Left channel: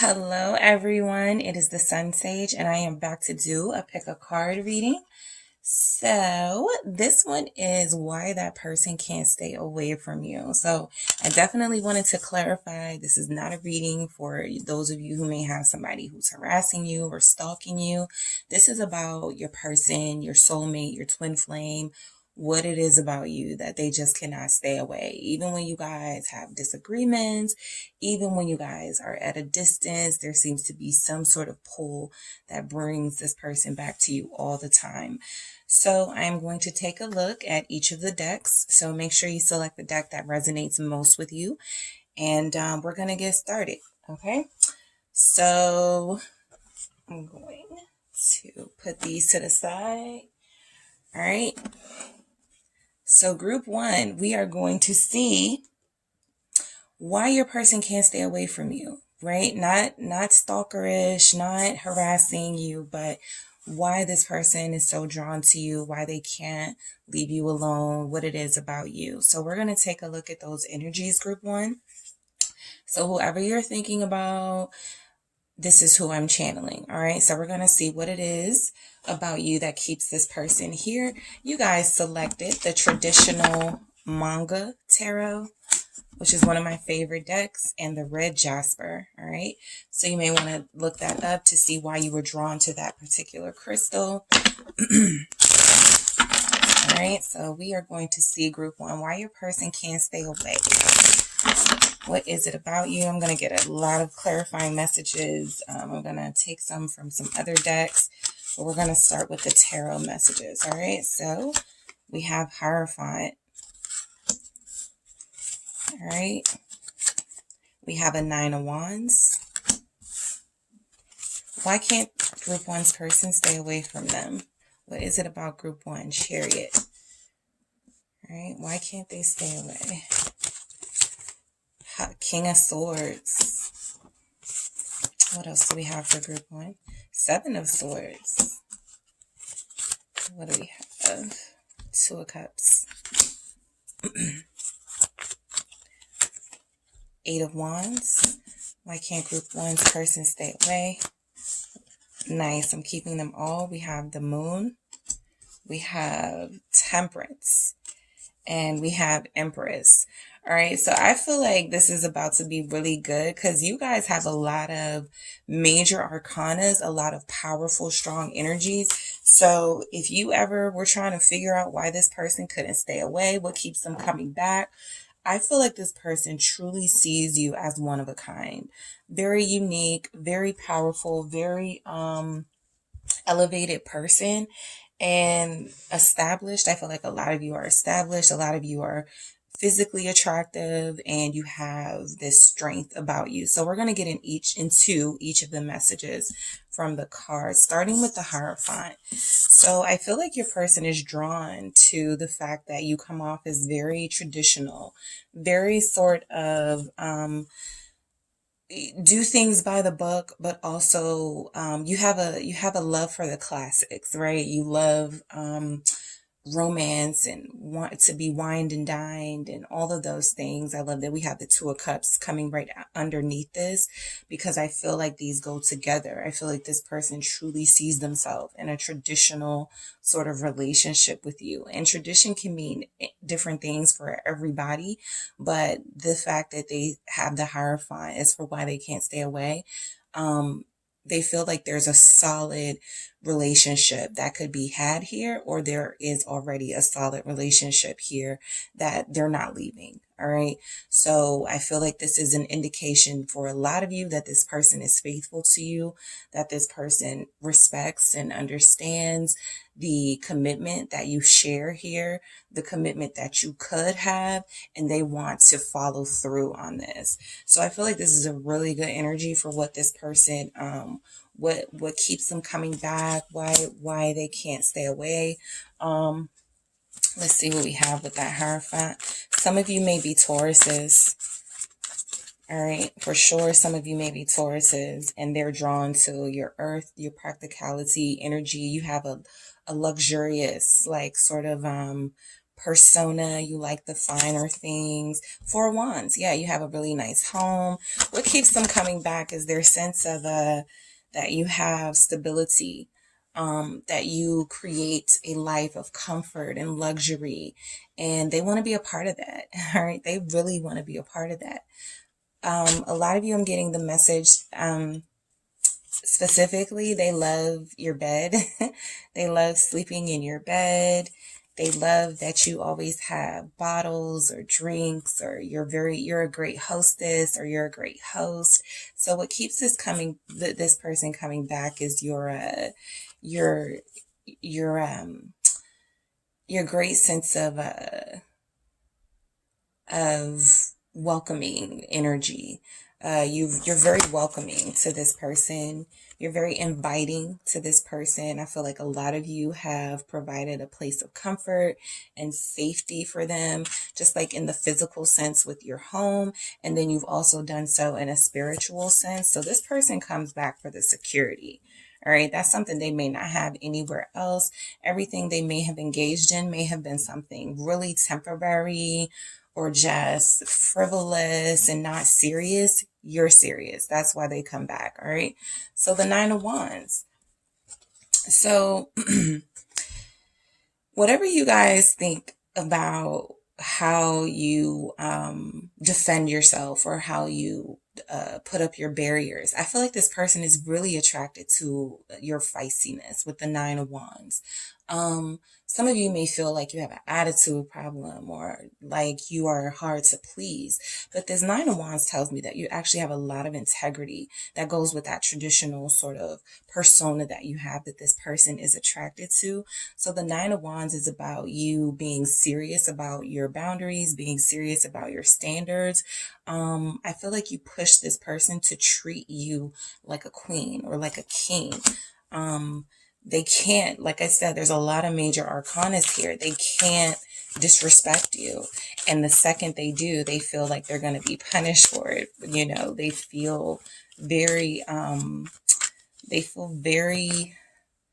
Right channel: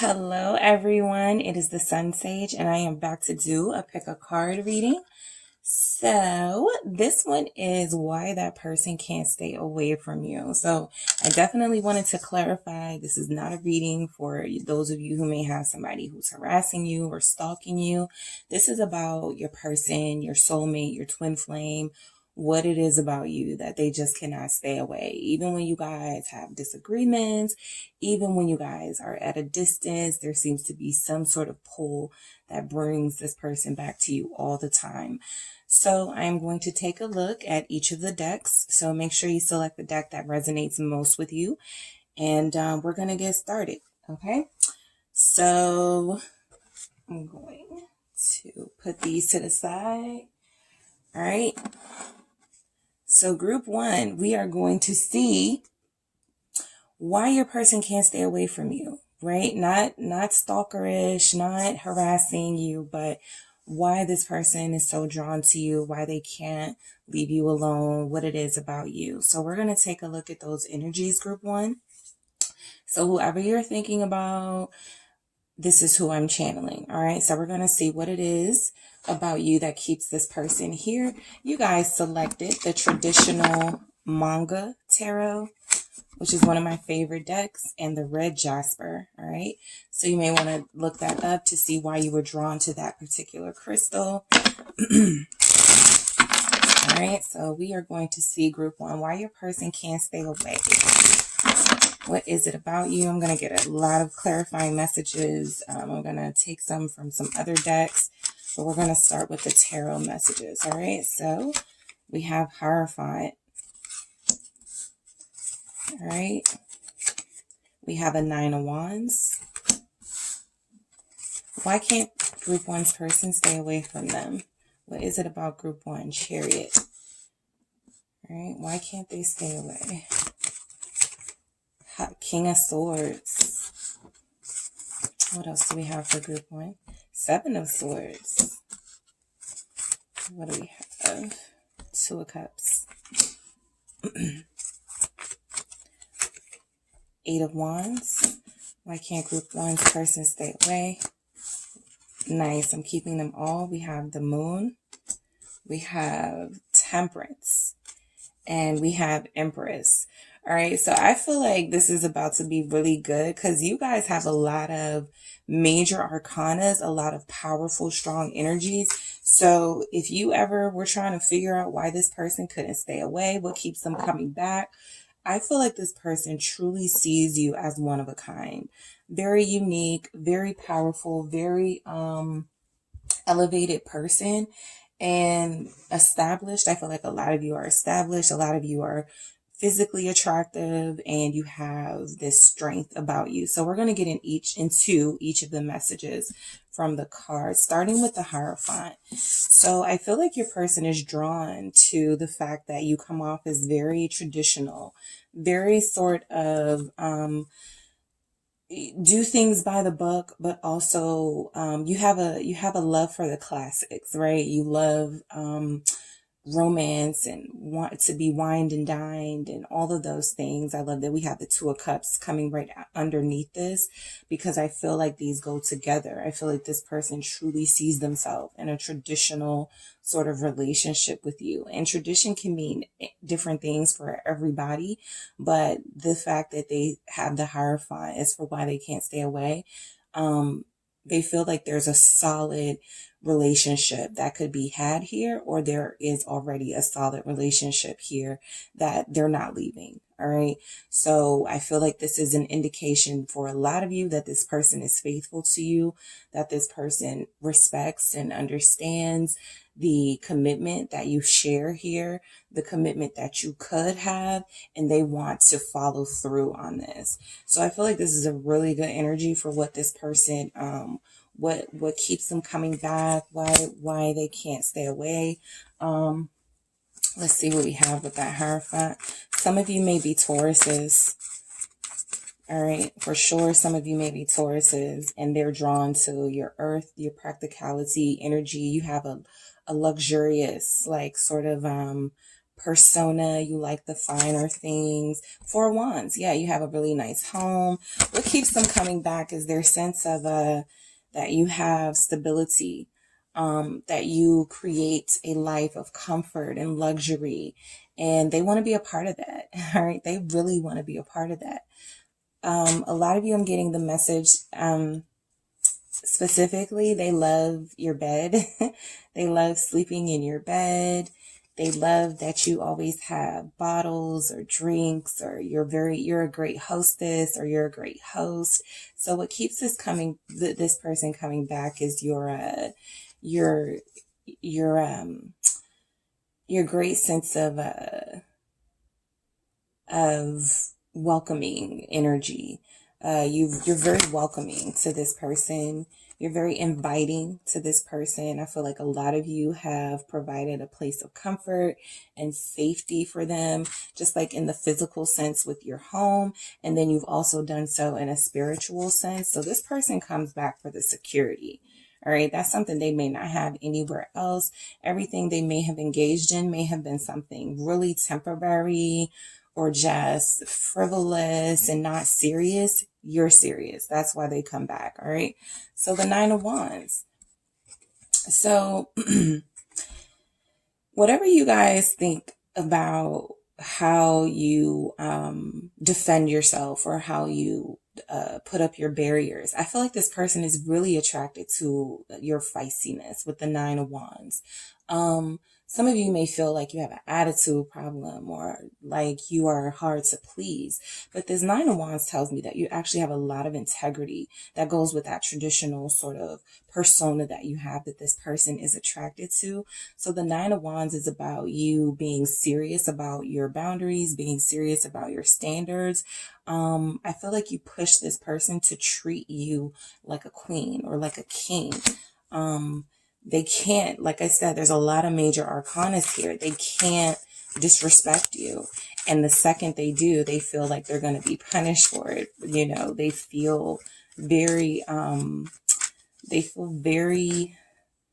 Hello, everyone. It is the Sun Sage, and I am back to do a pick a card reading. So, this one is why that person can't stay away from you. So, I definitely wanted to clarify this is not a reading for those of you who may have somebody who's harassing you or stalking you. This is about your person, your soulmate, your twin flame, what it is about you that they just cannot stay away. Even when you guys have disagreements, even when you guys are at a distance, there seems to be some sort of pull that brings this person back to you all the time. So I'm going to take a look at each of the decks. So make sure you select the deck that resonates most with you. And we're going to get started. Okay. So I'm going to put these to the side. All right. So group one, we are going to see why your person can't stay away from you, right? Not stalkerish, not harassing you, but why this person is so drawn to you, why they can't leave you alone, what it is about you. So we're going to take a look at those energies, group one. So whoever you're thinking about, this is who I'm channeling. All right. So we're going to see what it is about you that keeps this person here. You guys selected the traditional manga tarot, which is one of my favorite decks, and the red jasper. All right. So you may want to look that up to see why you were drawn to that particular crystal. All right. So we are going to see group one, why your person can't stay away. What is it about you? I'm going to get a lot of clarifying messages. I'm going to take some from some other decks, but we're going to start with the tarot messages. All right. So we have Hierophant. All right. We have a Nine of Wands. Why can't group one's person stay away from them? What is it about group one? Chariot. All right. Why can't they stay away? King of Swords. What else do we have for group one? Seven of Swords. What do we have? Two of Cups. Eight of Wands. Why can't group one's person stay away? Nice. I'm keeping them all. We have the Moon. We have Temperance. And we have Empress. All right, so I feel like this is about to be really good because you guys have a lot of major arcanas, a lot of powerful, strong energies. So if you ever were trying to figure out why this person couldn't stay away, what keeps them coming back, I feel like this person truly sees you as one of a kind. Very unique, very powerful, very elevated person and established. I feel like a lot of you are established. A lot of you are physically attractive and you have this strength about you. So we're going to get into each of the messages from the cards, starting with the Hierophant. So I feel like your person is drawn to the fact that you come off as very traditional, very sort of do things by the book, but also you have a love for the classics, right? You love romance and want to be wined and dined and all of those things. I love that we have the Two of Cups coming right underneath this because I feel like these go together. I feel like this person truly sees themselves in a traditional sort of relationship with you. And tradition can mean different things for everybody, but the fact that they have the Hierophant is for why they can't stay away. They feel like there's a solid relationship that could be had here, or there is already a solid relationship here that they're not leaving. All right. So I feel like this is an indication for a lot of you that this person is faithful to you, that this person respects and understands the commitment that you share here, the commitment that you could have, and they want to follow through on this. So I feel like this is a really good energy for what this person, what keeps them coming back, why they can't stay away. Let's see what we have with that Hierophant. Some of you may be Tauruses. All right, for sure, some of you may be Tauruses, and they're drawn to your earth, your practicality, energy. You have a luxurious, like, sort of persona. You like the finer things. Four of Wands. Yeah, you have a really nice home. What keeps them coming back is their sense of that you have stability, that you create a life of comfort and luxury, and they want to be a part of that. All right, they really want to be a part of that. A lot of you, I'm getting the message, specifically, they love your bed. They love sleeping in your bed. They love that you always have bottles or drinks, or you're a great hostess, or you're a great host. So what keeps this person coming back is your great sense of welcoming energy. You're very welcoming to this person. You're very inviting to this person. I feel like a lot of you have provided a place of comfort and safety for them, just like in the physical sense with your home. And then you've also done so in a spiritual sense. So this person comes back for the security. All right, that's something they may not have anywhere else. Everything they may have engaged in may have been something really temporary or just frivolous and not serious. You're serious. That's why they come back. All right. So the Nine of Wands. So whatever you guys think about how you defend yourself, or how you put up your barriers, I feel like this person is really attracted to your feistiness with the Nine of Wands. Some of you may feel like you have an attitude problem, or like you are hard to please. But this Nine of Wands tells me that you actually have a lot of integrity that goes with that traditional sort of persona that you have, that this person is attracted to. So the Nine of Wands is about you being serious about your boundaries, being serious about your standards. I feel like you push this person to treat you like a queen or like a king. They can't, like I said, there's a lot of major arcanas here. They can't disrespect you. And the second they do, they feel like they're going to be punished for it. You know, they feel very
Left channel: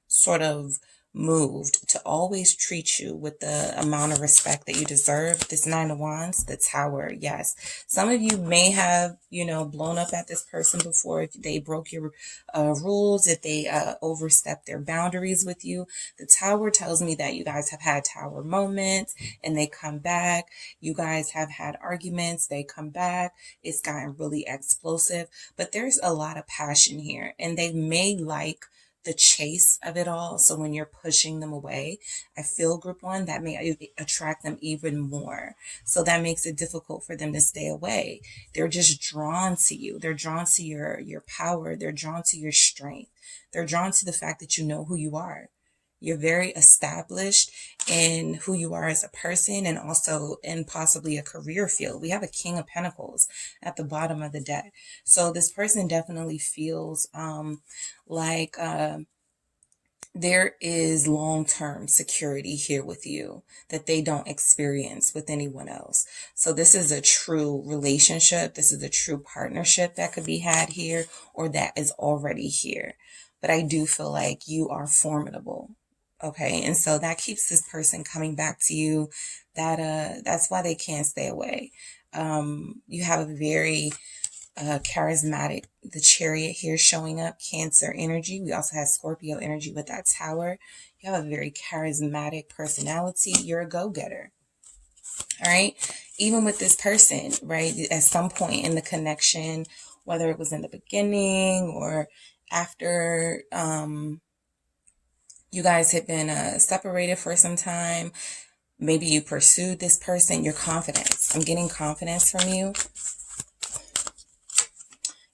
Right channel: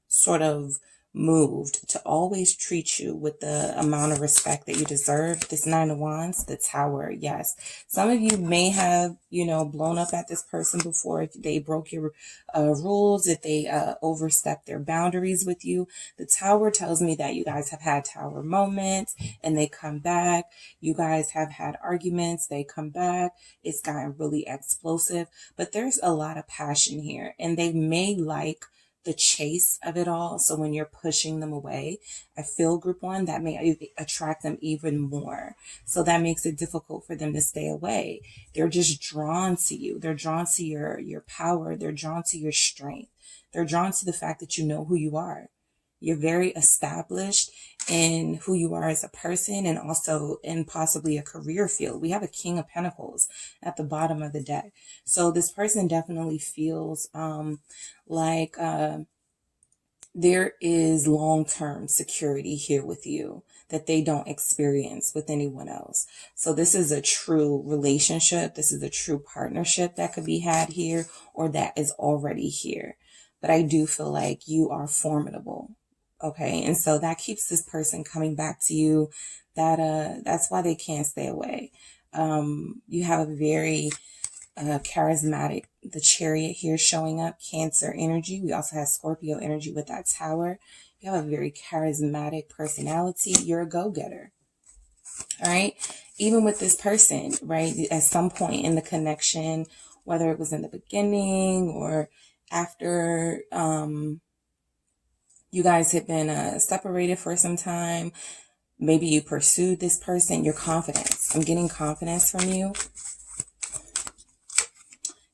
sort of moved to always treat you with the amount of respect that you deserve. This Nine of Wands, the Tower. Yes. Some of you may have, blown up at this person before, if they broke your rules, if they overstepped their boundaries with you. The Tower tells me that you guys have had Tower moments and they come back. You guys have had arguments. They come back. It's gotten really explosive, but there's a lot of passion here, and they may like the chase of it all. So when you're pushing them away, I feel group one, that may attract them even more. So that makes it difficult for them to stay away. They're just drawn to you. They're drawn to your power. They're drawn to your strength. They're drawn to the fact that you know who you are. You're very established in who you are as a person, and also in possibly a career field. We have a King of Pentacles at the bottom of the deck. So this person definitely feels like there is long-term security here with you that they don't experience with anyone else. So this is a true relationship. This is a true partnership that could be had here, or that is already here. But I do feel like you are formidable. Okay. And so that keeps this person coming back to you. That's why they can't stay away. You have a very charismatic, the Chariot here showing up, Cancer energy. We also have Scorpio energy with that Tower. You have a very charismatic personality. You're a go-getter. All right. Even with this person, right, at some point in the connection, whether it was in the beginning or after, you guys had been separated for some time. Maybe you pursued this person. Your confidence. I'm getting confidence from you.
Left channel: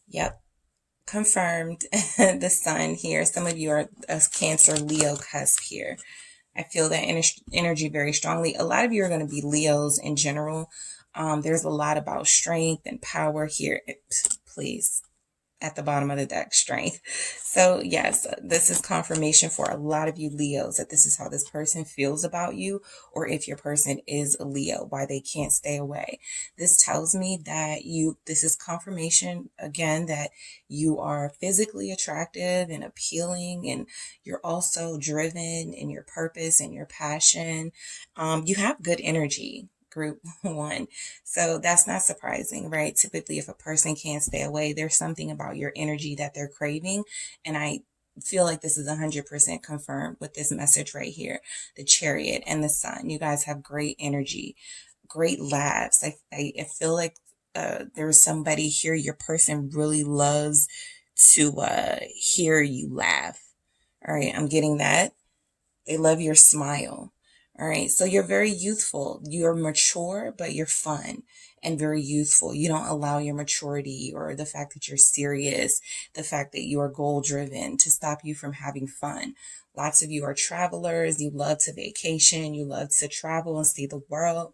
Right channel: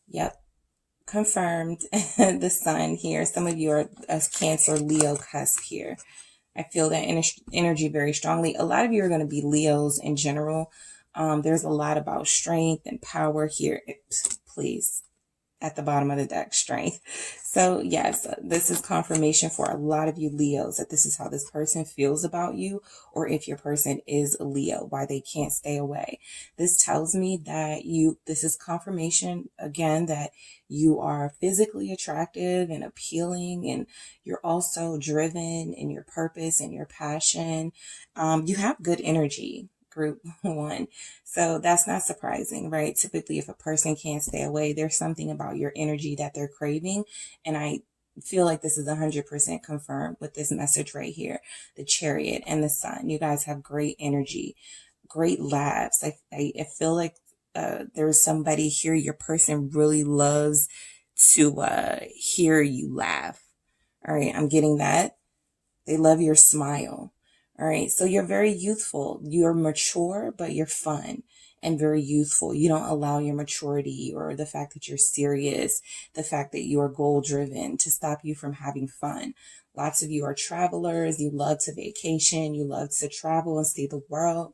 Yep. Confirmed. The Sun here. Some of you are a Cancer, Leo cusp here. I feel that energy very strongly. A lot of you are going to be Leos in general. There's a lot about strength and power here. Please. at the bottom of the deck, strength. So yes, this is confirmation for a lot of you Leos that this is how this person feels about you, or if your person is a Leo, why they can't stay away. This tells me that this is confirmation again that you are physically attractive and appealing, and you're also driven in your purpose and your passion. You have good energy. Group one. So that's not surprising, right? Typically, if a person can't stay away, there's something about your energy that they're craving. And I feel like this is 100% confirmed with this message right here. The Chariot and the Sun. You guys have great energy, great laughs. I feel like there's somebody here, your person really loves to hear you laugh. All right, I'm getting that. They love your smile. All right. So you're very youthful. You're mature, but you're fun and very youthful. You don't allow your maturity or the fact that you're serious, the fact that you are goal driven to stop you from having fun. Lots of you are travelers. You love to vacation. You love to travel and see the world.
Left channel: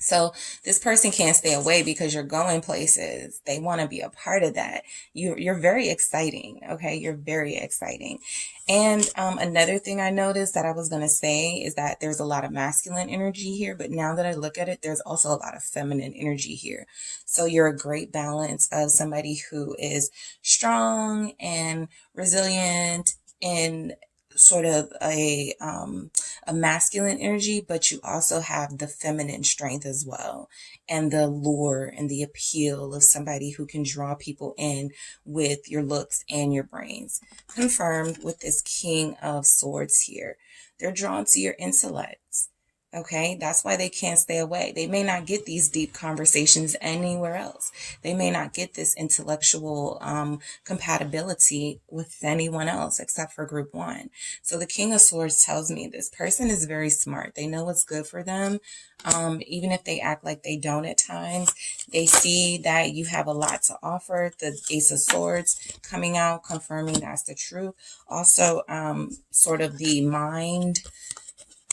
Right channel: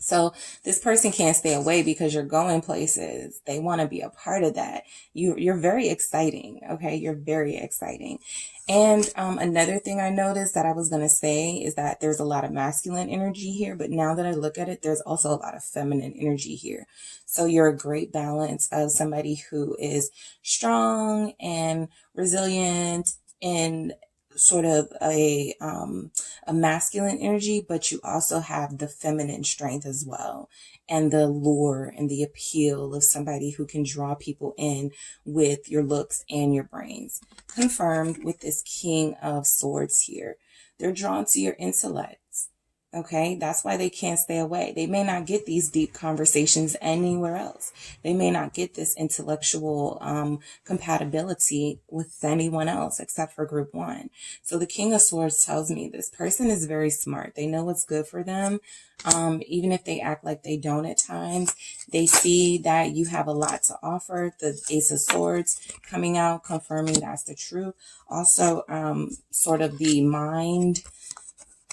So this person can't stay away because you're going places. They want to be a part of that. You're very exciting. Okay. You're very exciting. And another thing I noticed that I was going to say is that there's a lot of masculine energy here, but now that I look at it, there's also a lot of feminine energy here. So you're a great balance of somebody who is strong and resilient and sort of a masculine energy, but you also have the feminine strength as well, and the lure and the appeal of somebody who can draw people in with your looks and your brains. Confirmed with this King of Swords here. They're drawn to your intellects. Okay, that's why they can't stay away. They may not get these deep conversations anywhere else. They may not get this intellectual compatibility with anyone else except for group one. So the King of Swords tells me this person is very smart. They know what's good for them. Even if they act like they don't at times, they see that you have a lot to offer. The Ace of Swords coming out, confirming that's the truth. Also, sort of the mind,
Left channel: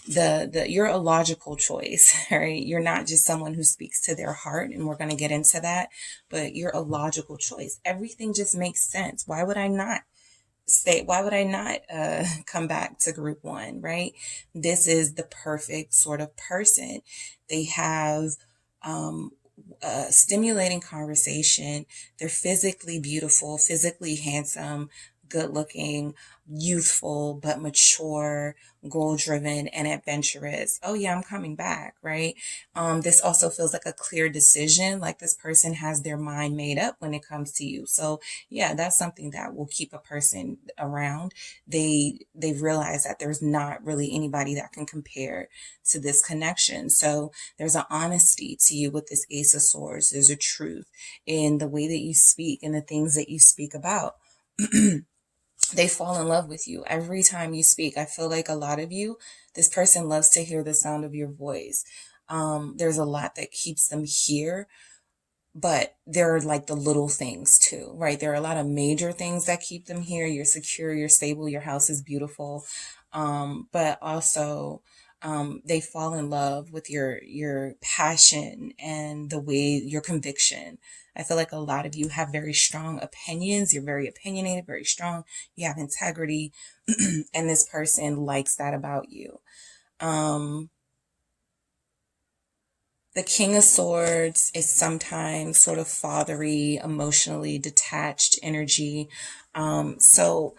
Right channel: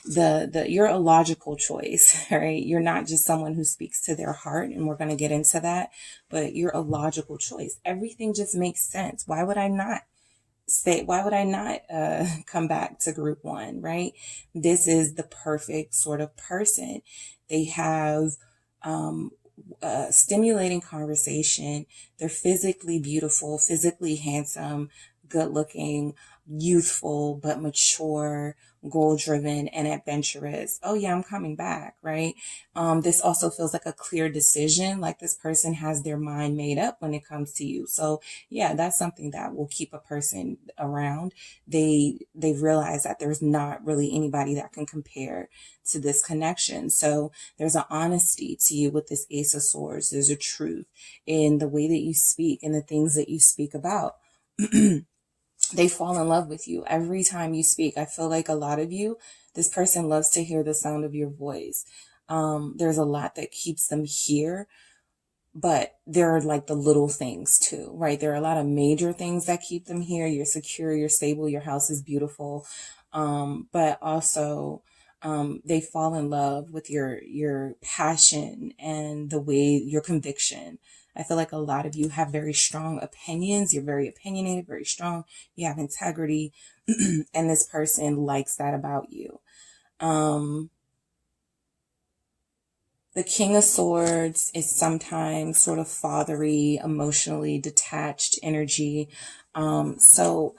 you're a logical choice, right? You're not just someone who speaks to their heart, and we're going to get into that, but you're a logical choice. Everything just makes sense. Why would I not come back to group one, right? This is the perfect sort of person. They have stimulating conversation. They're physically beautiful, physically handsome, good looking, youthful, but mature, goal driven, and adventurous. Oh yeah, I'm coming back, right? This also feels like a clear decision, like this person has their mind made up when it comes to you. So yeah, that's something that will keep a person around. They've realized that there's not really anybody that can compare to this connection. So there's an honesty to you with this Ace of Swords. There's a truth in the way that you speak and the things that you speak about. They fall in love with you every time you speak. I feel like a lot of you, this person loves to hear the sound of your voice. There's a lot that keeps them here, but there are like the little things too, right? There are a lot of major things that keep them here. You're secure, you're stable, your house is beautiful. But also, they fall in love with your passion and the way your conviction. I feel like a lot of you have very strong opinions. You're very opinionated, very strong. You have integrity, and this person likes that about you. The King of Swords is sometimes sort of fathery, emotionally detached energy. So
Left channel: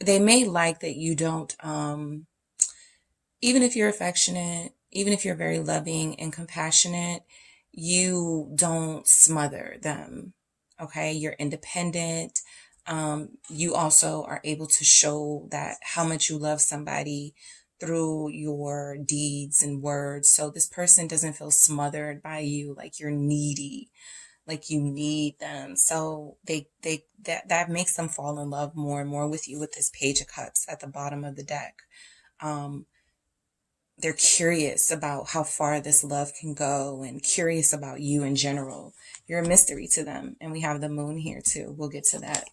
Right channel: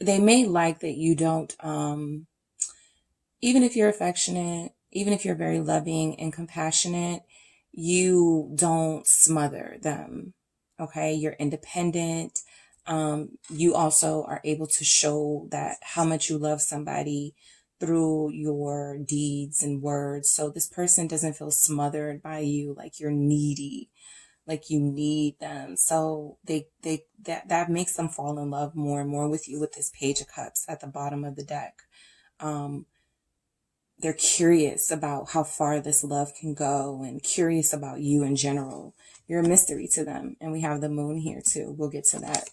they may like that you don't, even if you're affectionate, even if you're very loving and compassionate, you don't smother them. Okay. You're independent. You also are able to show that how much you love somebody through your deeds and words. So this person doesn't feel smothered by you, like you're needy, like you need them. So that makes them fall in love more and more with you with this Page of Cups at the bottom of the deck. They're curious about how far this love can go and curious about you in general. You're a mystery to them. And we have the Moon here too. We'll get to that.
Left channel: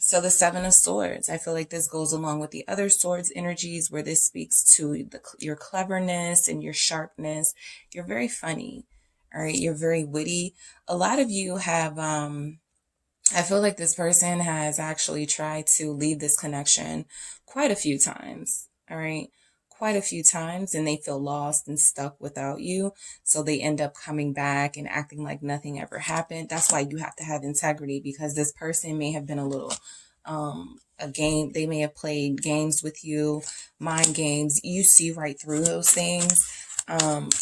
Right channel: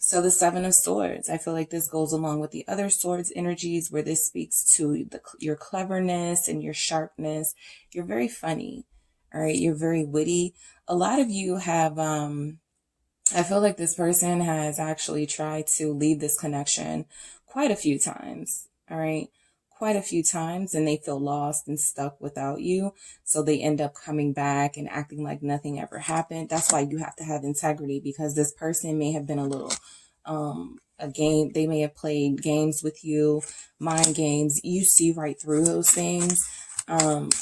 So the Seven of Swords, I feel like this goes along with the other swords energies where this speaks to your cleverness and your sharpness. You're very funny. All right. You're very witty. A lot of you have, I feel like this person has actually tried to leave this connection quite a few times. All right. Quite a few times, and they feel lost and stuck without you. So they end up coming back and acting like nothing ever happened. That's why you have to have integrity, because this person may have been a little, a game. They may have played games with you, mind games. You see right through those things.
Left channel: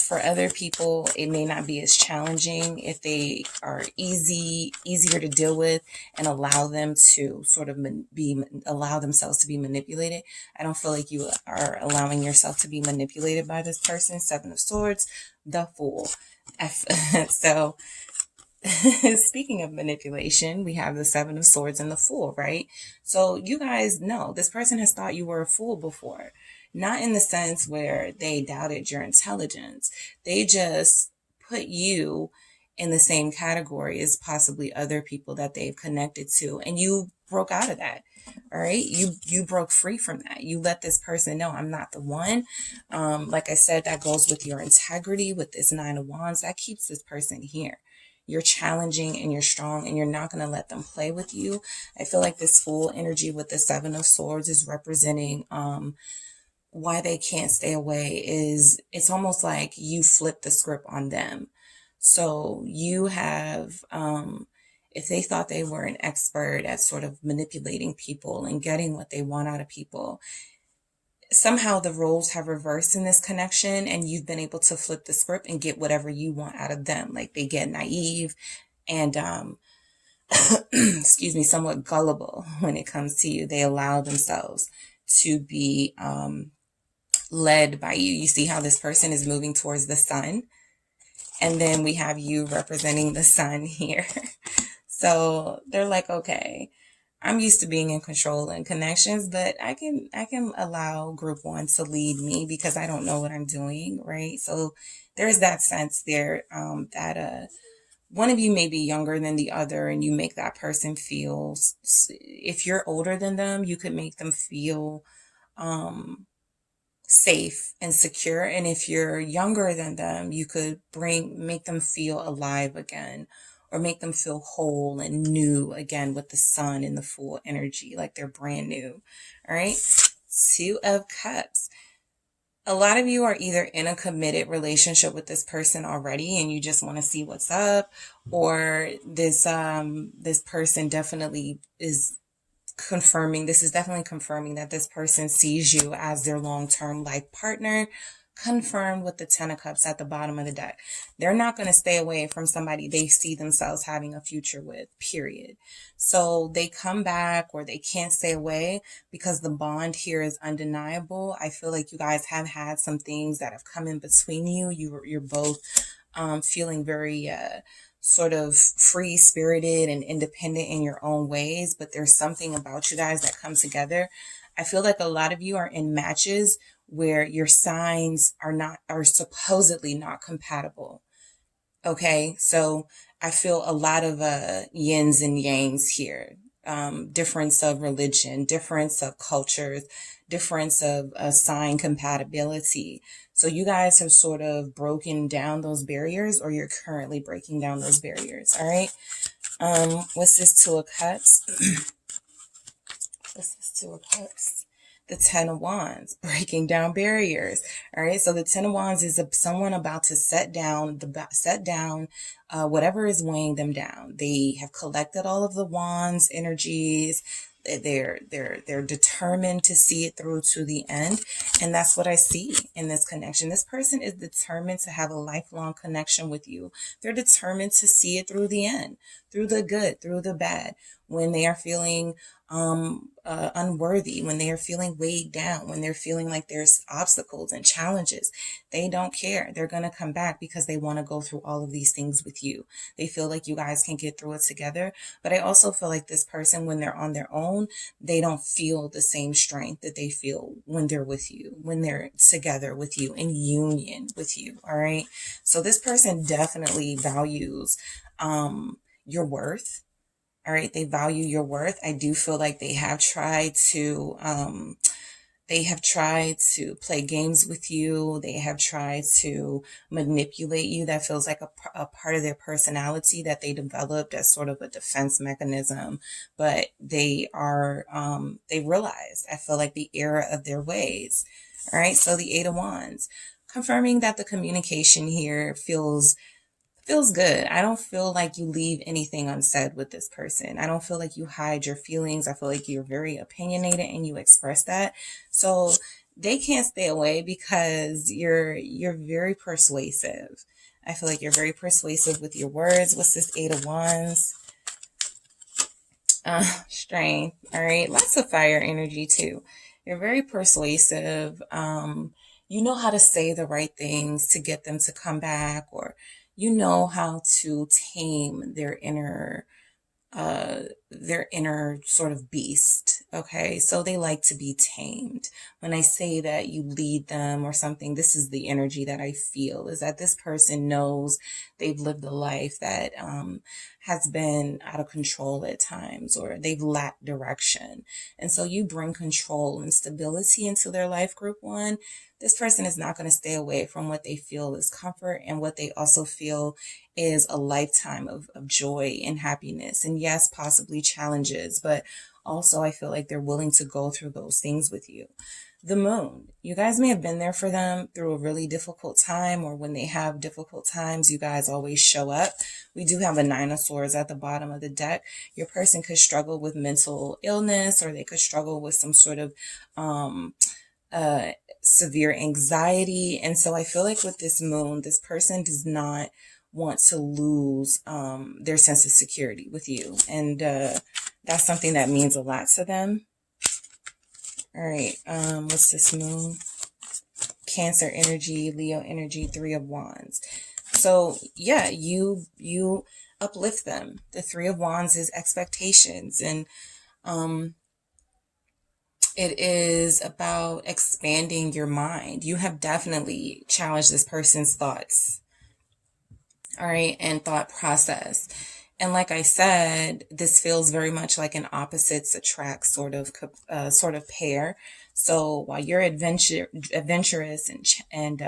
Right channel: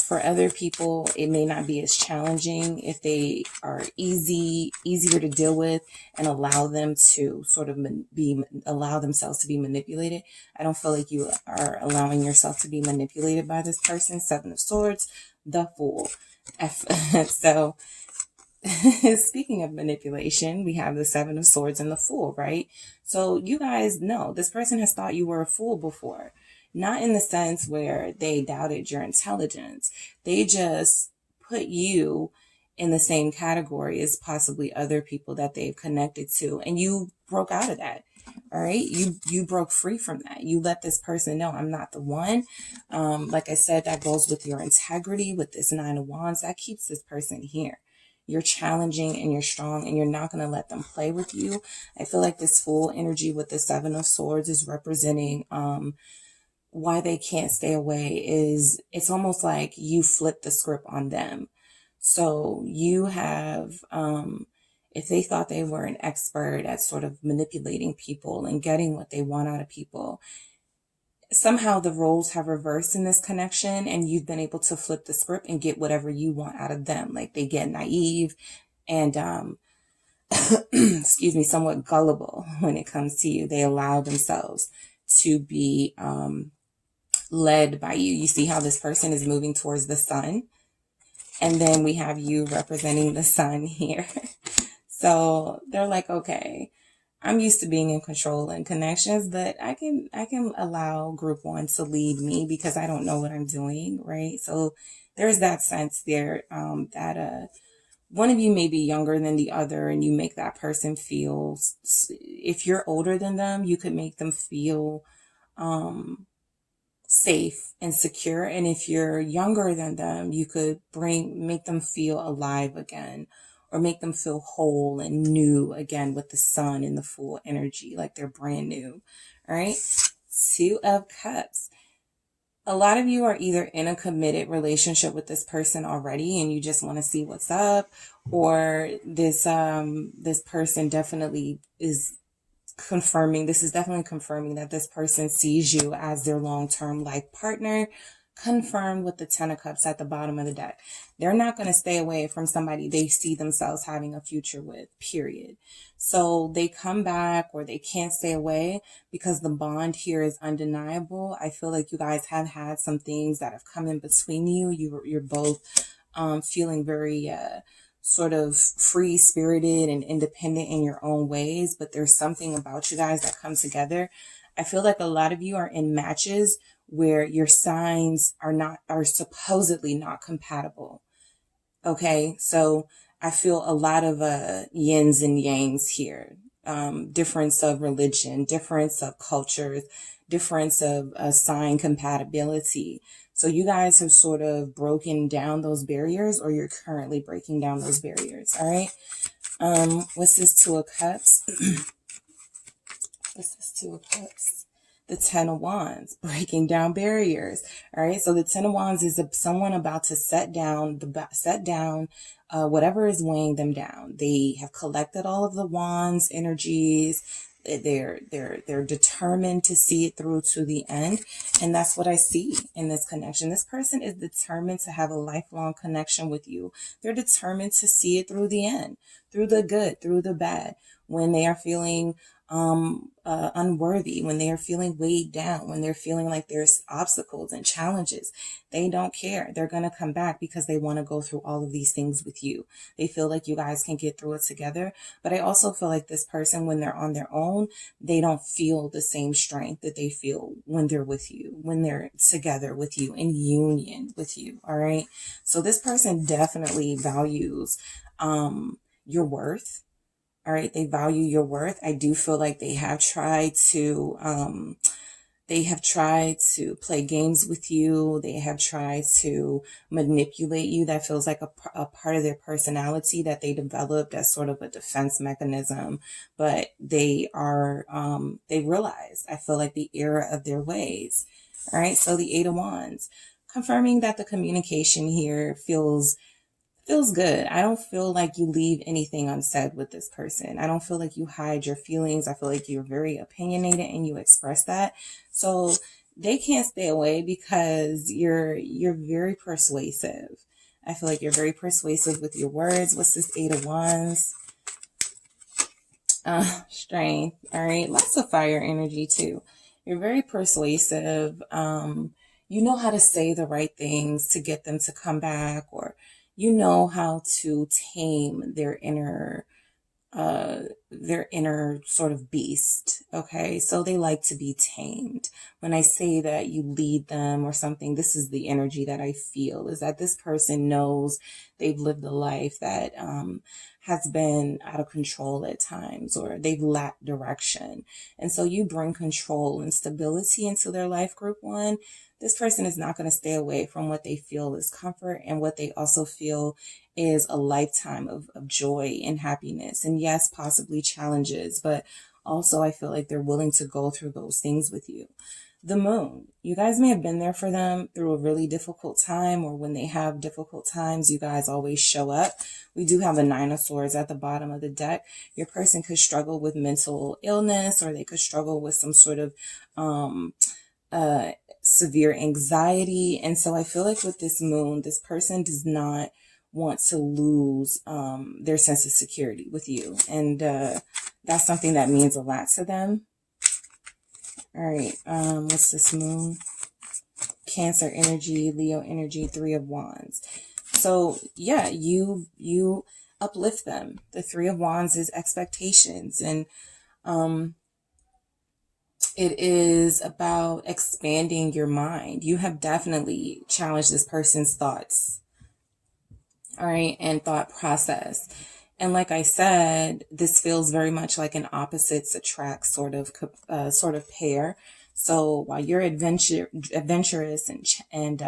For other people, it may not be as challenging if they are easier to deal with, and allow them to sort of allow themselves to be manipulated. I don't feel like you are allowing yourself to be manipulated by this person. Seven of Swords, the Fool. So speaking of manipulation, we have the Seven of Swords and the Fool, right? So you guys know this person has thought you were a fool before. Not in the sense where they doubted your intelligence. They just put you in the same category as possibly other people that they've connected to. And you broke out of that. All right. You broke free from that. You let this person know, I'm not the one. Like I said, that goes with your integrity with this Nine of Wands. That keeps this person here. You're challenging and you're strong, and you're not going to let them play with you. I feel like this Fool energy with the Seven of Swords is representing, why they can't stay away is it's almost like you flip the script on them. So you have, if they thought they were an expert at sort of manipulating people and getting what they want out of people, somehow the roles have reversed in this connection, and you've been able to flip the script and get whatever you want out of them. Like they get naive and, excuse me, somewhat gullible when it comes to you. They allow themselves to be, led by you. You see how this person is moving towards the sun, and then we have you representing the sun here. So they're like, okay, I'm used to being in control and connections, but I can allow group one to lead me because I don't know what I'm doing, right? So there's that sense there, that one of you may be younger than the other, and you make that person feel, if you're older than them, you could make them feel safe and secure. And if you're younger than them, you could make them feel alive again, or make them feel whole and new again with the sun and the Fool energy, like they're brand new. All right. Two of Cups. A lot of you are either in a committed relationship with this person already and you just want to see what's up, or this person definitely is definitely confirming that this person sees you as their long-term life partner, confirmed with the Ten of Cups at the bottom of the deck. They're not going to stay away from somebody they see themselves having a future with, period. So they come back, or they can't stay away because the bond here is undeniable. I feel like you guys have had some things that have come in between you. You're both feeling very sort of free spirited and independent in your own ways, but there's something about you guys that come together. I feel like a lot of you are in matches where your signs are supposedly not compatible. Okay. So I feel a lot of yins and yangs here. Difference of religion, difference of cultures, difference of sign compatibility. So you guys have sort of broken down those barriers, or you're currently breaking down those barriers. All right. What's this Two of Cups? What's this Two of Cups? The Ten of Wands, breaking down barriers. All right. So the Ten of Wands is someone about to set down whatever is weighing them down. They have collected all of the wands energies. They're determined to see it through to the end. And that's what I see in this connection. This person is determined to have a lifelong connection with you. They're determined to see it through the end, through the good, through the bad. When they are feeling unworthy, when they are feeling weighed down, when they're feeling like there's obstacles and challenges, they don't care. They're going to come back because they want to go through all of these things with you. They feel like you guys can get through it together. But I also feel like this person, when they're on their own, they don't feel the same strength that they feel when they're with you, when they're together with you, in union with you. All right. So this person definitely values your worth. All right. They value your worth. I do feel like they have tried to They have tried to play games with you. They have tried to manipulate you. That feels like a part of their personality that they developed as sort of a defense mechanism. But they are, they realized, I feel like, the error of their ways. All right. So the Eight of Wands, confirming that the communication here feels good. I don't feel like you leave anything unsaid with this person. I don't feel like you hide your feelings. I feel like you're very opinionated and you express that. So they can't stay away because you're very persuasive. I feel like you're very persuasive with your words. What's this Eight of Wands? Strength. All right. Lots of fire energy too. You're very persuasive. You know how to say the right things to get them to come back, or you know how to tame their inner sort of beast. Okay. So they like to be tamed. When I say that you lead them or something, this is the energy that I feel, is that this person knows they've lived a life that, has been out of control at times, or they've lacked direction. And so you bring control and stability into their life, group one. This person is not going to stay away from what they feel is comfort and what they also feel is a lifetime of joy and happiness. And yes, possibly challenges, but also I feel like they're willing to go through those things with you. The Moon, you guys may have been there for them through a really difficult time, or when they have difficult times, you guys always show up. We do have a Nine of Swords at the bottom of the deck. Your person could struggle with mental illness, or they could struggle with some sort of severe anxiety. And so I feel like with this Moon, this person does not want to lose their sense of security with you. And that's something that means a lot to them. All right. What's this Moon? Cancer energy, Leo energy, Three of Wands. So yeah, you uplift them. The Three of Wands is expectations, and it is about expanding your mind. You have definitely challenged this person's thoughts. All right. And thought process. And like I said, this feels very much like an opposites attract sort of pair. So while you're adventurous and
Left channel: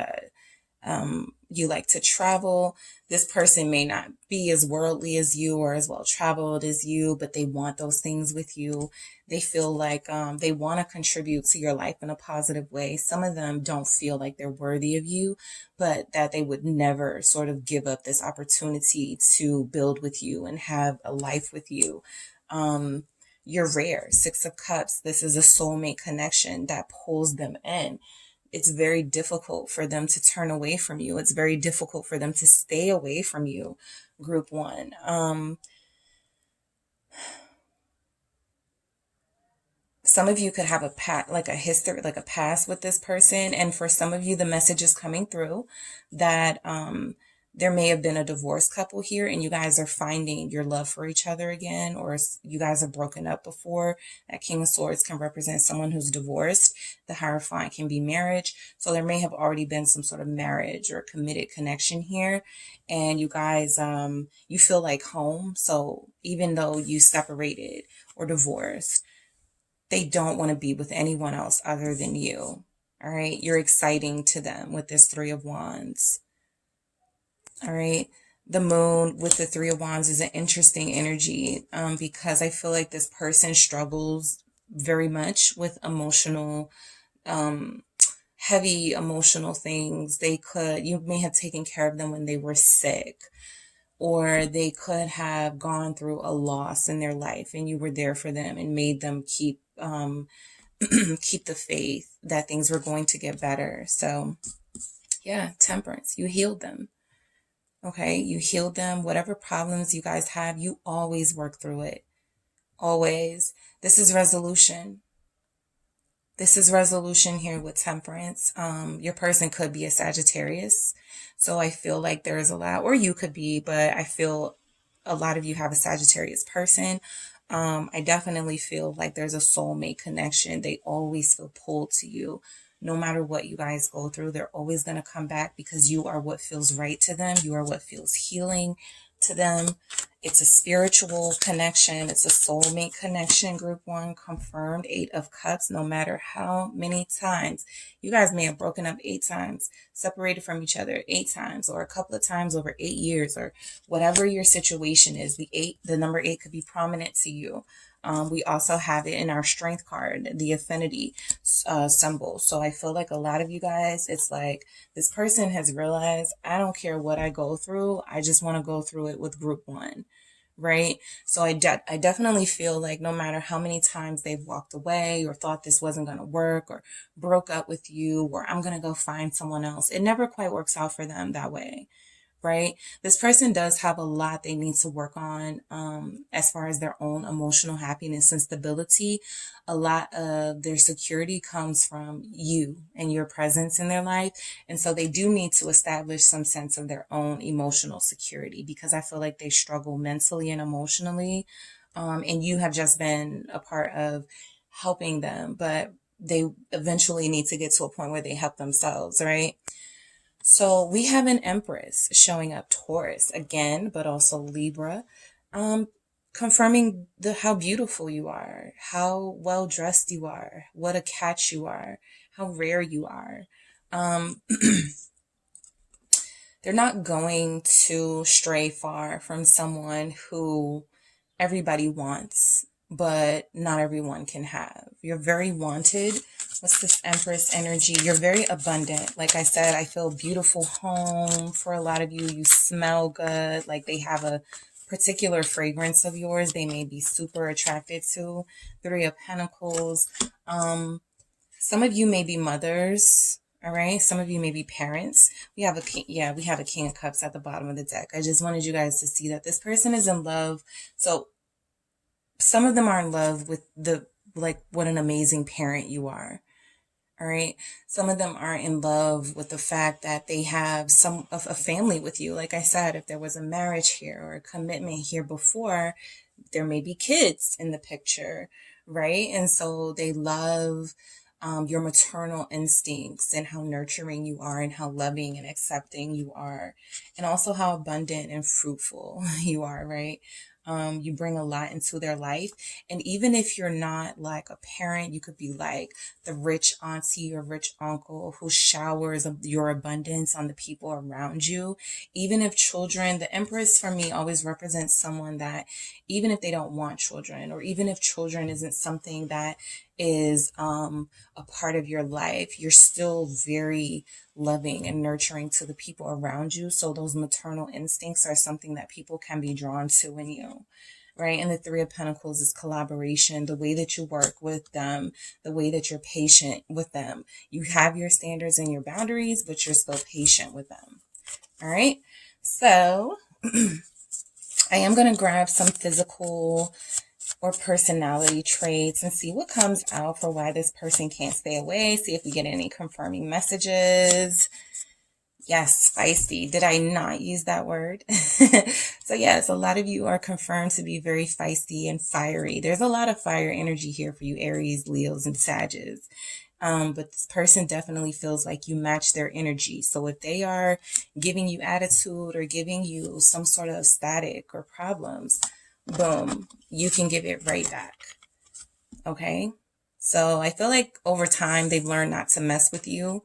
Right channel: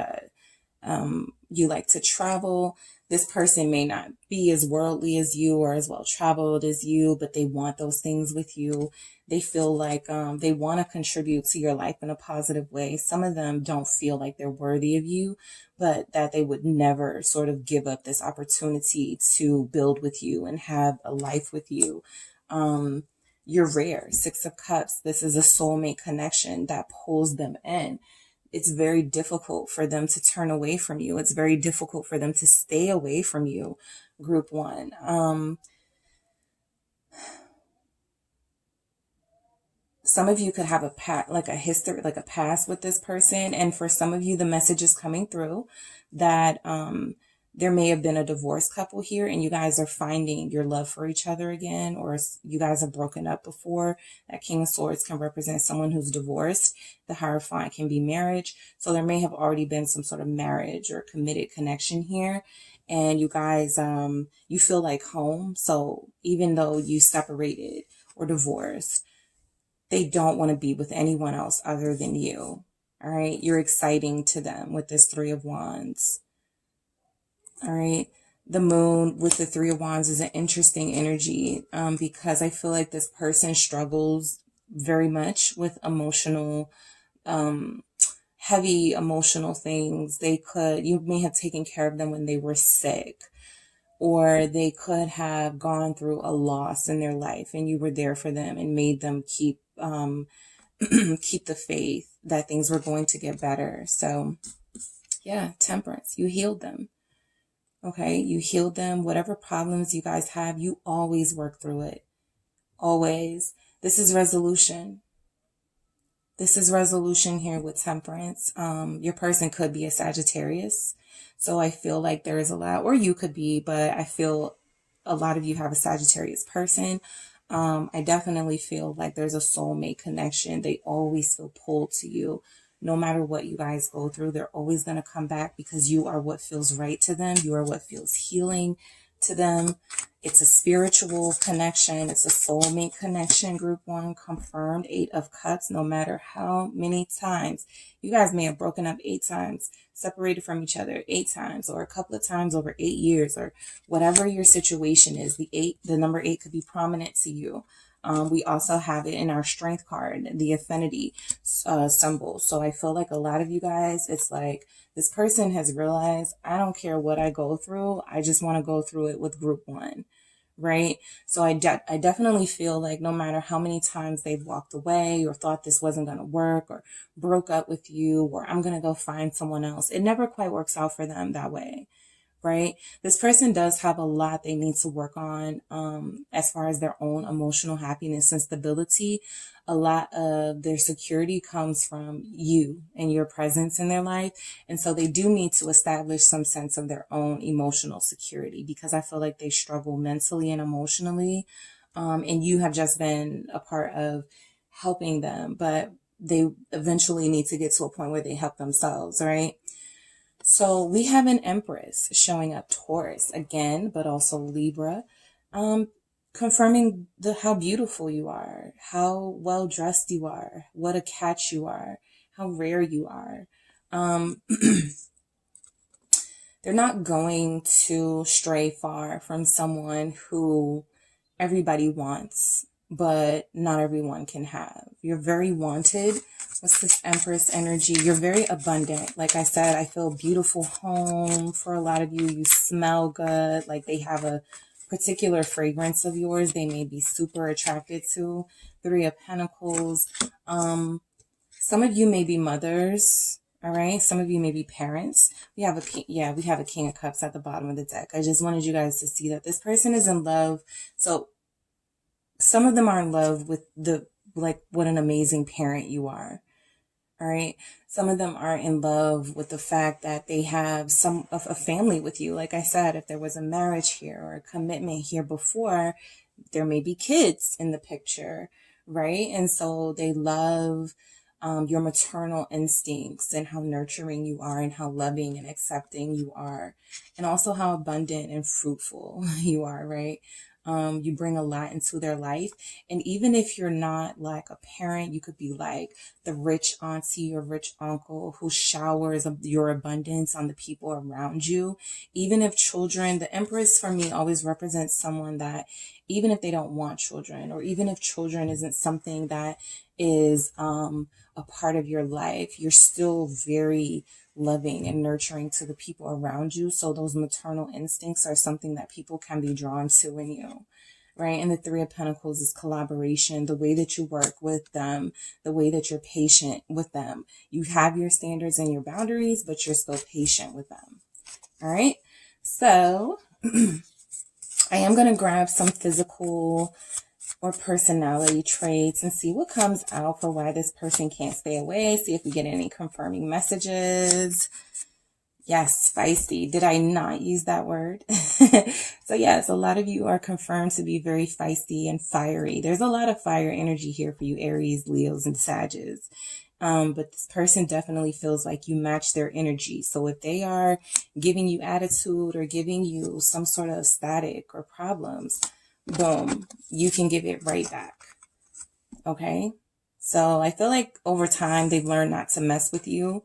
you like to travel, this person may not be as worldly as you or as well traveled as you, but they want those things with you. They feel like they want to contribute to your life in a positive way. Some of them don't feel like they're worthy of you, but that they would never sort of give up this opportunity to build with you and have a life with you. You're rare. Six of Cups. This is a soulmate connection that pulls them in. It's very difficult for them to turn away from you. It's very difficult for them to stay away from you, group one. Some of you could have a history, like a past with this person. And for some of you, the message is coming through that there may have been a divorced couple here and you guys are finding your love for each other again, or you guys have broken up before. That King of Swords can represent someone who's divorced. The Hierophant can be marriage. So there may have already been some sort of marriage or committed connection here. And you guys, you feel like home. So even though you separated or divorced, they don't want to be with anyone else other than you. All right. You're exciting to them with this Three of Wands. All right. The Moon with the Three of Wands is an interesting energy because I feel like this person struggles very much with emotional, heavy emotional things. You may have taken care of them when they were sick, or they could have gone through a loss in their life and you were there for them and made them keep the faith that things were going to get better. So yeah, Temperance, you healed them. Okay, you healed them. Whatever problems you guys have, you always work through it. Always. This is resolution. This is resolution here with Temperance. Your person could be a Sagittarius. So I feel like there is a lot, or you could be, but I feel a lot of you have a Sagittarius person. I definitely feel like there's a soulmate connection. They always feel pulled to you. No matter what you guys go through, they're always going to come back because you are what feels right to them. You are what feels healing to them. It's a spiritual connection. It's a soulmate connection. Group 1 confirmed. 8 of Cups. No matter how many times you guys may have broken up 8 times, separated from each other 8 times, or a couple of times over 8 years, or whatever your situation is, the number 8 could be prominent to you. We also have it in our strength card, the affinity symbol. So I feel like a lot of you guys, it's like this person has realized, I don't care what I go through. I just want to go through it with group 1. Right. So I definitely feel like no matter how many times they've walked away or thought this wasn't going to work or broke up with you, or I'm going to go find someone else, it never quite works out for them that way. Right? This person does have a lot they need to work on as far as their own emotional happiness and stability. A lot of their security comes from you and your presence in their life. And so they do need to establish some sense of their own emotional security, because I feel like they struggle mentally and emotionally. And you have just been a part of helping them, but they eventually need to get to a point where they help themselves, right? So we have an Empress showing up, Taurus again, but also Libra, confirming how beautiful you are, how well dressed you are, what a catch you are, how rare you are. They're not going to stray far from someone who everybody wants, but not everyone can have. You're very wanted. What's this Empress energy? You're very abundant. Like I said, I feel beautiful home for a lot of you. You smell good. Like they have a particular fragrance of yours they may be super attracted to. 3 of Pentacles. Some of you may be mothers. All right. Some of you may be parents. We have a king. Yeah, we have a King of Cups at the bottom of the deck. I just wanted you guys to see that this person is in love. So some of them are in love with what an amazing parent you are. All right. Some of them are in love with the fact that they have some of a family with you. Like I said, if there was a marriage here or a commitment here before, there may be kids in the picture, right? And so they love your maternal instincts and how nurturing you are and how loving and accepting you are, and also how abundant and fruitful you are, right? You bring a lot into their life. And even if you're not like a parent, you could be like the rich auntie or rich uncle who showers your abundance on the people around you. Even if children, the Empress for me always represents someone that even if they don't want children, or even if children isn't something that is a part of your life, you're still very loving and nurturing to the people around you. So those maternal instincts are something that people can be drawn to in you, right? And the 3 of Pentacles is collaboration, the way that you work with them, the way that you're patient with them. You have your standards and your boundaries, but you're still patient with them. All right. So I am going to grab some physical or personality traits and see what comes out for why this person can't stay away. See if we get any confirming messages. Yes, spicy. Did I not use that word? So yes, a lot of you are confirmed to be very feisty and fiery. There's a lot of fire energy here for you, Aries, Leos, and Sagittarius. But this person definitely feels like you match their energy. So if they are giving you attitude or giving you some sort of static or problems, boom, you can give it right back. Okay. So I feel like over time they've learned not to mess with you.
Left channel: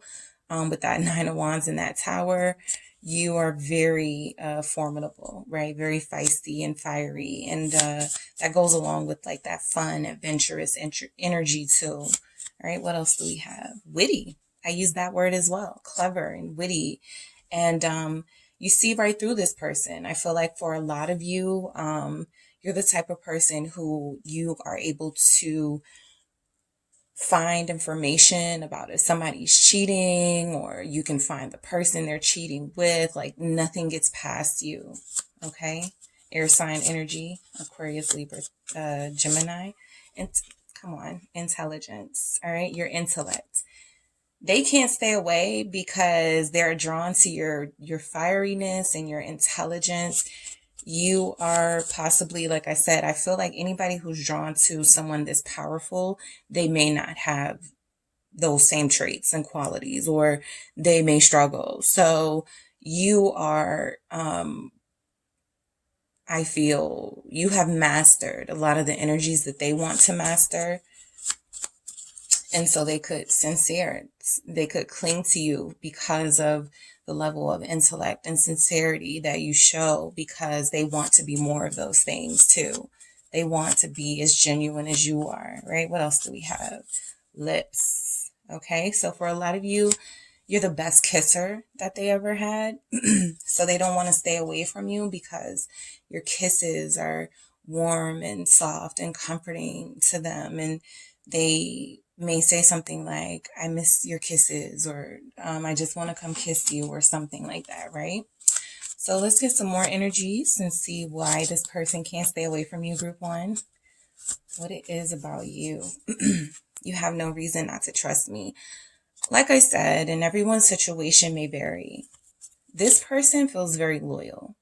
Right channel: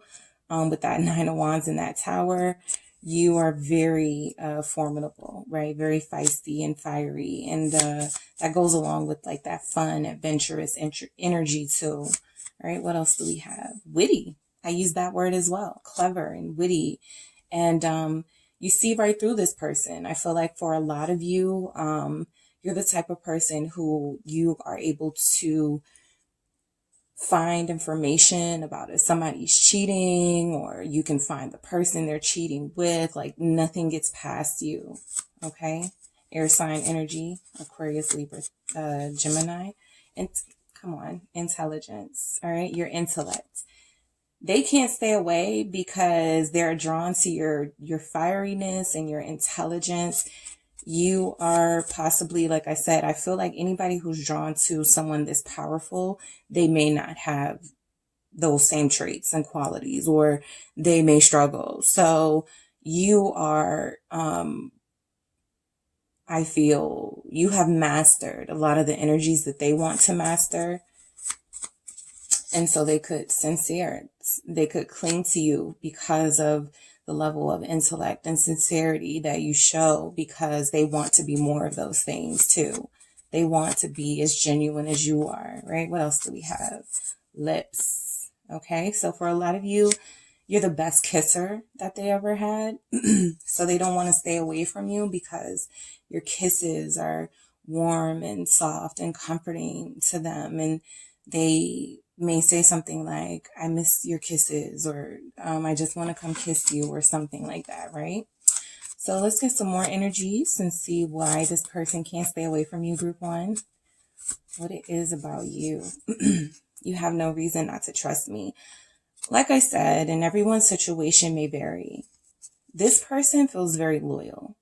With that 9 of Wands and that Tower, you are very formidable, right? Very feisty and fiery. And that goes along with like that fun, adventurous energy too. All right. What else do we have? Witty. I use that word as well. Clever and witty. And you see right through this person. I feel like for a lot of you, you're the type of person who you are able to find information about if somebody's cheating, or you can find the person they're cheating with. Like nothing gets past you. Okay. Air sign energy, Aquarius, Libra, Gemini. And come on, intelligence. All right. Your intellect. They can't stay away because they're drawn to your fieriness and your intelligence. You are possibly, like I said, I feel like anybody who's drawn to someone this powerful, they may not have those same traits and qualities, or they may struggle. So you are I feel you have mastered a lot of the energies that they want to master. And so they could cling to you because of the level of intellect and sincerity that you show, because they want to be more of those things too. They want to be as genuine as you are, right? What else do we have? Lips. Okay, so for a lot of you, you're the best kisser that they ever had. So they don't want to stay away from you because your kisses are warm and soft and comforting to them. And they may say something like, I miss your kisses, or I just want to come kiss you, or something like that, right? So let's get some more energies and see why this person can't stay away from you, group one. What it is about you. You have no reason not to trust me. Like I said, and everyone's situation may vary. This person feels very loyal.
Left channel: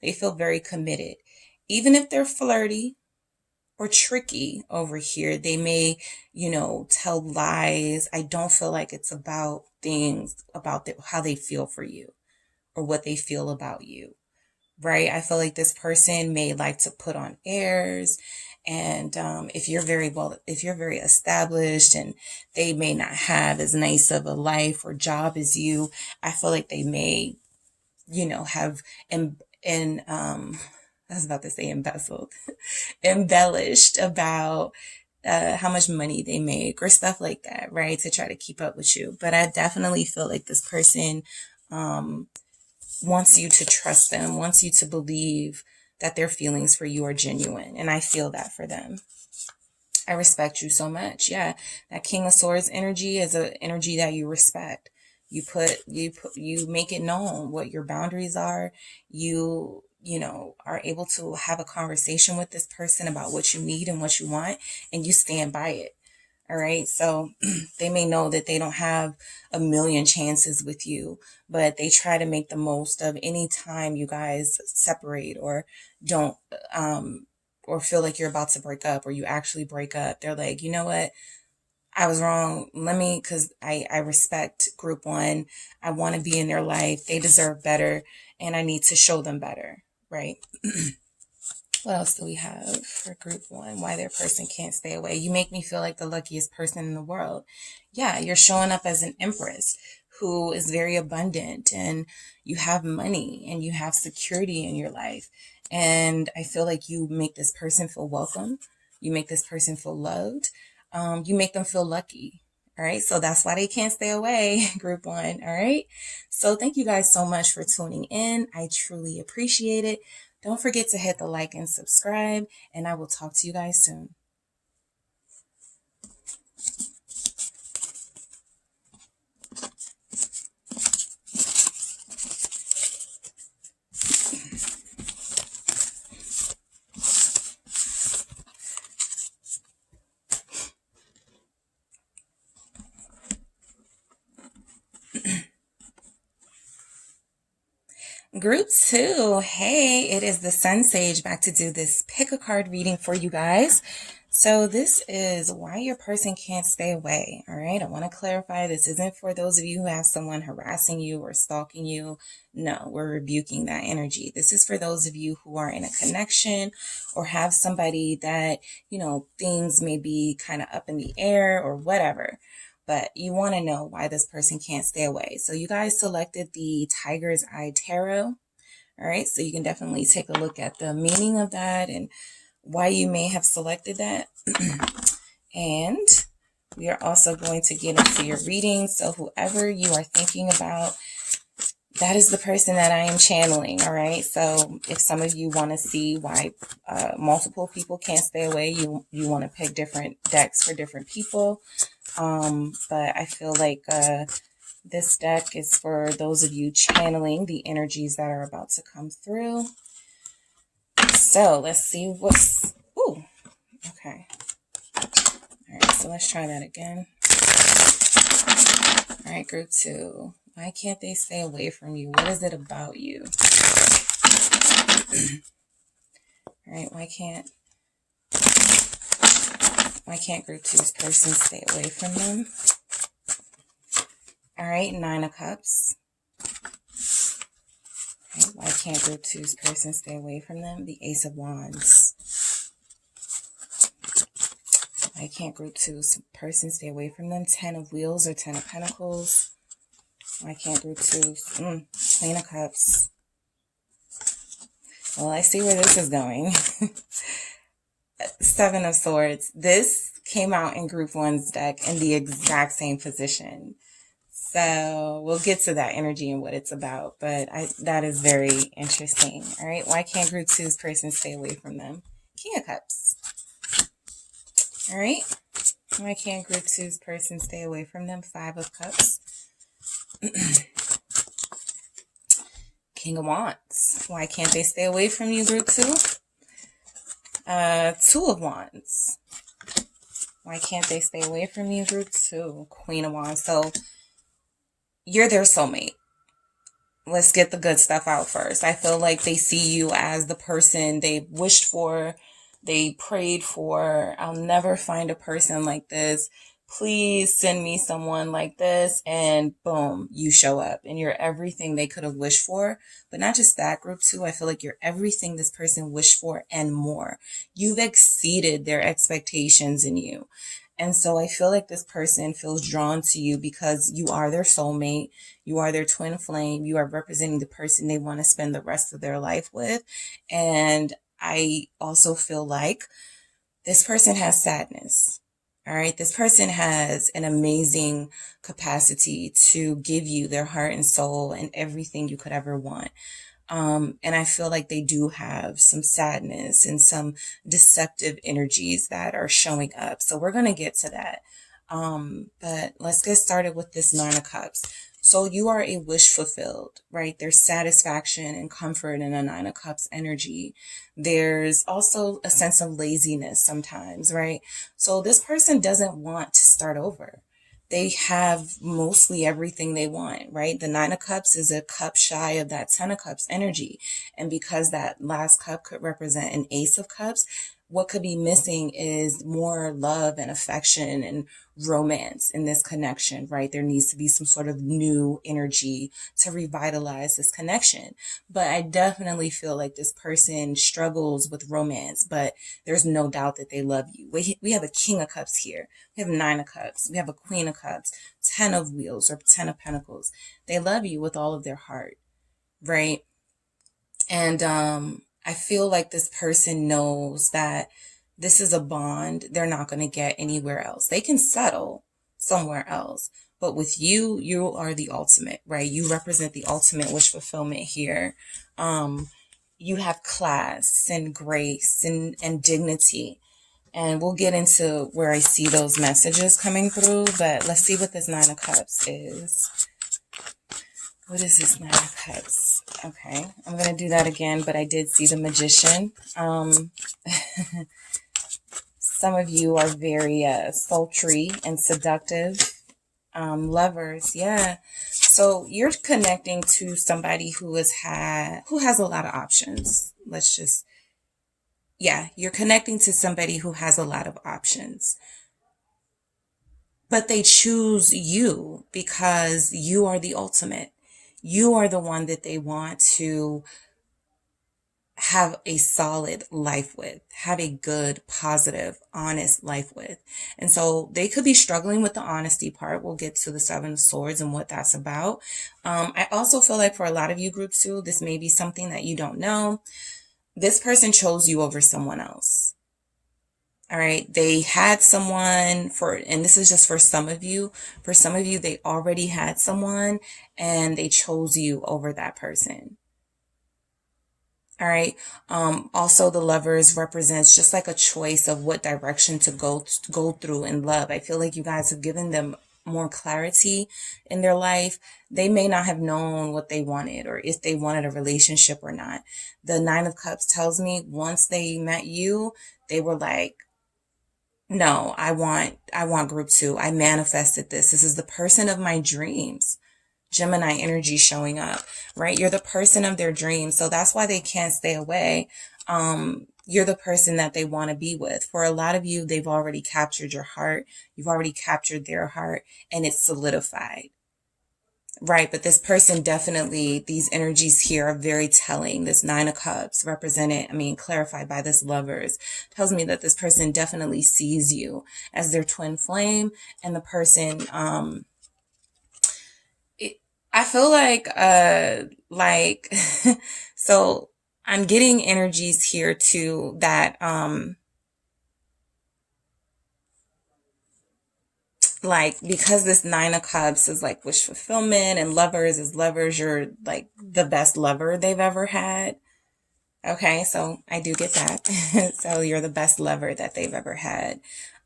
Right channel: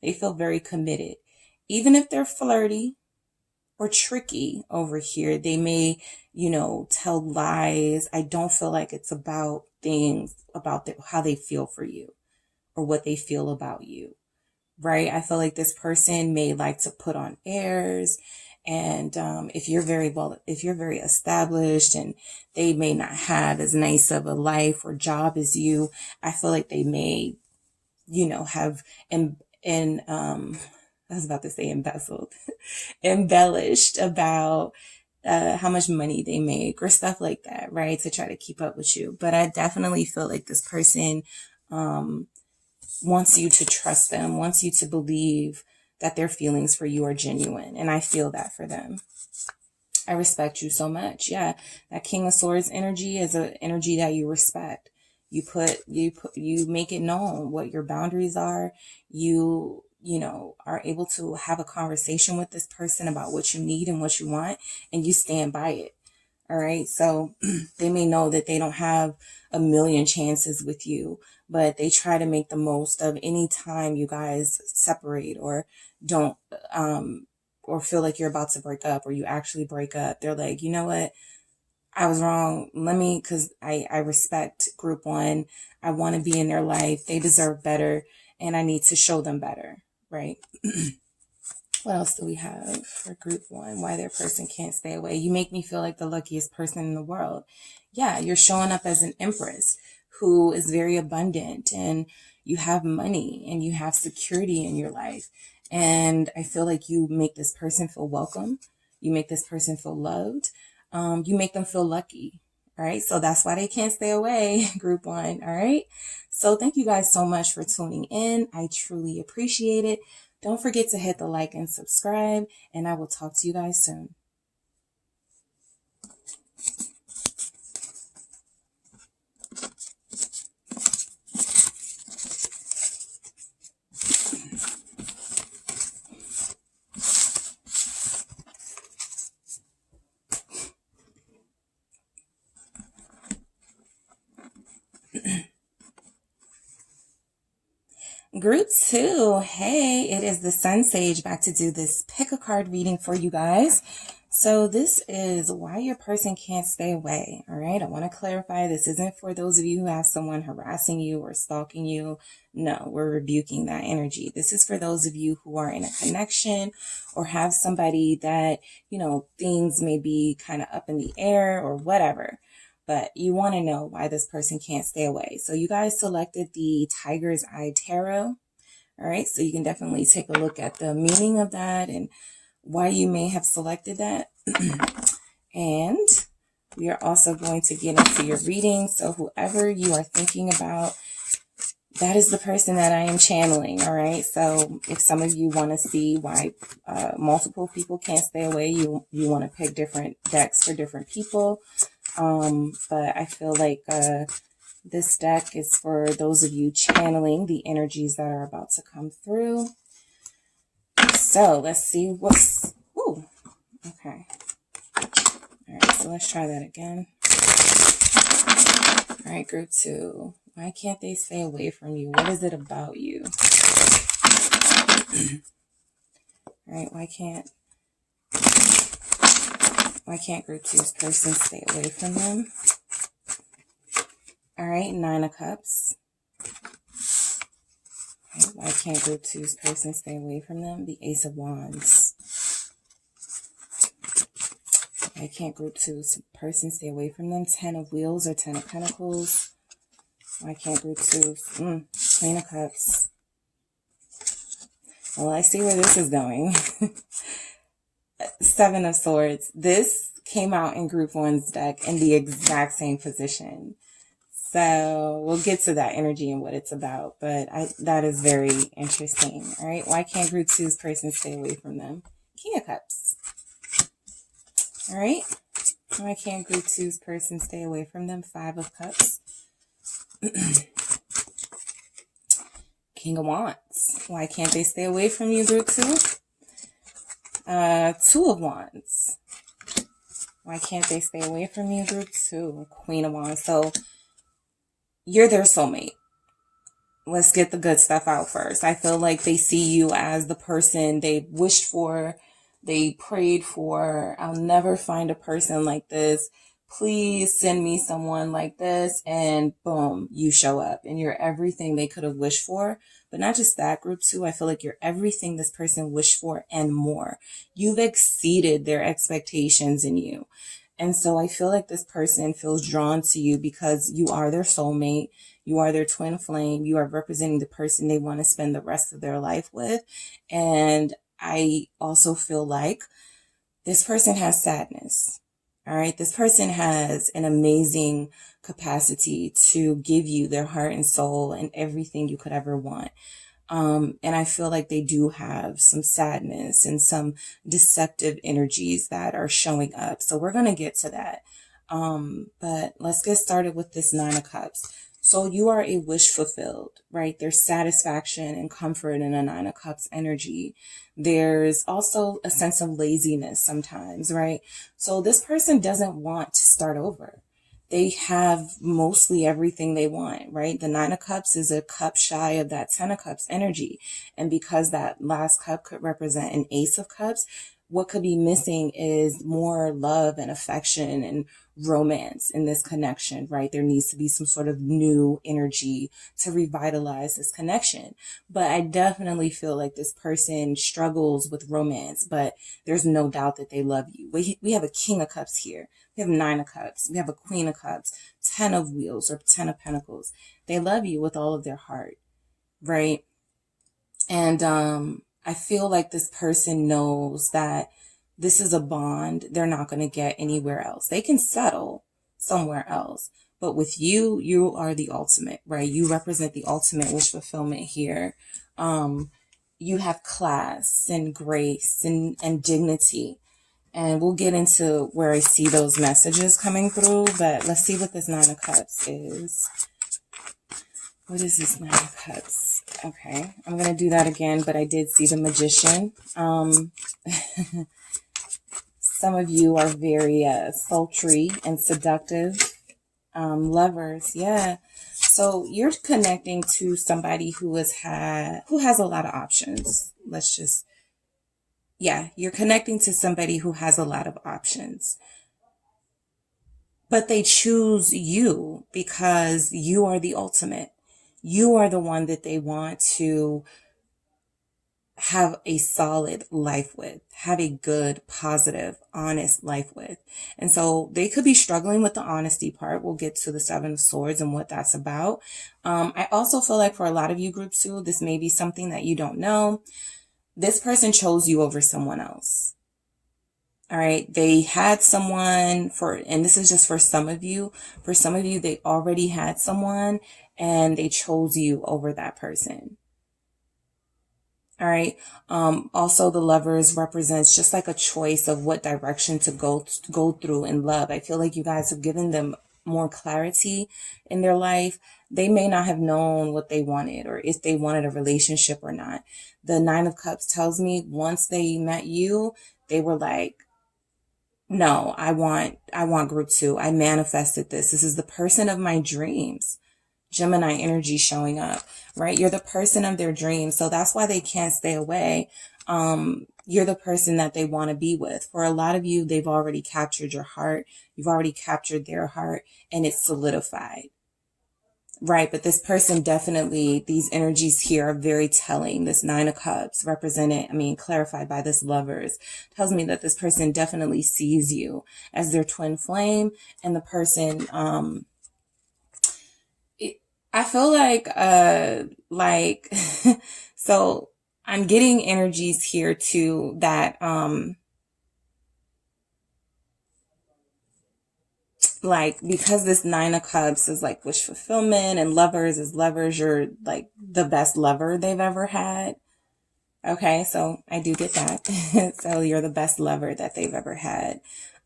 They feel very committed. Even if they're flirty or tricky over here, they may, tell lies. I don't feel like it's about things, about how they feel for you or what they feel about you, right? I feel like this person may like to put on airs. And if you're very established and they may not have as nice of a life or job as you, I feel like they may, have I was about to say embezzled, embellished about how much money they make or stuff like that, right? To try to keep up with you. But I definitely feel like this person wants you to trust them, wants you to believe that their feelings for you are genuine. And I feel that for them. I respect you so much. Yeah. That King of Swords energy is an energy that you respect. You make it known what your boundaries are. You are able to have a conversation with this person about what you need and what you want, and you stand by it. All right. So they may know that they don't have a million chances with you, but they try to make the most of any time you guys separate or don't, or feel like you're about to break up, or you actually break up. They're like, you know what? I was wrong. Because I respect group one. I want to be in their life. They deserve better, and I need to show them better. Right. What else do we have for group one? Why their person can't stay away. You make me feel like the luckiest person in the world. Yeah, you're showing up as an empress who is very abundant, and you have money and you have security in your life. And I feel like you make this person feel welcome. You make this person feel loved. You make them feel lucky. All right. So that's why they can't stay away, group one. All right. So thank you guys so much for tuning in. I truly appreciate it. Don't forget to hit the like and subscribe, and I will talk to you guys soon. Group two, hey, it is the Sun Sage back to do this pick a card reading for you guys. So this is why your person can't stay away. All right. I want to clarify, this isn't for those of you who have someone harassing you or stalking you. No, we're rebuking that energy. This is for those of you who are in a connection or have somebody that, things may be kind of up in the air or whatever. But you want to know why this person can't stay away. So you guys selected the Tiger's Eye Tarot. All right. So you can definitely take a look at the meaning of that and why you may have selected that. And we are also going to get into your reading. So whoever you are thinking about, that is the person that I am channeling. All right. So if some of you want to see why multiple people can't stay away, you want to pick different decks for different people. But I feel like this deck is for those of you channeling the energies that are about to come through. So let's see what's... Ooh, okay. All right, so let's try that again. All right, group two. Why can't they stay away from you? What is it about you? All right, why can't group two's person stay away from them? All right, Nine of Cups. Okay, why can't group two's person stay away from them? The Ace of Wands. Why can't group two's person stay away from them? 10 of Wheels or 10 of Pentacles. Why can't group two's Queen of Cups? Well, I see where this is going. 7 of Swords. This came out in group one's deck in the exact same position. So we'll get to that energy and what it's about. But that is very interesting. All right. Why can't group two's person stay away from them? King of Cups. All right. Why can't group two's person stay away from them? 5 of Cups. King of Wands. Why can't they stay away from you, group 2? 2 of Wands. Why can't they stay away from you, group 2? Queen of Wands. So you're their soulmate. Let's get the good stuff out first. I feel like they see you as the person they wished for, they prayed for. I'll never find a person like this. Please send me someone like this. And boom, you show up and you're everything they could have wished for. But not just that, group 2. I feel like you're everything this person wished for and more. You've exceeded their expectations in you. And so I feel like this person feels drawn to you because you are their soulmate. You are their twin flame. You are representing the person they want to spend the rest of their life with. And I also feel like this person has sadness. All right. This person has an amazing capacity to give you their heart and soul and everything you could ever want. And I feel like they do have some sadness and some deceptive energies that are showing up. So we're going to get to that. But let's get started with this 9 of Cups. So you are a wish fulfilled, right? There's satisfaction and comfort in a 9 of Cups energy. There's also a sense of laziness sometimes, right? So this person doesn't want to start over. They have mostly everything they want, right? The 9 of Cups is a cup shy of that 10 of Cups energy. And because that last cup could represent an Ace of Cups, what could be missing is more love and affection and romance in this connection, right? There needs to be some sort of new energy to revitalize this connection. But I definitely feel like this person struggles with romance, but there's no doubt that they love you. We have a King of Cups here. We have 9 of Cups. We have a Queen of Cups, 10 of Wheels or 10 of Pentacles. They love you with all of their heart, right? And I feel like this person knows that this is a bond they're not going to get anywhere else. They can settle somewhere else. But with you, you are the ultimate, right? You represent the ultimate wish fulfillment here. You have class and grace and dignity. And we'll get into where I see those messages coming through. But let's see what this 9 of Cups is. What is this 9 of Cups? Okay, I'm going to do that again, but I did see the Magician. Some of you are very sultry and seductive. Lovers, yeah. So you're connecting to somebody who has a lot of options. You're connecting to somebody who has a lot of options. But they choose you because you are the ultimate. You are the one that they want to have a solid life with, have a good, positive, honest life with. And so they could be struggling with the honesty part. We'll get to the 7 of Swords and what that's about. I also feel like for a lot of you, group 2, this may be something that you don't know. This person chose you over someone else. All right. They had someone and this is just for some of you. For some of you, they already had someone and they chose you over that person. All right. Also, the Lovers represents just like a choice of what direction to go through in love. I feel like you guys have given them more clarity in their life. They may not have known what they wanted or if they wanted a relationship or not. The 9 of Cups tells me once they met you, they were like, no, I want group 2. I manifested this. This is the person of my dreams. Gemini energy showing up, right? You're the person of their dreams. So that's why they can't stay away. You're the person that they want to be with. For a lot of you, they've already captured your heart. You've already captured their heart and it's solidified, Right, but this person definitely, these energies here are very telling. This Nine of Cups clarified by this Lovers, tells me that this person definitely sees you as their twin flame, and the person, I feel like, so I'm getting energies here too that, like, because this Nine of Cups is like wish fulfillment and Lovers is lovers, you're like the best lover they've ever had. Okay, so I do get that. So you're the best lover that they've ever had.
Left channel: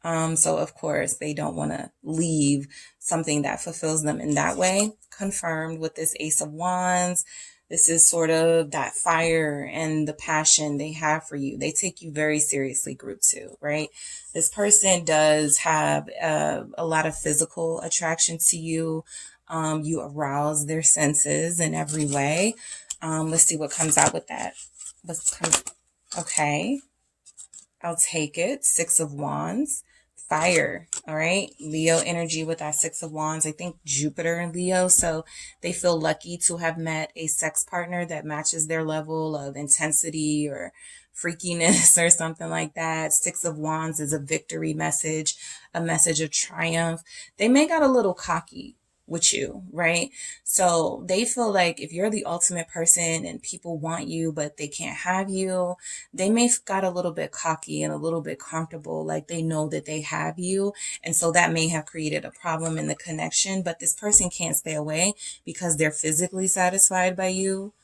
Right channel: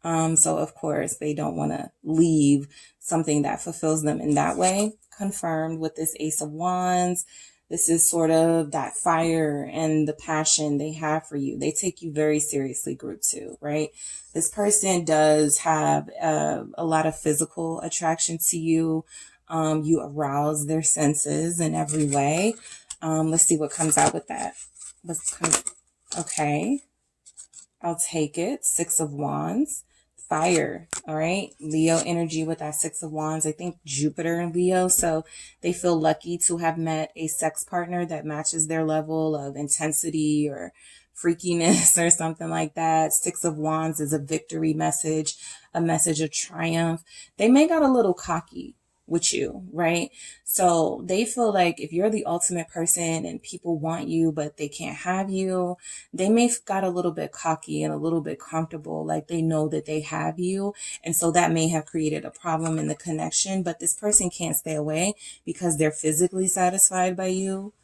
So of course they don't want to leave something that fulfills them in that way. Confirmed with this Ace of Wands. This is sort of that fire and the passion they have for you. They take you very seriously, group 2, right? This person does have a lot of physical attraction to you. You arouse their senses in every way. Let's see what comes out with that. Okay, I'll take it. Six of Wands. Fire. All right, Leo energy with that Six of Wands. I think Jupiter and Leo, so they feel lucky to have met a sex partner that matches their level of intensity or freakiness or something like that. Six of Wands is a victory message, a message of triumph. They may got a little cocky with you, right? So they feel like if you're the ultimate person and people want you, but they can't have you, they may have got a little bit cocky and a little bit comfortable, like they know that they have you. And so that may have created a problem in the connection, but this person can't stay away because they're physically satisfied by you.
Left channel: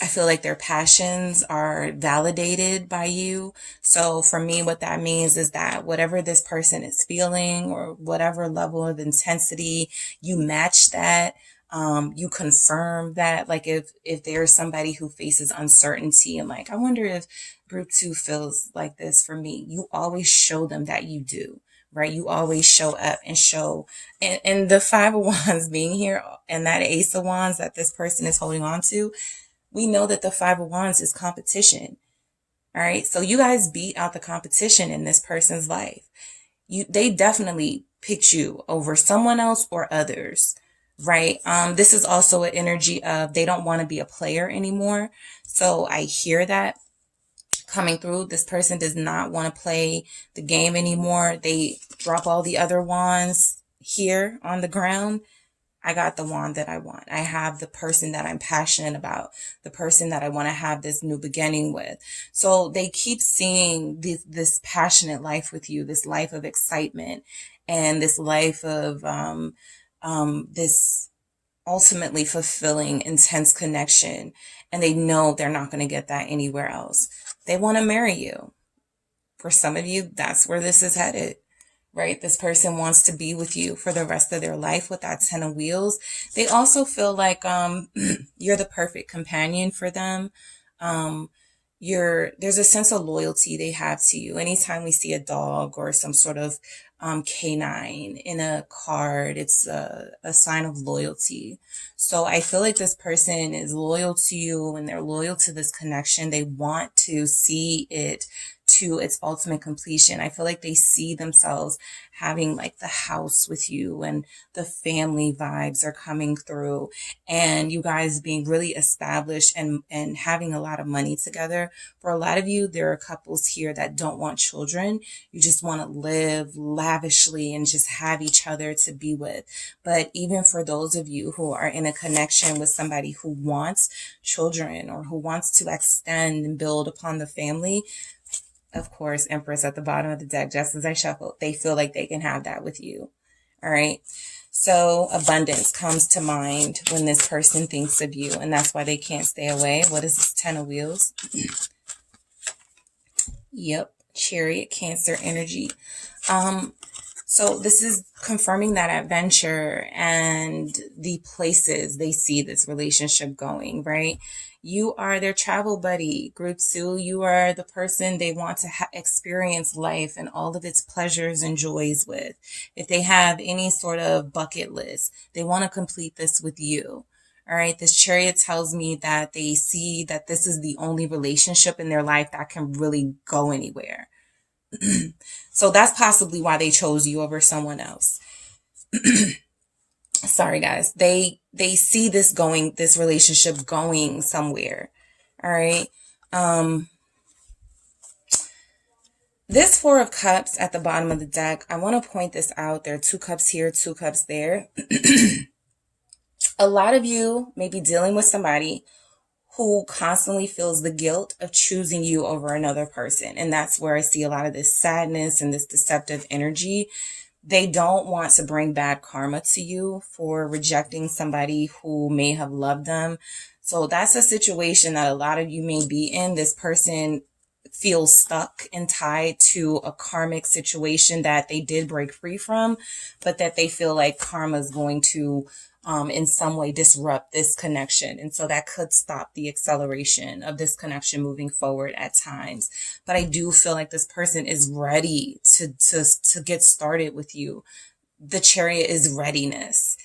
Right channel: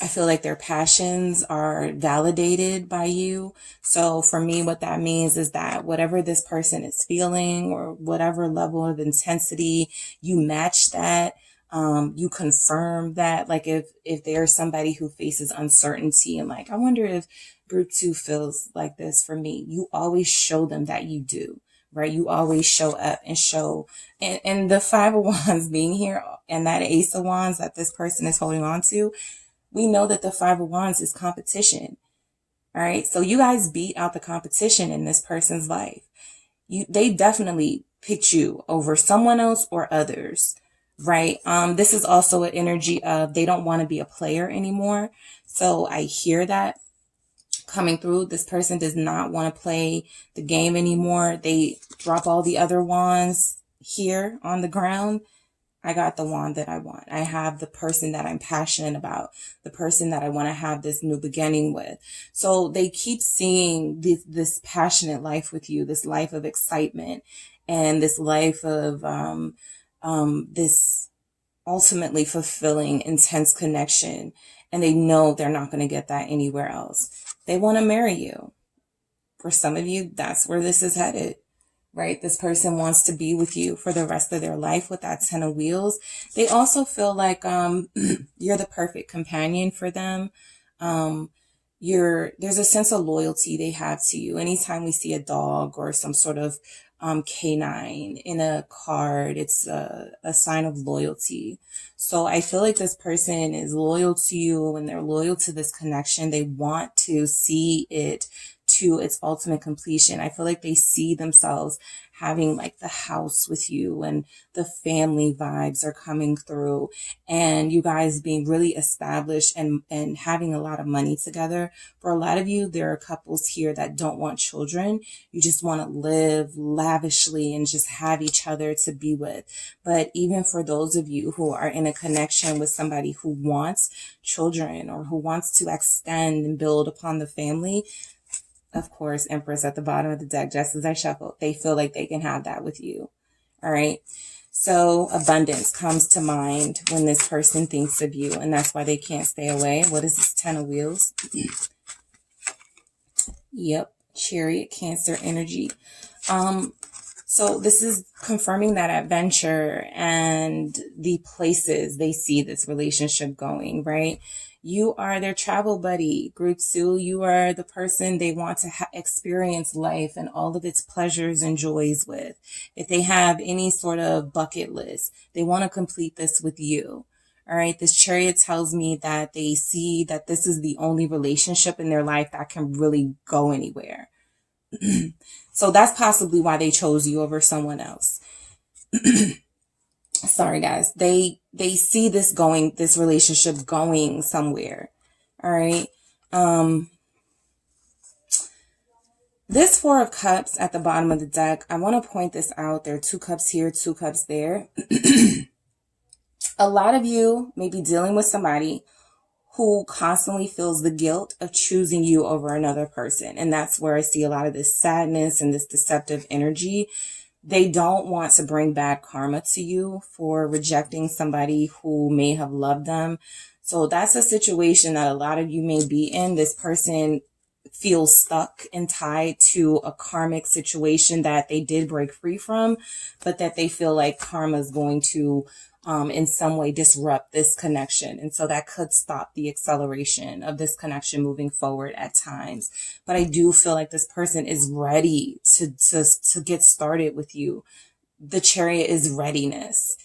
I feel like their passions are validated by you. So for me, what that means is that whatever this person is feeling or whatever level of intensity, you match that. You confirm that. Like if there's somebody who faces uncertainty and like, I wonder if group 2 feels like this for me, you always show them that you do. Right? You always show up and show, and the Five of Wands being here and that Ace of Wands that this person is holding on to, we know that the Five of Wands is competition. All right. So you guys beat out the competition in this person's life. They definitely picked you over someone else or others. Right. This is also an energy of they don't want to be a player anymore. So I hear that coming through. This person does not want to play the game anymore. They drop all the other wands here on the ground. I got the wand that I want. I have the person that I'm passionate about, the person that I want to have this new beginning with. So they keep seeing this passionate life with you, this life of excitement and this life of this ultimately fulfilling, intense connection. And they know they're not going to get that anywhere else. They want to marry you. For some of you, that's where this is headed. Right? This person wants to be with you for the rest of their life with that 10 of Wheels. They also feel like you're the perfect companion for them. There's a sense of loyalty they have to you. Anytime we see a dog or some sort of canine in a card, it's a sign of loyalty. So I feel like this person is loyal to you and they're loyal to this connection. They want to see it to its ultimate completion. I feel like they see themselves having like the house with you and the family vibes are coming through and you guys being really established and having a lot of money together. For a lot of you, there are couples here that don't want children. You just want to live lavishly and just have each other to be with. But even for those of you who are in a connection with somebody who wants children or who wants to extend and build upon the family, of course, Empress at the bottom of the deck, just as I shuffled, they feel like they can have that with you. All right. So abundance comes to mind when this person thinks of you, and that's why they can't stay away. What is this 10 of Wheels? Yep. Chariot, Cancer energy. So this is confirming that adventure and the places they see this relationship going, right? You are their travel buddy. Group 2, you are the person they want to experience life and all of its pleasures and joys with. If they have any sort of bucket list, they want to complete this with you. All right. This Chariot tells me that they see that this is the only relationship in their life that can really go anywhere. So that's possibly why they chose you over someone else. sorry guys, they see this relationship going somewhere. All right. This Four of Cups at the bottom of the deck, I want to point this out. There are 2 cups here, 2 cups there. A lot of you may be dealing with somebody who constantly feels the guilt of choosing you over another person. And that's where I see a lot of this sadness and this deceptive energy. They don't want to bring bad karma to you for rejecting somebody who may have loved them. So that's a situation that a lot of you may be in. This person feels stuck and tied to a karmic situation that they did break free from, but that they feel like karma is going to in some way disrupt this connection. And so that could stop the acceleration of this connection moving forward at times. But I do feel like this person is ready to get started with you. The Chariot is readiness.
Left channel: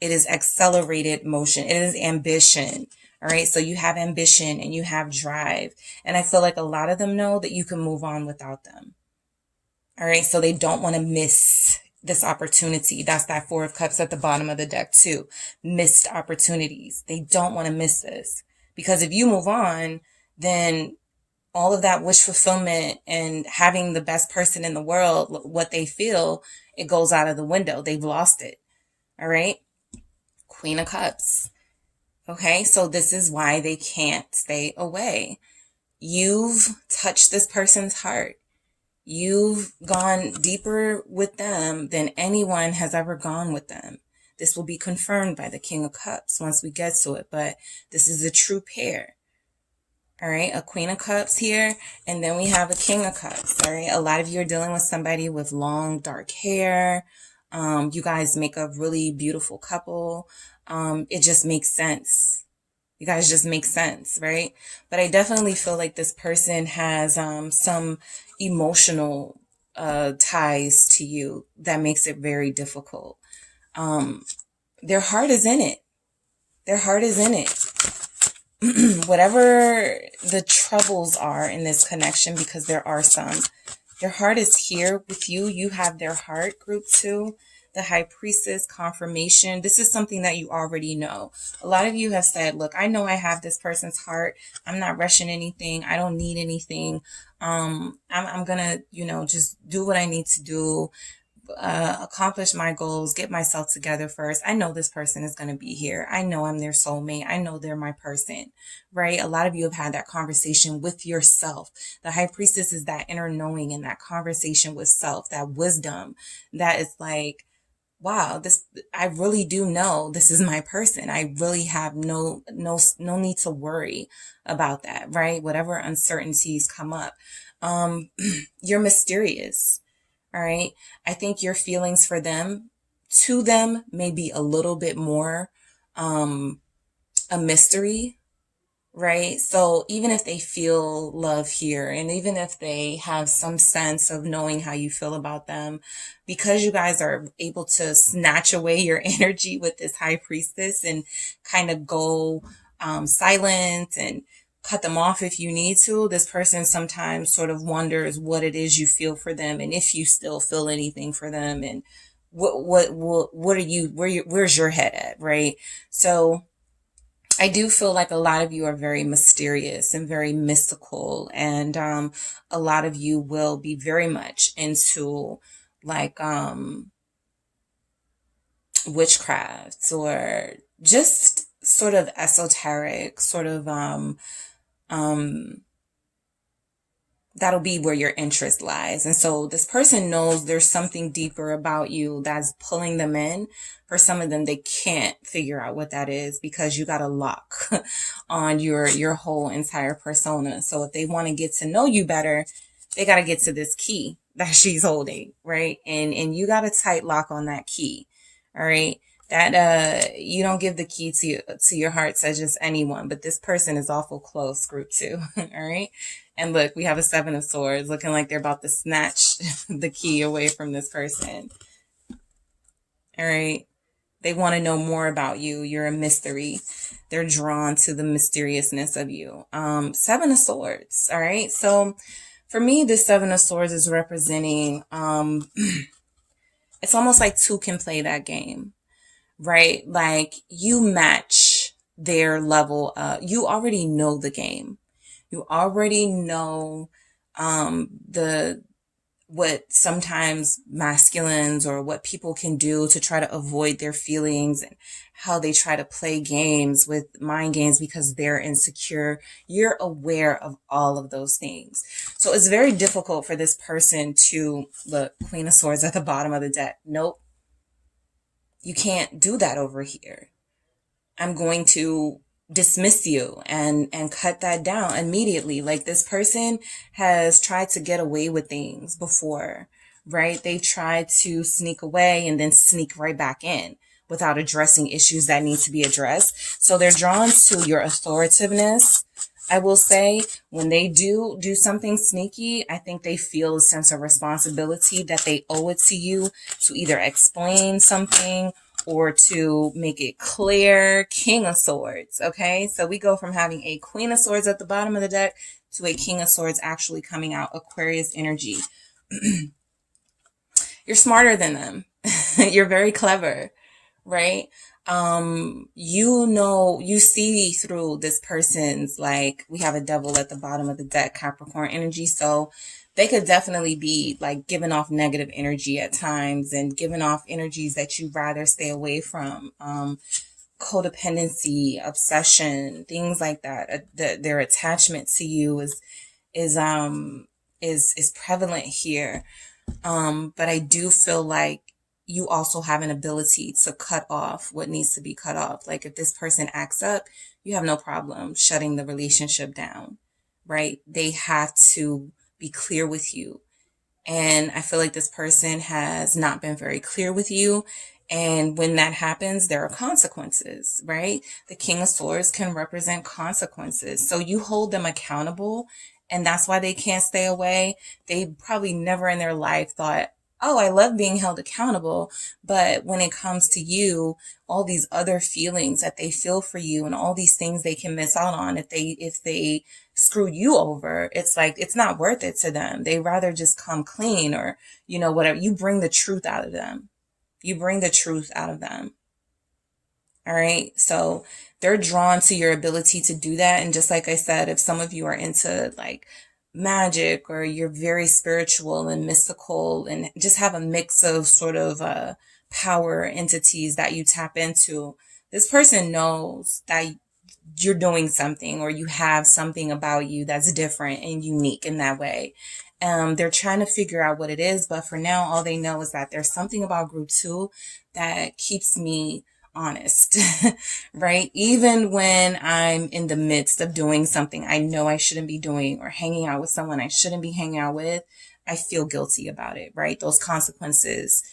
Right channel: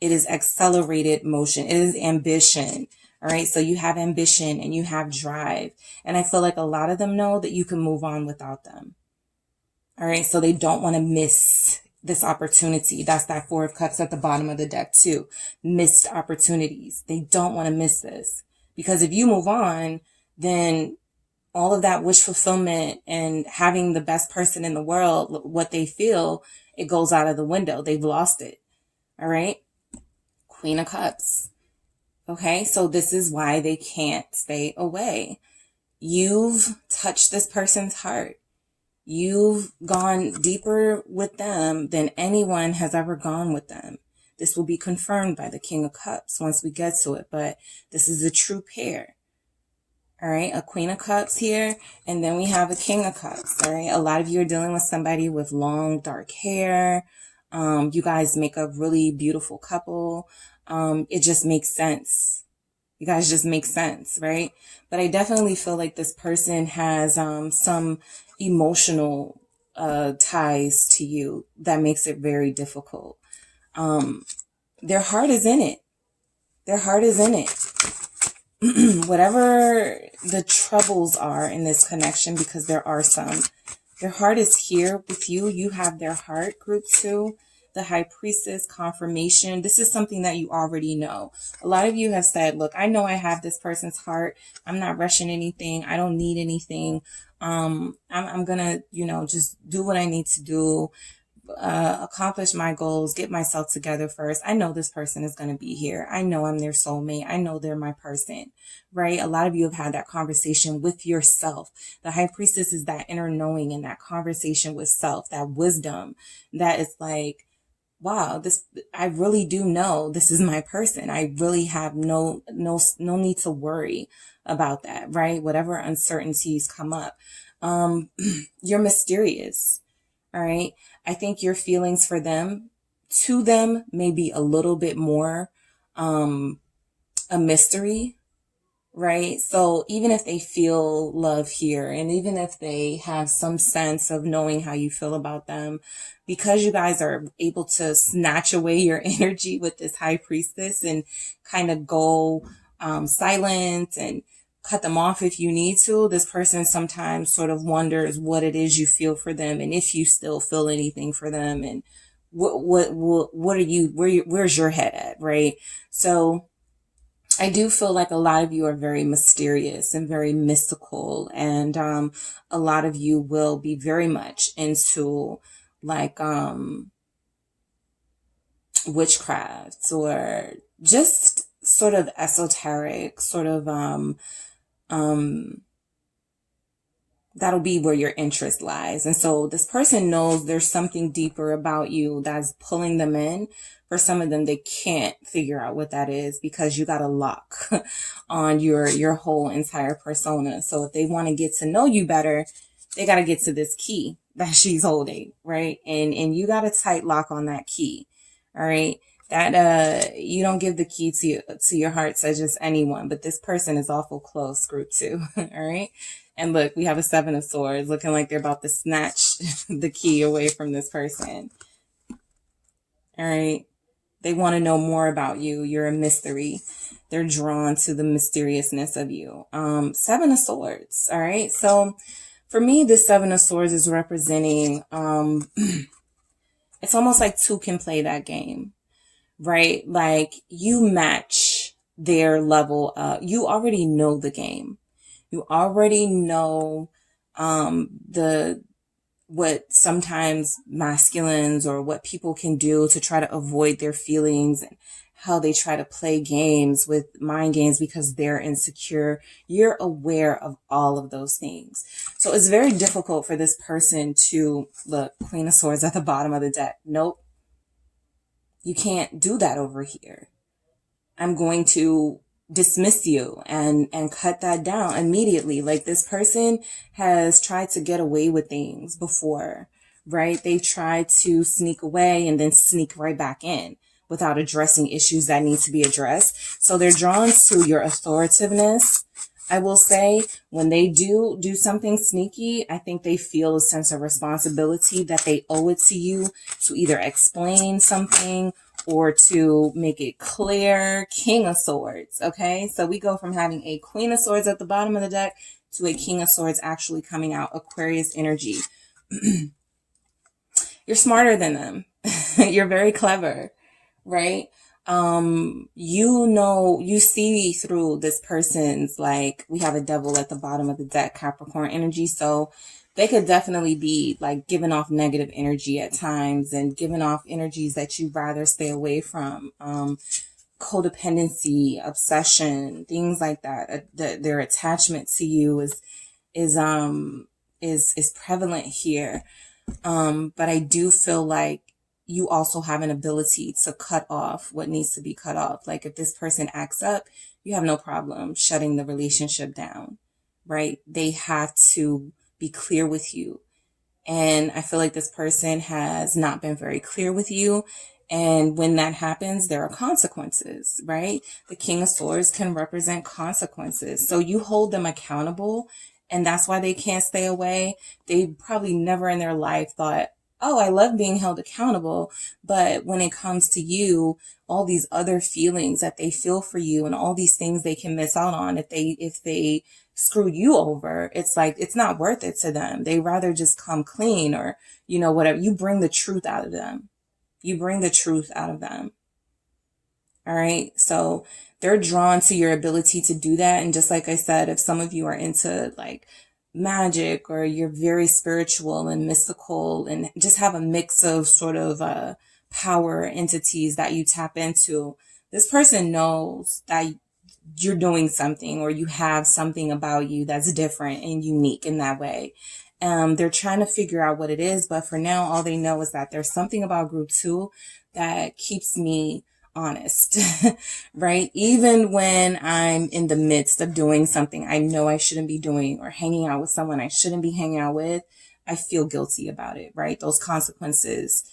It is accelerated motion. It is ambition. All right. So you have ambition and you have drive. And I feel like a lot of them know that you can move on without them. All right. So they don't want to miss this opportunity. That's that Four of Cups at the bottom of the deck too. Missed opportunities. They don't want to miss this, because if you move on, then all of that wish fulfillment and having the best person in the world, what they feel, it goes out of the window. They've lost it. All right. Queen of Cups. Okay. So this is why they can't stay away. You've touched this person's heart. You've gone deeper with them than anyone has ever gone with them. This will be confirmed by the King of Cups once we get to it, but this is a true pair. All right, a Queen of Cups here, and then we have a King of Cups. All right, a lot of you are dealing with somebody with long, dark hair. You guys make a really beautiful couple. It just makes sense. You guys just make sense, right? But I definitely feel like this person has some emotional ties to you that makes it very difficult. Their heart is in it. Their heart is in it. Whatever the troubles are in this connection, because there are some, their heart is here with you. You have their heart, group 2. The High Priestess, confirmation. This is something that you already know. A lot of you have said, look, I know I have this person's heart. I'm not rushing anything. I don't need anything. I'm going to, just do what I need to do, accomplish my goals, get myself together first. I know this person is going to be here. I know I'm their soulmate. I know they're my person, right? A lot of you have had that conversation with yourself. The High Priestess is that inner knowing and that conversation with self, that wisdom that is like, wow, I really do know this is my person. I really have no need to worry about that, right? Whatever uncertainties come up. You're mysterious. All right. I think your feelings for them, to them, may be a little bit more, a mystery. Right. So even if they feel love here, and even if they have some sense of knowing how you feel about them, because you guys are able to snatch away your energy with this High Priestess and kind of go silent and cut them off if you need to, this person sometimes sort of wonders what it is you feel for them, and if you still feel anything for them, and what are you, where's your head at, right? So I do feel like a lot of you are very mysterious and very mystical, and a lot of you will be very much into like witchcraft, or just sort of esoteric, sort of that'll be where your interest lies. And so this person knows there's something deeper about you that's pulling them in. For some of them, they can't figure out what that is, because you got a lock on your whole entire persona. So if they want to get to know you better, they got to get to this key that she's holding, right? And you got a tight lock on that key. All right. That you don't give the key to your heart to just anyone, but this person is awful close, group 2. All right. And look, we have a 7 of Swords, looking like they're about to snatch the key away from this person. All right. They want to know more about you. You're a mystery. They're drawn to the mysteriousness of you. 7 of Swords. All right. So for me, this 7 of Swords is representing, it's almost like 2 can play that game. right? Like you match their level. You already know the game. You already know the what sometimes masculines or what people can do to try to avoid their feelings, and how they try to play games with mind games because they're insecure. You're aware of all of those things. So it's very difficult for this person to look, Queen of Swords at the bottom of the deck. Nope, you can't do that over here. I'm going to dismiss you and cut that down immediately. Like this person has tried to get away with things before, right? They tried to sneak away and then sneak right back in without addressing issues that need to be addressed. So they're drawn to your authoritativeness. I will say when they do something sneaky, I think they feel a sense of responsibility that they owe it to you to either explain something or to make it clear. King of Swords, okay? So we go from having a Queen of Swords at the bottom of the deck to a King of Swords actually coming out, Aquarius energy. You're smarter than them. You're very clever, right? You see through this person's, like, we have a Devil at the bottom of the deck, Capricorn energy. So they could definitely be like giving off negative energy at times and giving off energies that you'd rather stay away from. Codependency, obsession, things like that. Their attachment to you is prevalent here. But I do feel like you also have an ability to cut off what needs to be cut off. Like if this person acts up, you have no problem shutting the relationship down, right? They have to be clear with you. And I feel like this person has not been very clear with you. And when that happens, there are consequences, right? The King of Swords can represent consequences. So you hold them accountable, and that's why they can't stay away. They probably never in their life thought, oh, I love being held accountable. But when it comes to you, all these other feelings that they feel for you and all these things they can miss out on if they screw you over, it's like, it's not worth it to them. They rather just come clean, or, whatever. You bring the truth out of them. You bring the truth out of them. All right. So they're drawn to your ability to do that. And just like I said, if some of you are into like magic, or you're very spiritual and mystical and just have a mix of sort of power entities that you tap into, this person knows that you're doing something, or you have something about you that's different and unique in that way. They're trying to figure out what it is, but for now, all they know is that there's something about group 2 that keeps me honest, right? Even when I'm in the midst of doing something I know I shouldn't be doing, or hanging out with someone I shouldn't be hanging out with, I feel guilty about it, right? Those consequences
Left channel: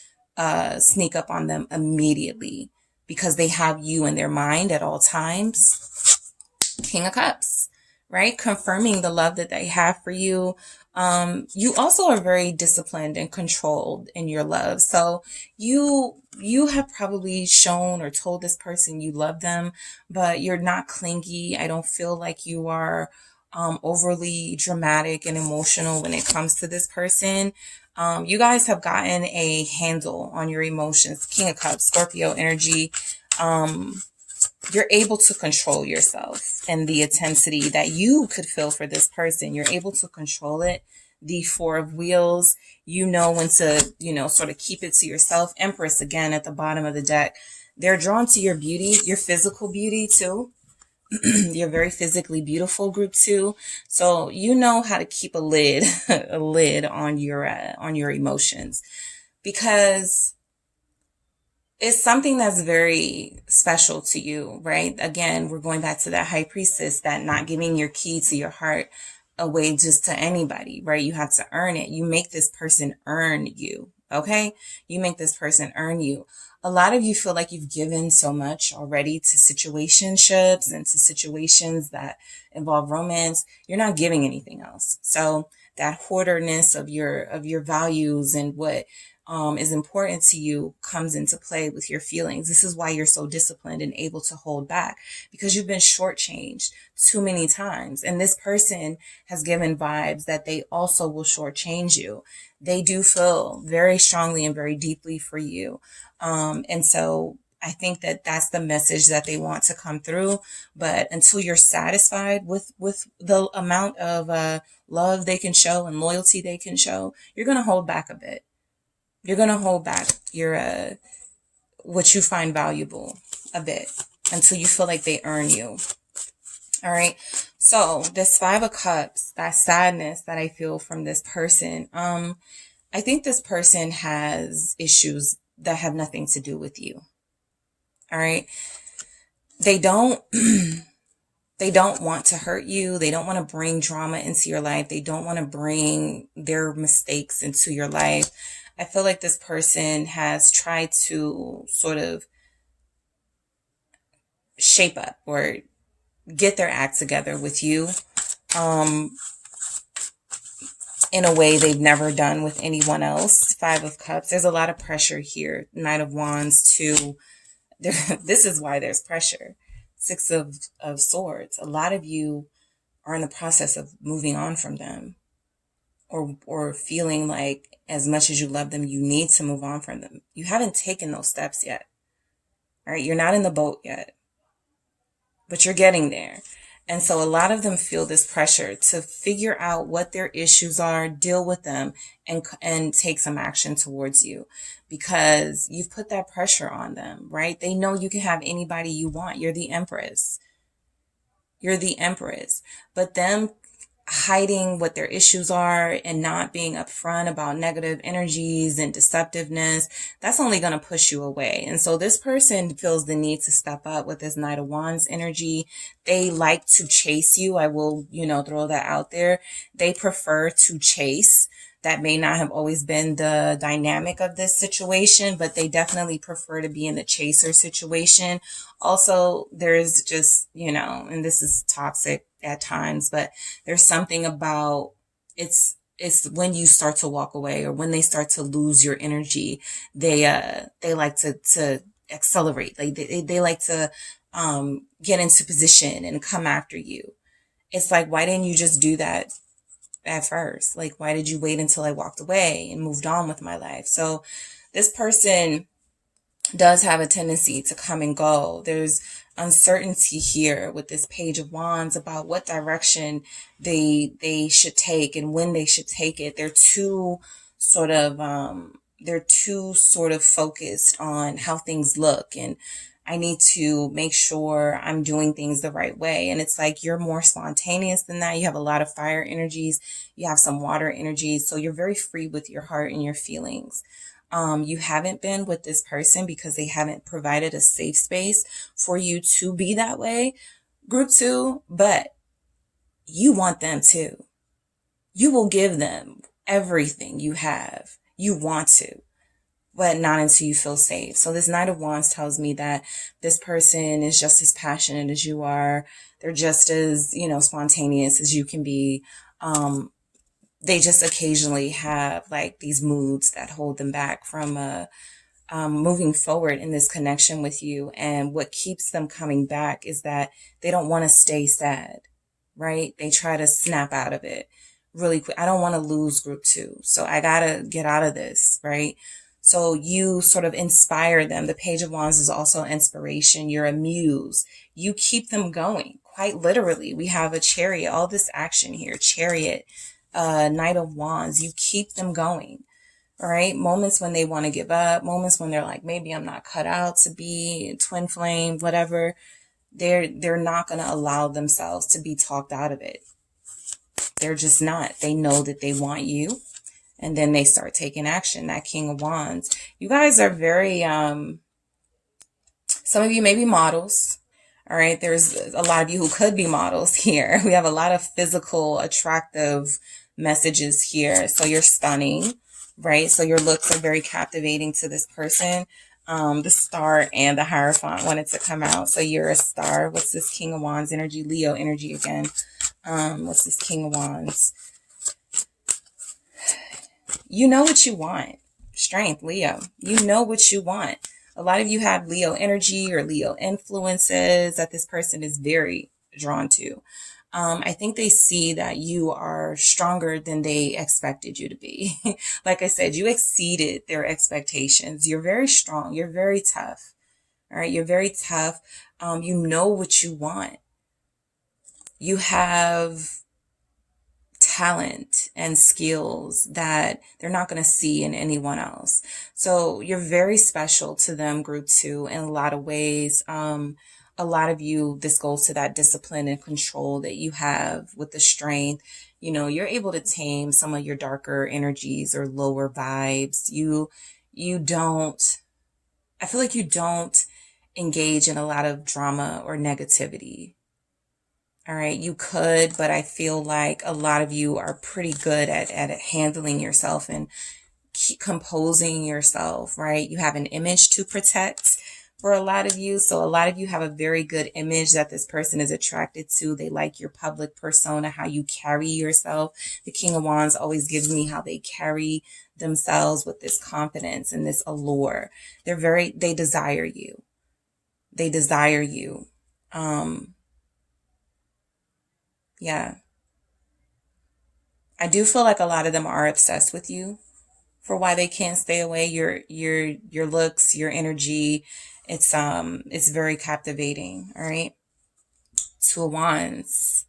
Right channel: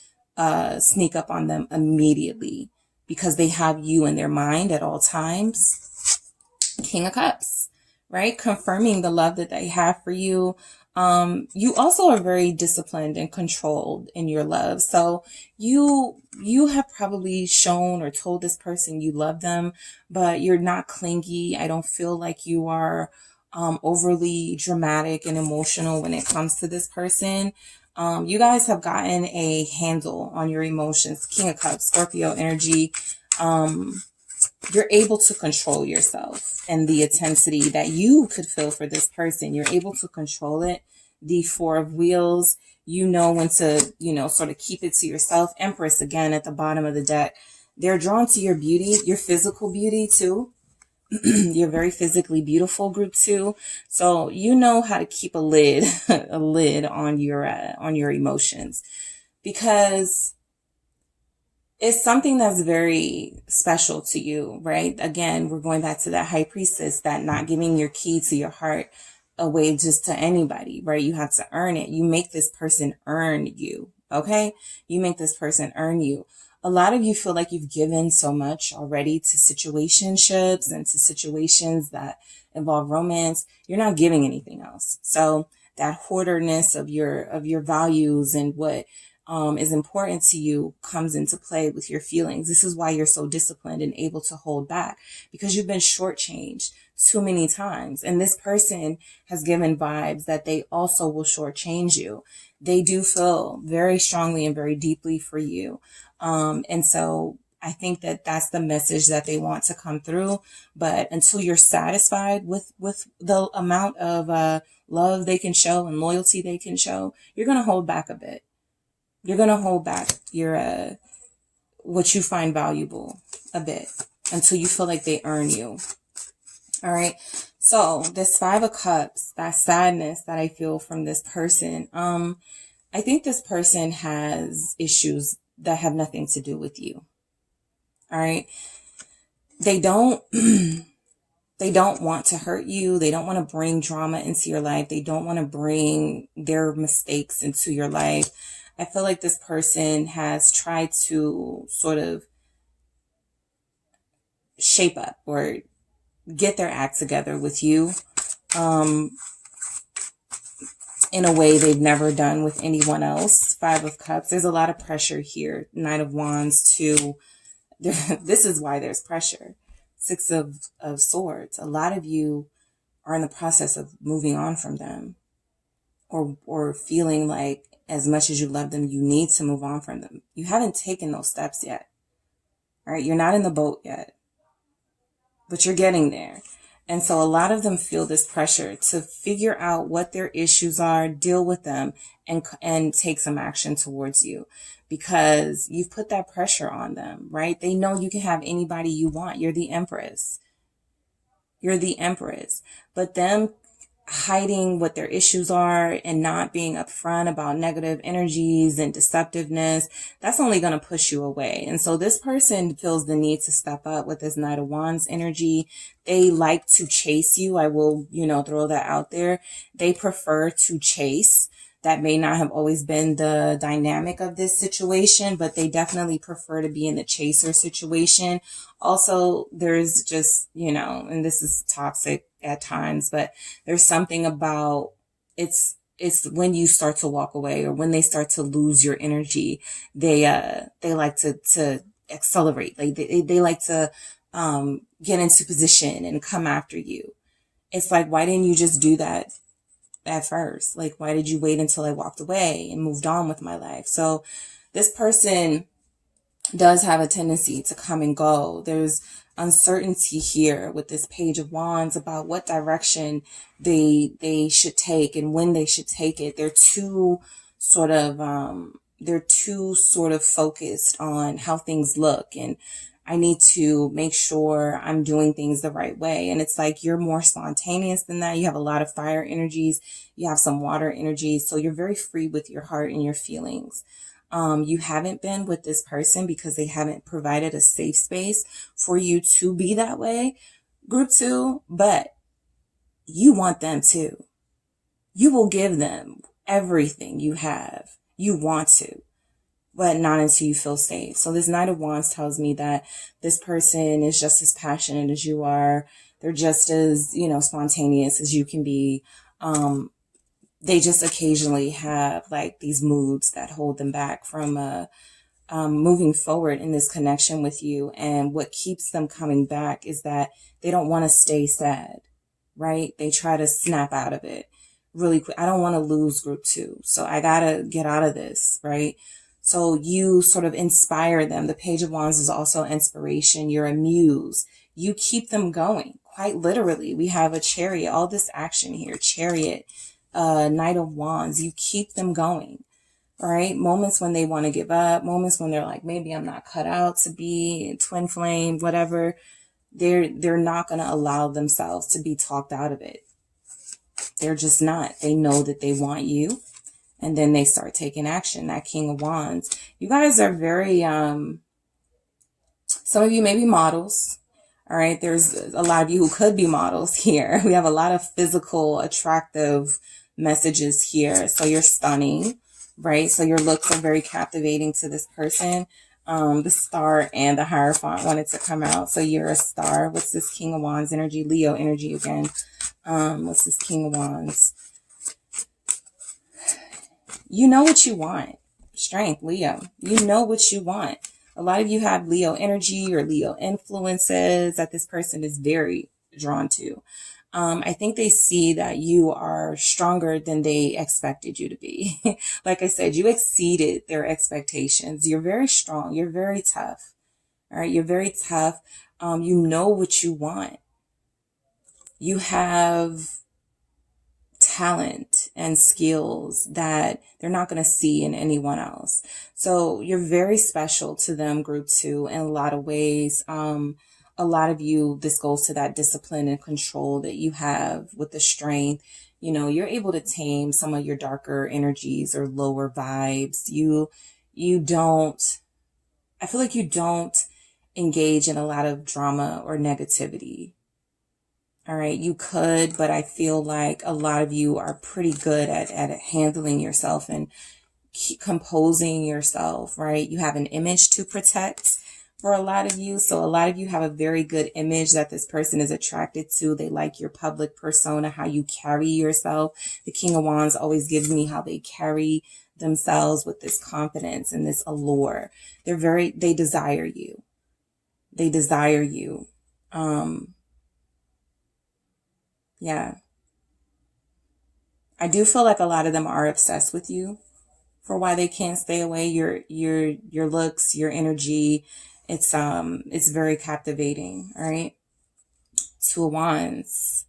sneak up on them immediately because they have you in their mind at all times. King of Cups, right? Confirming the love that they have for you. You also are very disciplined and controlled in your love. So you have probably shown or told this person you love them, but you're not clingy. I don't feel like you are overly dramatic and emotional when it comes to this person. You guys have gotten a handle on your emotions. King of Cups, Scorpio energy. You're able to control yourself and the intensity that you could feel for this person. You're able to control it. The Four of Wheels, you know when to, sort of keep it to yourself. Empress, again, at the bottom of the deck. They're drawn to your beauty, your physical beauty too. You're very physically beautiful, group 2. So you know how to keep a lid on your emotions, because it's something that's very special to you, right? Again, we're going back to that High Priestess, that not giving your key to your heart away just to anybody, right? You have to earn it. You make this person earn you, okay? You make this person earn you. A lot of you feel like you've given so much already to situationships and to situations that involve romance. You're not giving anything else. So that hoarderness of your values and what is important to you comes into play with your feelings. This is why you're so disciplined and able to hold back, because you've been shortchanged too many times. And this person has given vibes that they also will shortchange you. They do feel very strongly and very deeply for you. And so I think that that's the message that they want to come through. But until you're satisfied with the amount of love they can show and loyalty they can show, you're going to hold back a bit. You're going to hold back your what you find valuable a bit until you feel like they earn you. All right. So this 5 of Cups, that sadness that I feel from this person, I think this person has issues that have nothing to do with you. All right. They don't want to hurt you. They don't want to bring drama into your life. They don't want to bring their mistakes into your life. I feel like this person has tried to sort of shape up or get their act together with you in a way they've never done with anyone else. 5 of Cups. There's a lot of pressure here. Knight of Wands too. This is why there's pressure. 6 of Swords. A lot of you are in the process of moving on from them, or feeling like as much as you love them, you need to move on from them. You haven't taken those steps yet. All right. You're not in the boat yet, but you're getting there. And so a lot of them feel this pressure to figure out what their issues are, deal with them, and take some action towards you, because you've put that pressure on them, right? They know you can have anybody you want. You're the Empress. You're the Empress. But them hiding what their issues are and not being upfront about negative energies and deceptiveness, that's only going to push you away. And so this person feels the need to step up with this Knight of Wands energy. They like to chase you. I will, throw that out there. They prefer to chase. That may not have always been the dynamic of this situation, but they definitely prefer to be in the chaser situation. Also, there's just, and this is toxic at times, but there's something about it's when you start to walk away, or when they start to lose your energy, they like to accelerate. Like they like to get into position and come after you. It's like, why didn't you just do that at first? Like, why did you wait until I walked away and moved on with my life? So this person does have a tendency to come and go. There's uncertainty here with this Page of Wands about what direction they should take and when they should take it. They're too sort of focused on how things look, and I need to make sure I'm doing things the right way. And it's like, you're more spontaneous than that. You have a lot of fire energies. You have some water energies. So you're very free with your heart and your feelings. You haven't been with this person because they haven't provided a safe space for you to be that way, Group 2, but you want them to. You will give them everything you have. You want to, but not until you feel safe. So this Knight of Wands tells me that this person is just as passionate as you are. They're just as, spontaneous as you can be. They just occasionally have like these moods that hold them back from moving forward in this connection with you. And what keeps them coming back is that they don't want to stay sad, right? They try to snap out of it really quick. I don't want to lose Group 2, so I got to get out of this, right? So you sort of inspire them. The Page of Wands is also inspiration. You're a muse. You keep them going, quite literally. We have a Chariot, all this action here, Chariot, Knight of Wands. You keep them going, all right? Moments when they want to give up, moments when they're like, maybe I'm not cut out to be twin flame, whatever. They're not going to allow themselves to be talked out of it. They're just not. They know that they want you, and then they start taking action. That King of Wands. You guys are very, some of you may be models. All right. There's a lot of you who could be models here. We have a lot of physical, attractive messages here. So you're stunning, right? So your looks are very captivating to this person. The Star and the Hierophant wanted to come out. So you're a star. What's this King of Wands energy? Leo energy again. What's this King of Wands? You know what you want. Strength, Leo. You know what you want. A lot of you have Leo energy or Leo influences that this person is very drawn to. I think they see that you are stronger than they expected you to be. Like I said, you exceeded their expectations. You're very strong. You're very tough. All right. You're very tough. You know what you want. You have talent and skills that they're not going to see in anyone else. So you're very special to them, group 2, in a lot of ways. A lot of you, this goes to that discipline and control that you have with the strength. You know, you're able to tame some of your darker energies or lower vibes. You don't, I feel like you don't engage in a lot of drama or negativity. All right, you could, but I feel like a lot of you are pretty good at handling yourself and composing yourself, right? You have an image to protect for a lot of you. So a lot of you have a very good image that this person is attracted to. They like your public persona, how you carry yourself. The King of Wands always gives me how they carry themselves with this confidence and this allure. They desire you. They desire you. Yeah. I do feel like a lot of them are obsessed with you for why they can't stay away. Your looks, your energy, it's very captivating, all right? 2 of Wands.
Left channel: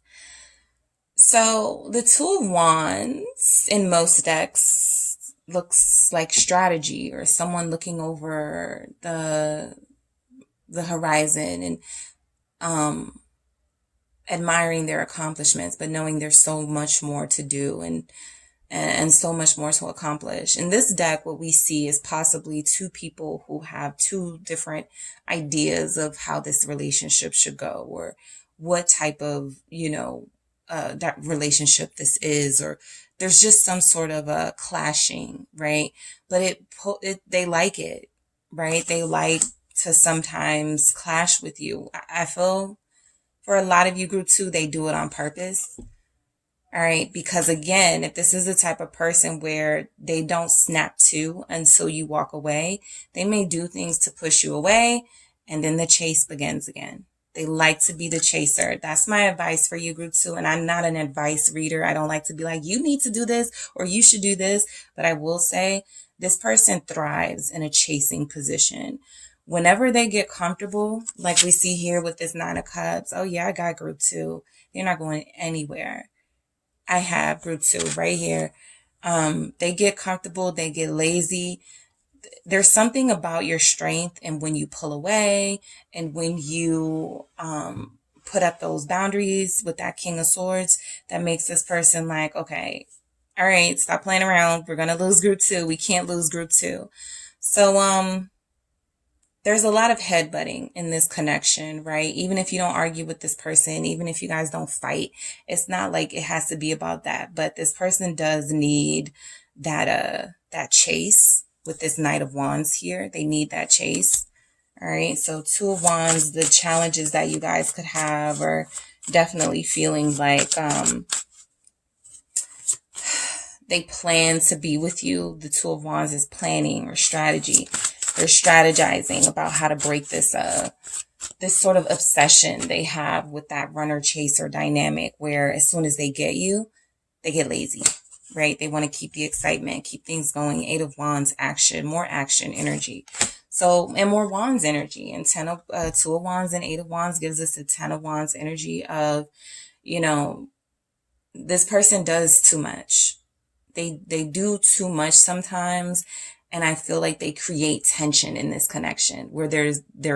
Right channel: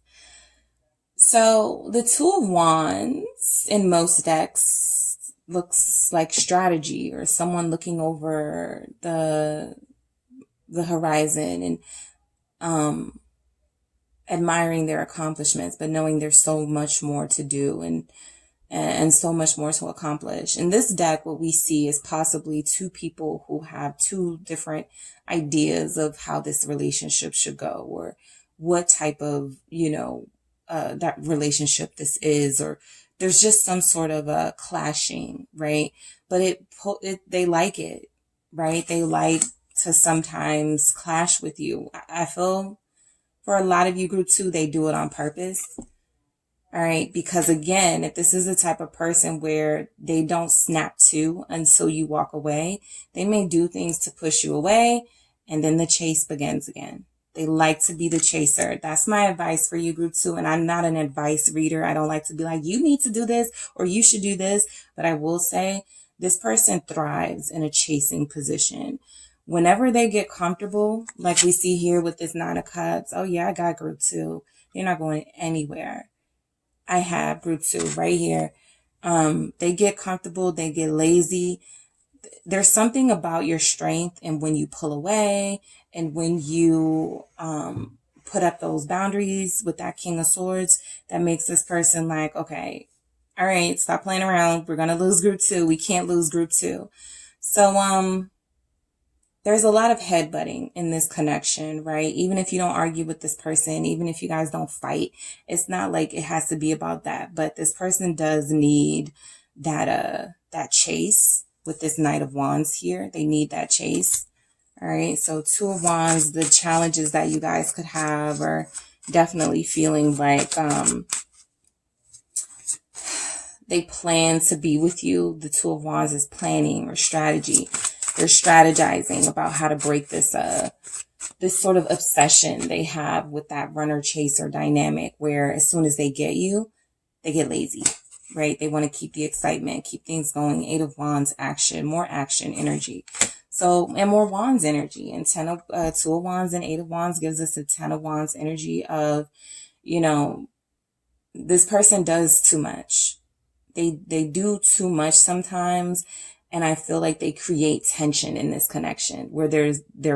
So the 2 of Wands in most decks looks like strategy or someone looking over the horizon and admiring their accomplishments, but knowing there's so much more to do and so much more to accomplish. In this deck, what we see is possibly 2 people who have 2 different ideas of how this relationship should go, or what type of, that relationship this is, or there's just some sort of a clashing, right? But they like it, right? They like to sometimes clash with you. I feel for a lot of you, group 2, they do it on purpose. All right. Because again, if this is the type of person where they don't snap to until you walk away, they may do things to push you away, and then the chase begins again. They like to be the chaser. That's my advice for you, group 2. And I'm not an advice reader. I don't like to be like, you need to do this or you should do this. But I will say this person thrives in a chasing position. Whenever they get comfortable, like we see here with this 9 of Cups, oh yeah, I got group 2. They're not going anywhere. I have group 2 right here. They get comfortable, they get lazy. There's something about your strength and when you pull away and when you put up those boundaries with that King of Swords that makes this person like, okay, all right, stop playing around. We're going to lose group 2. We can't lose group 2. So, there's a lot of headbutting in this connection, right? Even if you don't argue with this person, even if you guys don't fight, it's not like it has to be about that. But this person does need that chase with this Knight of Wands here. They need that chase. All right. So 2 of Wands, the challenges that you guys could have are definitely feeling like they plan to be with you. The 2 of Wands is planning or strategy. They're strategizing about how to break this sort of obsession they have with that runner chaser dynamic, where as soon as they get you, they get lazy, right? They want to keep the excitement, keep things going. 8 of Wands, action, more action energy. So, and more Wands energy. And 2 of Wands and 8 of Wands gives us a 10 of Wands energy of, this person does too much. They do too much sometimes. And I feel like they create tension in this connection where there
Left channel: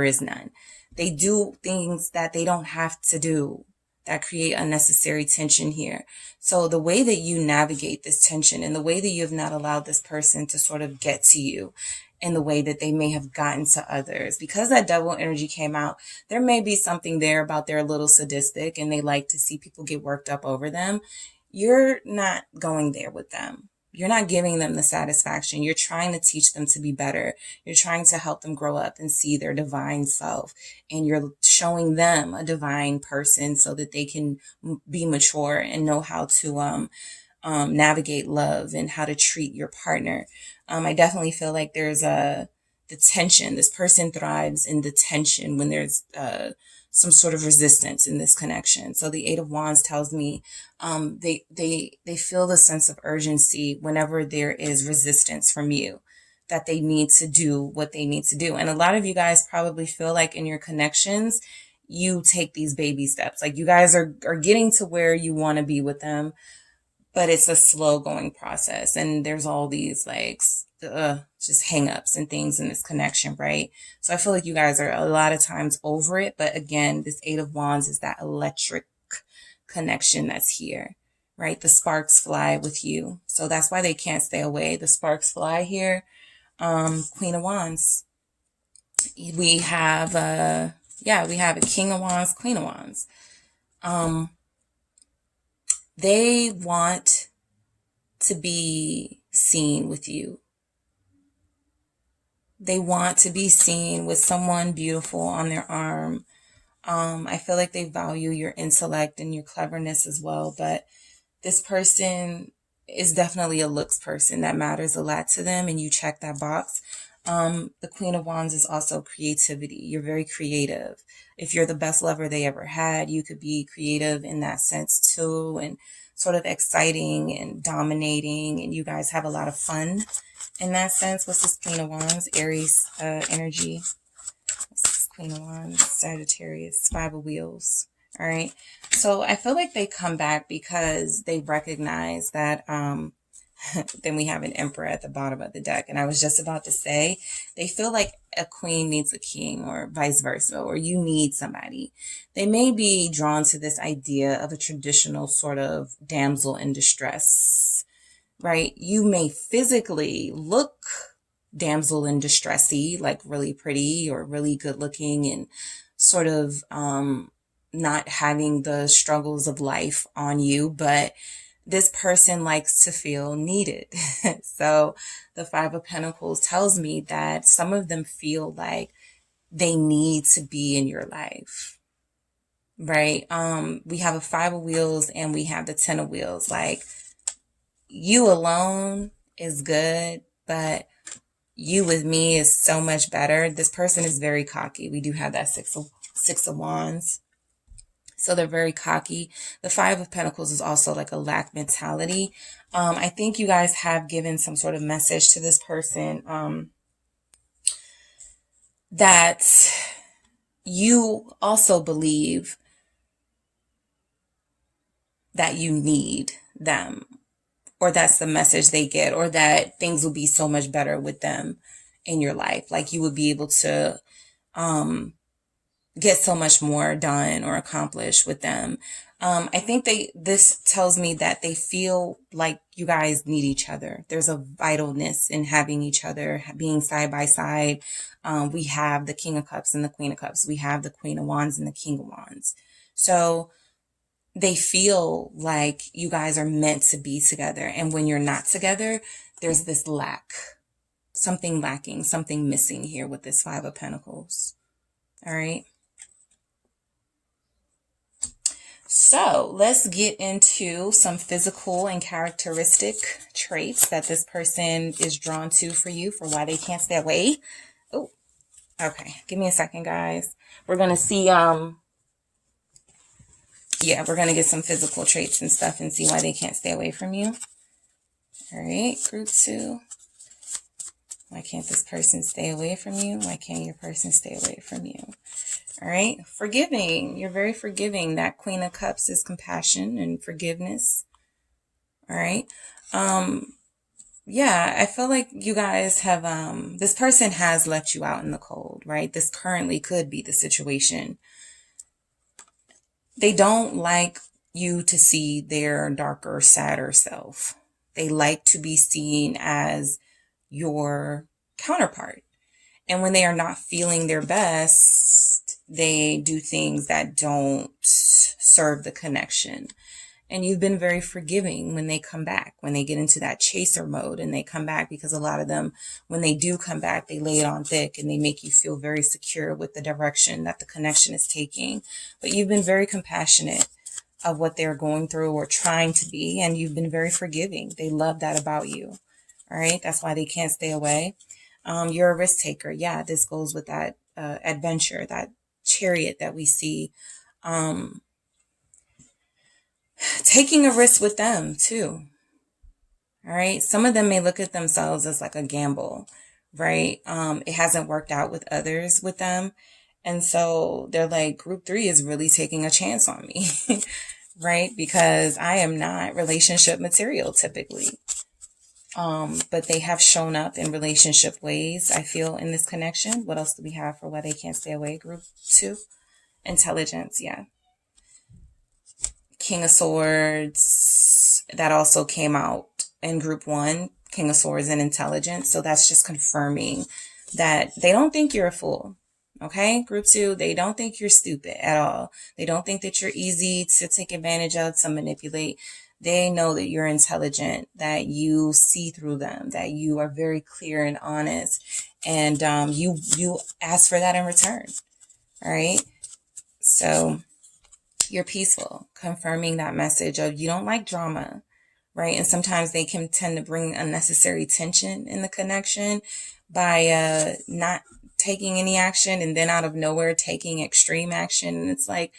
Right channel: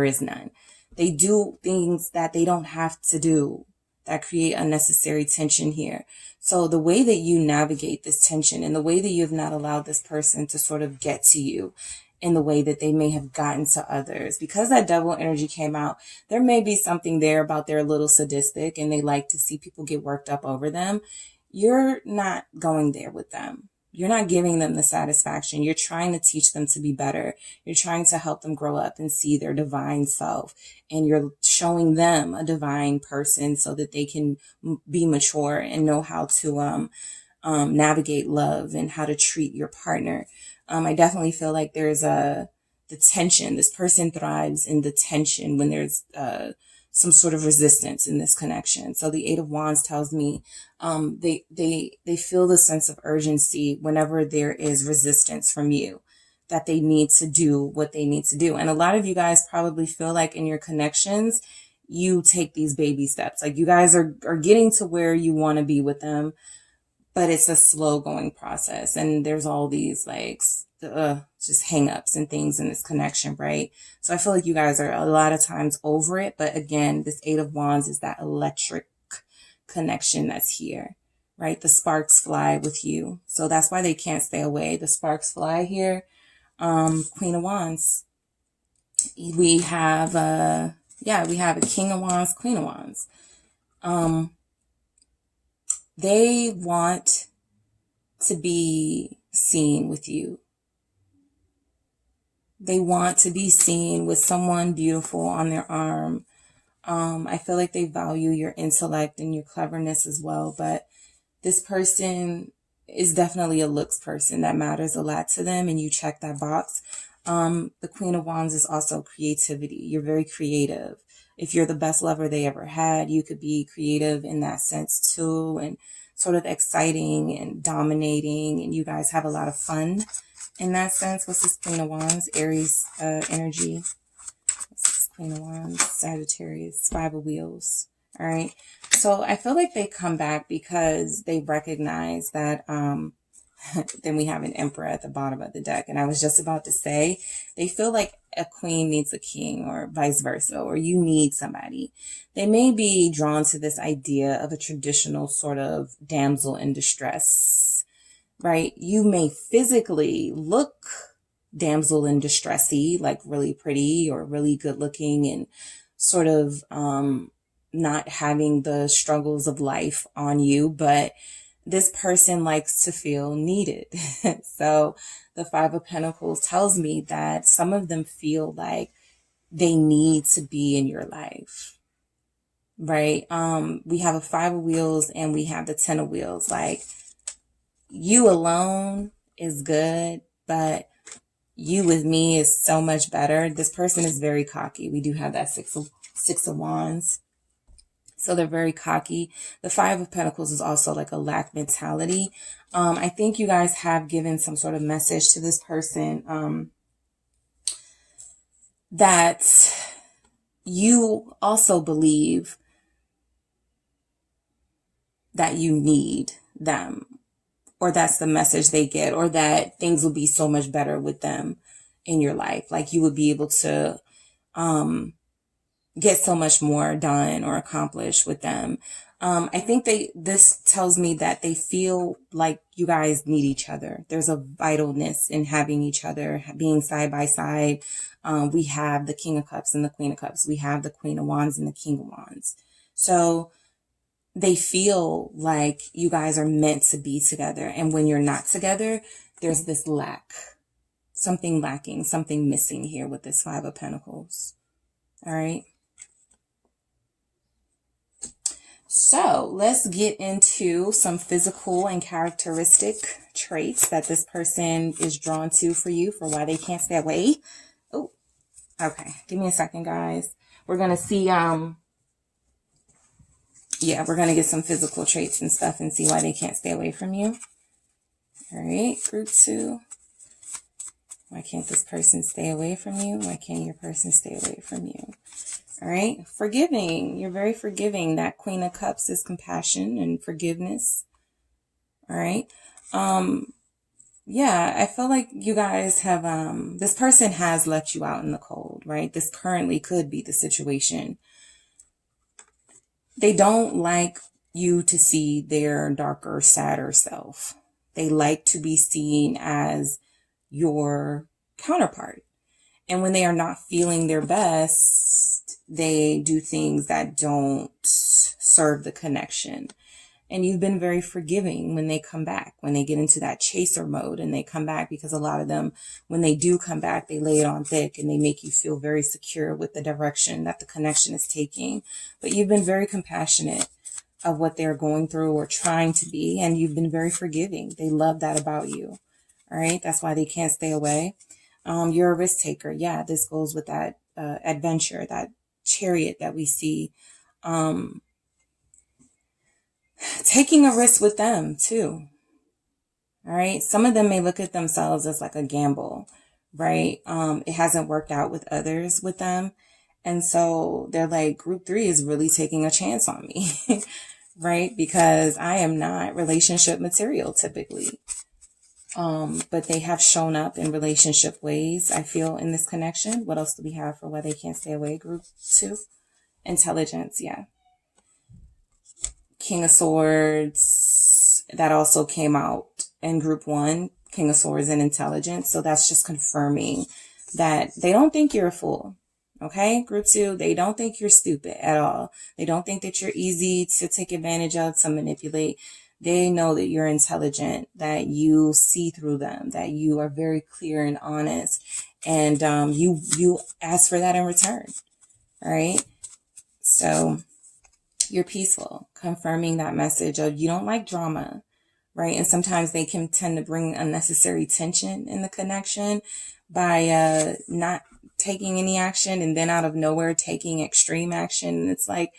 is none. They do things that they don't have to do that create unnecessary tension here. So the way that you navigate this tension and the way that you have not allowed this person to sort of get to you in the way that they may have gotten to others, because that Devil energy came out, there may be something there about they're a little sadistic and they like to see people get worked up over them. You're not going there with them. You're not giving them the satisfaction. You're trying to teach them to be better. You're trying to help them grow up and see their divine self. And you're showing them a divine person so that they can be mature and know how to navigate love and how to treat your partner. I definitely feel like there's the tension. This person thrives in the tension when there's some sort of resistance in this connection. So the 8 of Wands tells me they feel the sense of urgency whenever there is resistance from you. that they need to do what they need to do. And a lot of you guys probably feel like in your connections, you take these baby steps. Like you guys are getting to where you want to be with them, but it's a slow going process. And there's all these like just hangups and things in this connection, right? So I feel like you guys are a lot of times over it. But again, this Eight of Wands is that electric connection that's here, right? The sparks fly with you. So that's why they can't stay away. The sparks fly here. Queen of Wands. We have we have a King of Wands, Queen of Wands. They want to be seen with you. They want to be seen with someone beautiful on their arm. I feel like they value your intellect and your cleverness as well, but this person is definitely a looks person that matters a lot to them, and you check that box. The Queen of Wands is also creativity. You're very creative. If you're the best lover they ever had, you could be creative in that sense too, and sort of exciting and dominating, and you guys have a lot of fun in that sense. What's this Queen of Wands? Aries energy. What's this Queen of Wands? Sagittarius. Five of Wheels. All right. So I feel like they come back because they recognize that, then we have an Emperor at the bottom of the deck. And I was just about to say, they feel like a queen needs a king, or vice versa, or you need somebody. They may be drawn to this idea of a traditional sort of damsel in distress, right? You may physically look damsel in distressy, like really pretty or really good looking, and sort of, not having the struggles of life on you, but this person likes to feel needed. So the Five of Pentacles tells me that some of them feel like they need to be in your life, right? We have a Five of Wheels and we have the Ten of Wheels. Like, you alone is good, but you with me is so much better. This person is very cocky. We do have that Six of Wands. So they're very cocky. The Five of Pentacles is also like a lack mentality. I think you guys have given some sort of message to this person, that you also believe that you need them, or that's the message they get, or that things will be so much better with them in your life. Like you would be able to, get so much more done or accomplished with them. I think this tells me that they feel like you guys need each other. There's a vitalness in having each other, being side by side. We have the King of Cups and the Queen of Cups. We have the Queen of Wands and the King of Wands. So they feel like you guys are meant to be together. And when you're not together, there's this lack, something lacking, something missing here with this Five of Pentacles. All right. So let's get into some physical and characteristic traits that this person is drawn to for you, for why they can't stay away. Oh, okay. Give me a second, guys. We're going to see, we're going to get some physical traits and stuff and see why they can't stay away from you. All right, group 2. Why can't this person stay away from you? Why can't your person stay away from you? All right. Forgiving. You're very forgiving. That Queen of Cups is compassion and forgiveness. All right. Yeah, I feel like you guys have, this person has left you out in the cold, right? This currently could be the situation. They don't like you to see their darker, sadder self. They like to be seen as your counterpart. And when they are not feeling their best, they do things that don't serve the connection. And you've been very forgiving when they come back, when they get into that chaser mode and they come back, because a lot of them, when they do come back, they lay it on thick and they make you feel very secure with the direction that the connection is taking. But you've been very compassionate of what they're going through or trying to be, and you've been very forgiving. They love that about you. All right. That's why they can't stay away. You're a risk taker. Yeah, this goes with that adventure, that Chariot that we see. Taking a risk with them too. All right. Some of them may look at themselves as like a gamble, right? It hasn't worked out with others with them. And so they're like, group 3 is really taking a chance on me, right? Because I am not relationship material typically. But they have shown up in relationship ways, I feel, in this connection. What else do we have for why they can't stay away? Group 2, intelligence, yeah. King of Swords, that also came out in group 1, King of Swords and intelligence. So that's just confirming that they don't think you're a fool. Okay, group 2, they don't think you're stupid at all. They don't think that you're easy to take advantage of, to manipulate. They know that you're intelligent, that you see through them, that you are very clear and honest, and you ask for that in return. All right, so you're peaceful, confirming that message of you don't like drama, right? And sometimes they can tend to bring unnecessary tension in the connection by not taking any action, and then out of nowhere taking extreme action. And it's like,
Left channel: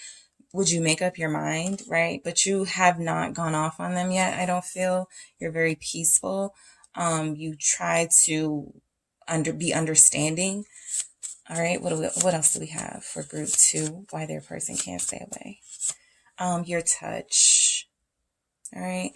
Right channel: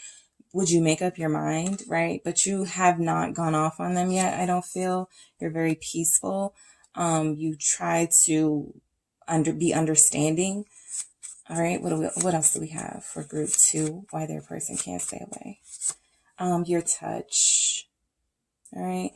would you make up your mind, right? But you have not gone off on them yet. I don't feel. You're very peaceful. You try to be understanding. All right. What else do we have for group 2? Why their person can't stay away? Your touch. All right.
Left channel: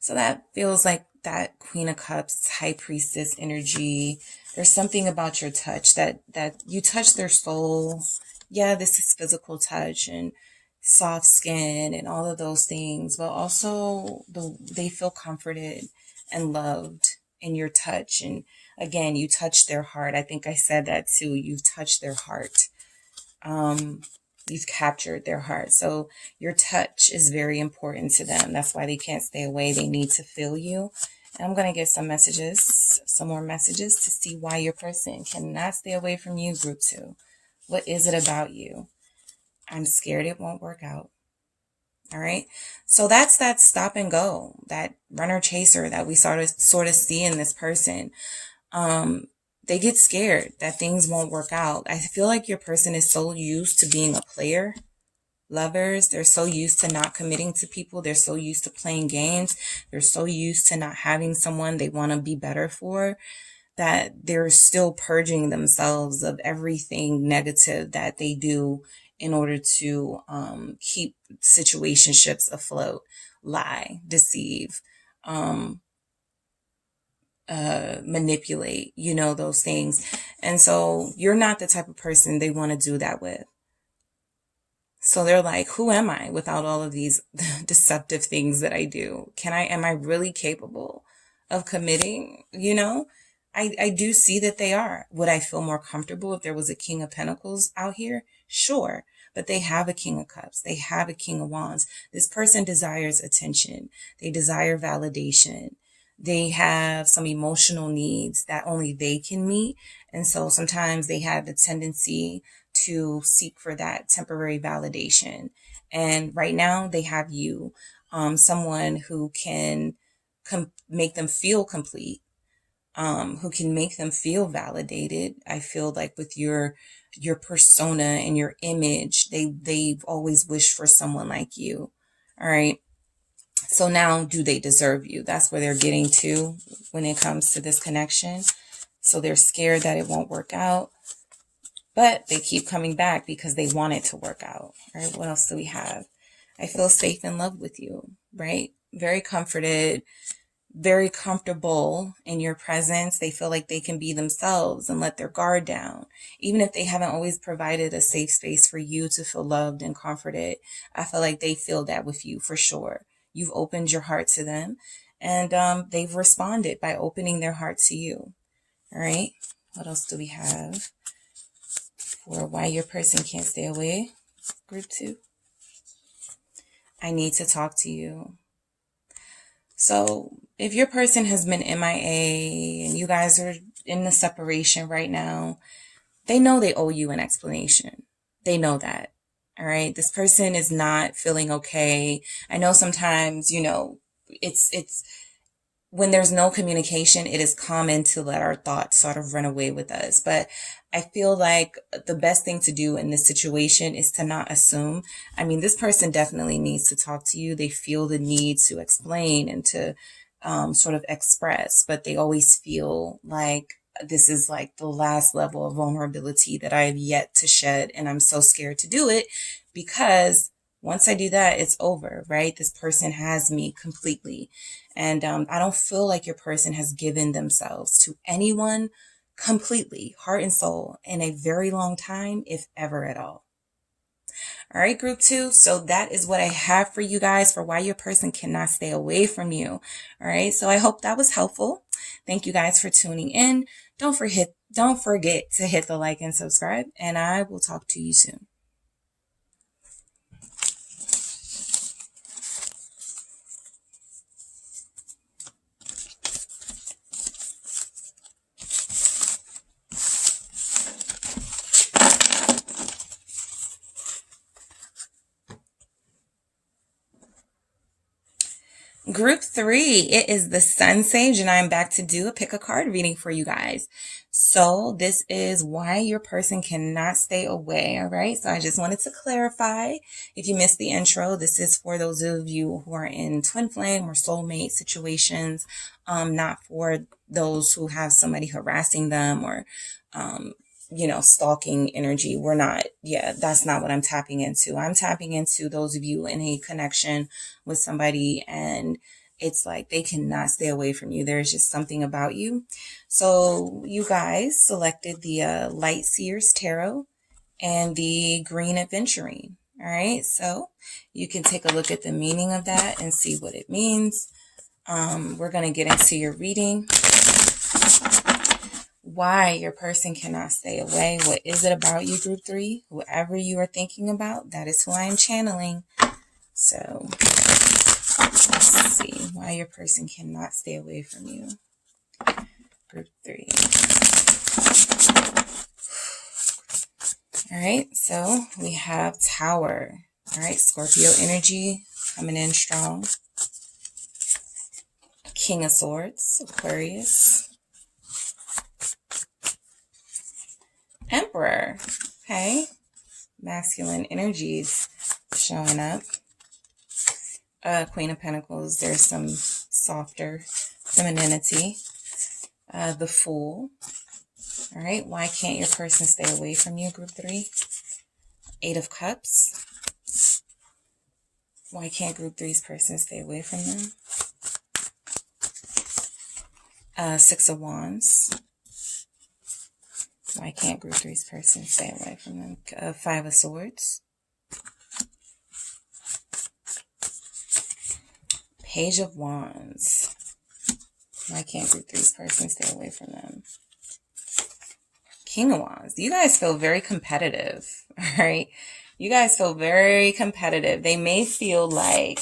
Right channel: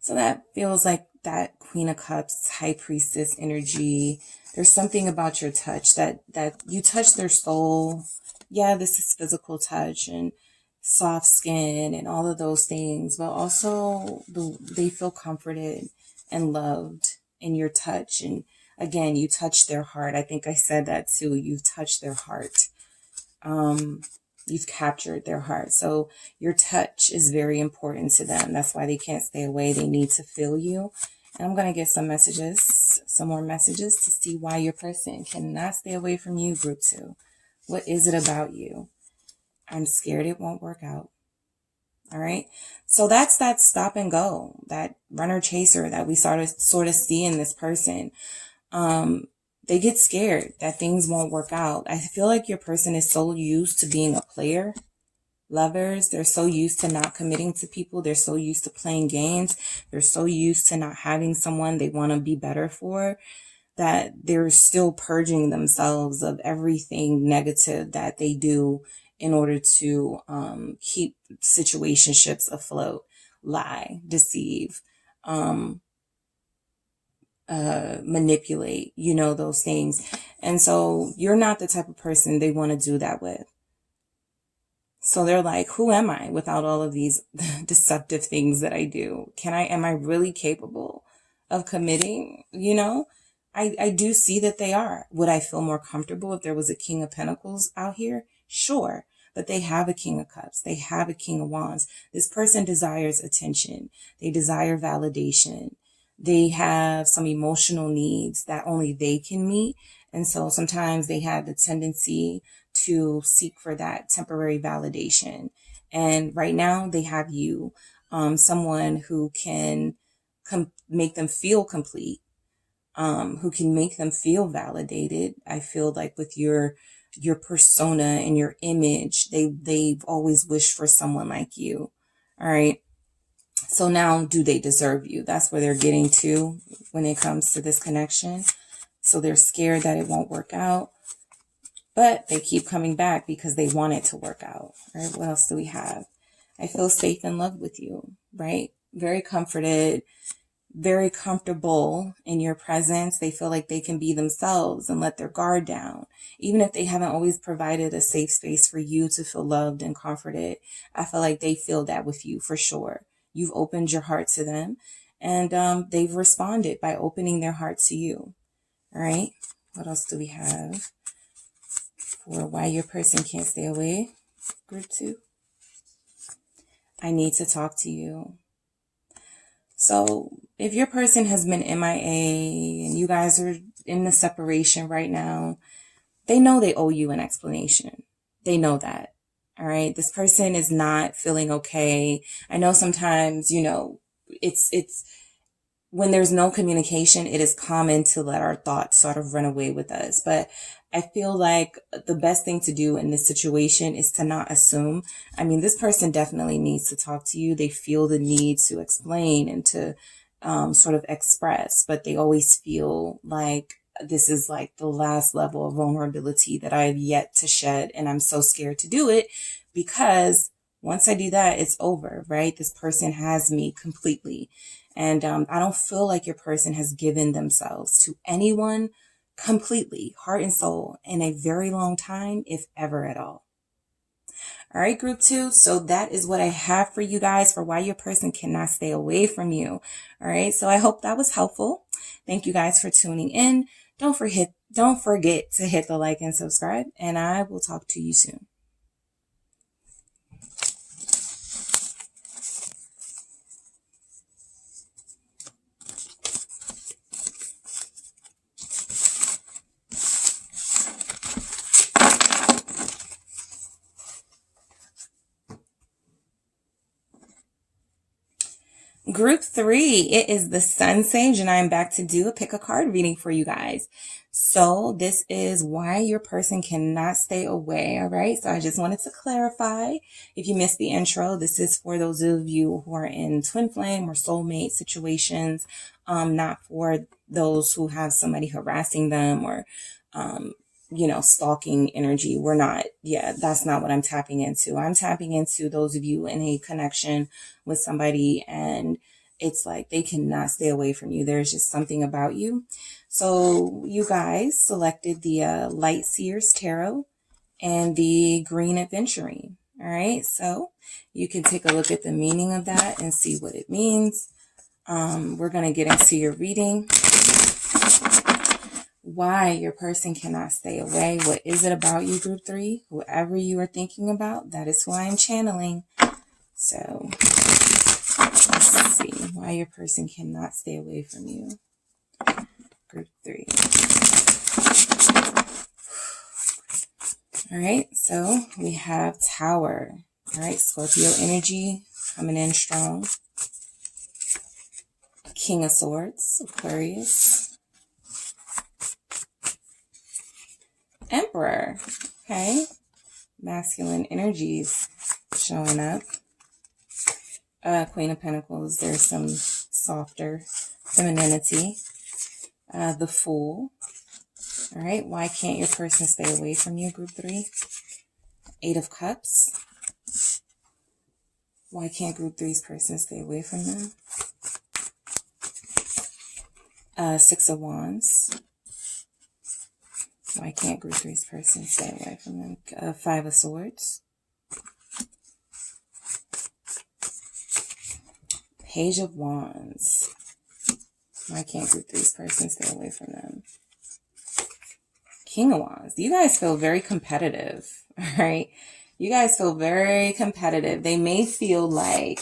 So that feels like that Queen of Cups, High Priestess energy. There's something about your touch that you touch their soul. Yeah, this is physical touch and soft skin and all of those things, but also they feel comforted and loved in your touch. And again, you touch their heart. I think I said that too. You've touched their heart. You've captured their heart. So your touch is very important to them. That's why they can't stay away. They need to feel you. And I'm going to get some more messages to see why your person cannot stay away from you, group 2. What is it about you? I'm scared it won't work out. All right. So that's that stop and go, that runner chaser that we sort of see in this person. They get scared that things won't work out. I feel like your person is so used to being a player. Lovers, they're so used to not committing to people. They're so used to playing games. They're so used to not having someone they want to be better for, that they're still purging themselves of everything negative that they do in order to keep situationships afloat, lie, deceive, manipulate, those things. And so you're not the type of person they want to do that with. So they're like, who am I without all of these deceptive things that I do? Am I really capable of committing? I do see that they are. Would I feel more comfortable if there was a King of Pentacles out here? Sure. But they have a King of Cups. They have a King of Wands. This person desires attention. They desire validation. They have some emotional needs that only they can meet. And so sometimes they have the tendency to seek for that temporary validation. And right now they have you, someone who can make them feel complete, who can make them feel validated. I feel like with your persona and your image, they've always wished for someone like you. All right. So now, do they deserve you? That's where they're getting to when it comes to this connection. So they're scared that it won't work out, but they keep coming back because they want it to work out. All right. What else do we have? I feel safe in love with you, right? Very comforted, very comfortable in your presence. They feel like they can be themselves and let their guard down. Even if they haven't always provided a safe space for you to feel loved and comforted, I feel like they feel that with you for sure. You've opened your heart to them, and they've responded by opening their heart to you. All right. What else do we have for why your person can't stay away? Group 2. I need to talk to you. So if your person has been MIA and you guys are in the separation right now, they know they owe you an explanation. They know that. All right. This person is not feeling okay. I know sometimes, it's when there's no communication, it is common to let our thoughts sort of run away with us. But I feel like the best thing to do in this situation is to not assume. I mean, this person definitely needs to talk to you. They feel the need to explain and to sort of express, but they always feel like this is like the last level of vulnerability that I have yet to shed. And I'm so scared to do it because once I do that, it's over, right? This person has me completely. And I don't feel like your person has given themselves to anyone completely, heart and soul, in a very long time, if ever at all. All right, group 2. So that is what I have for you guys for why your person cannot stay away from you. All right. So I hope that was helpful. Thank you guys for tuning in. Don't forget to hit the like and subscribe, and I will talk to you soon. Group 3, it is the Sun Sage, and I'm back to do a pick a card reading for you guys. So this is why your person cannot stay away, all right? So I just wanted to clarify, if you missed the intro, this is for those of you who are in twin flame or soulmate situations, not for those who have somebody harassing them or stalking energy. That's not what I'm tapping into. I'm tapping into those of you in a connection with somebody and it's like they cannot stay away from you. There's just something about you. So you guys selected the Light Seers Tarot and the Green Adventuring. All right. So you can take a look at the meaning of that and see what it means. We're going to get into your reading. Why your person cannot stay away. What is it about you, group 3? Whoever you are thinking about, that is who I am channeling. So let's see why your person cannot stay away from you. Group 3. All right, so we have Tower. All right, Scorpio energy coming in strong. King of Swords, Aquarius. Emperor, okay, masculine energies showing up. Queen of Pentacles, there's some softer femininity. The Fool, all right, why can't your person stay away from you, group 3? 8 of Cups, why can't group 3's person stay away from them? 6 of Wands, why can't group 3's person stay away from them? 5 of Swords. Page of Wands. Why can't group 3's person stay away from them? King of Wands. You guys feel very competitive, all right? You guys feel very competitive. They may feel like,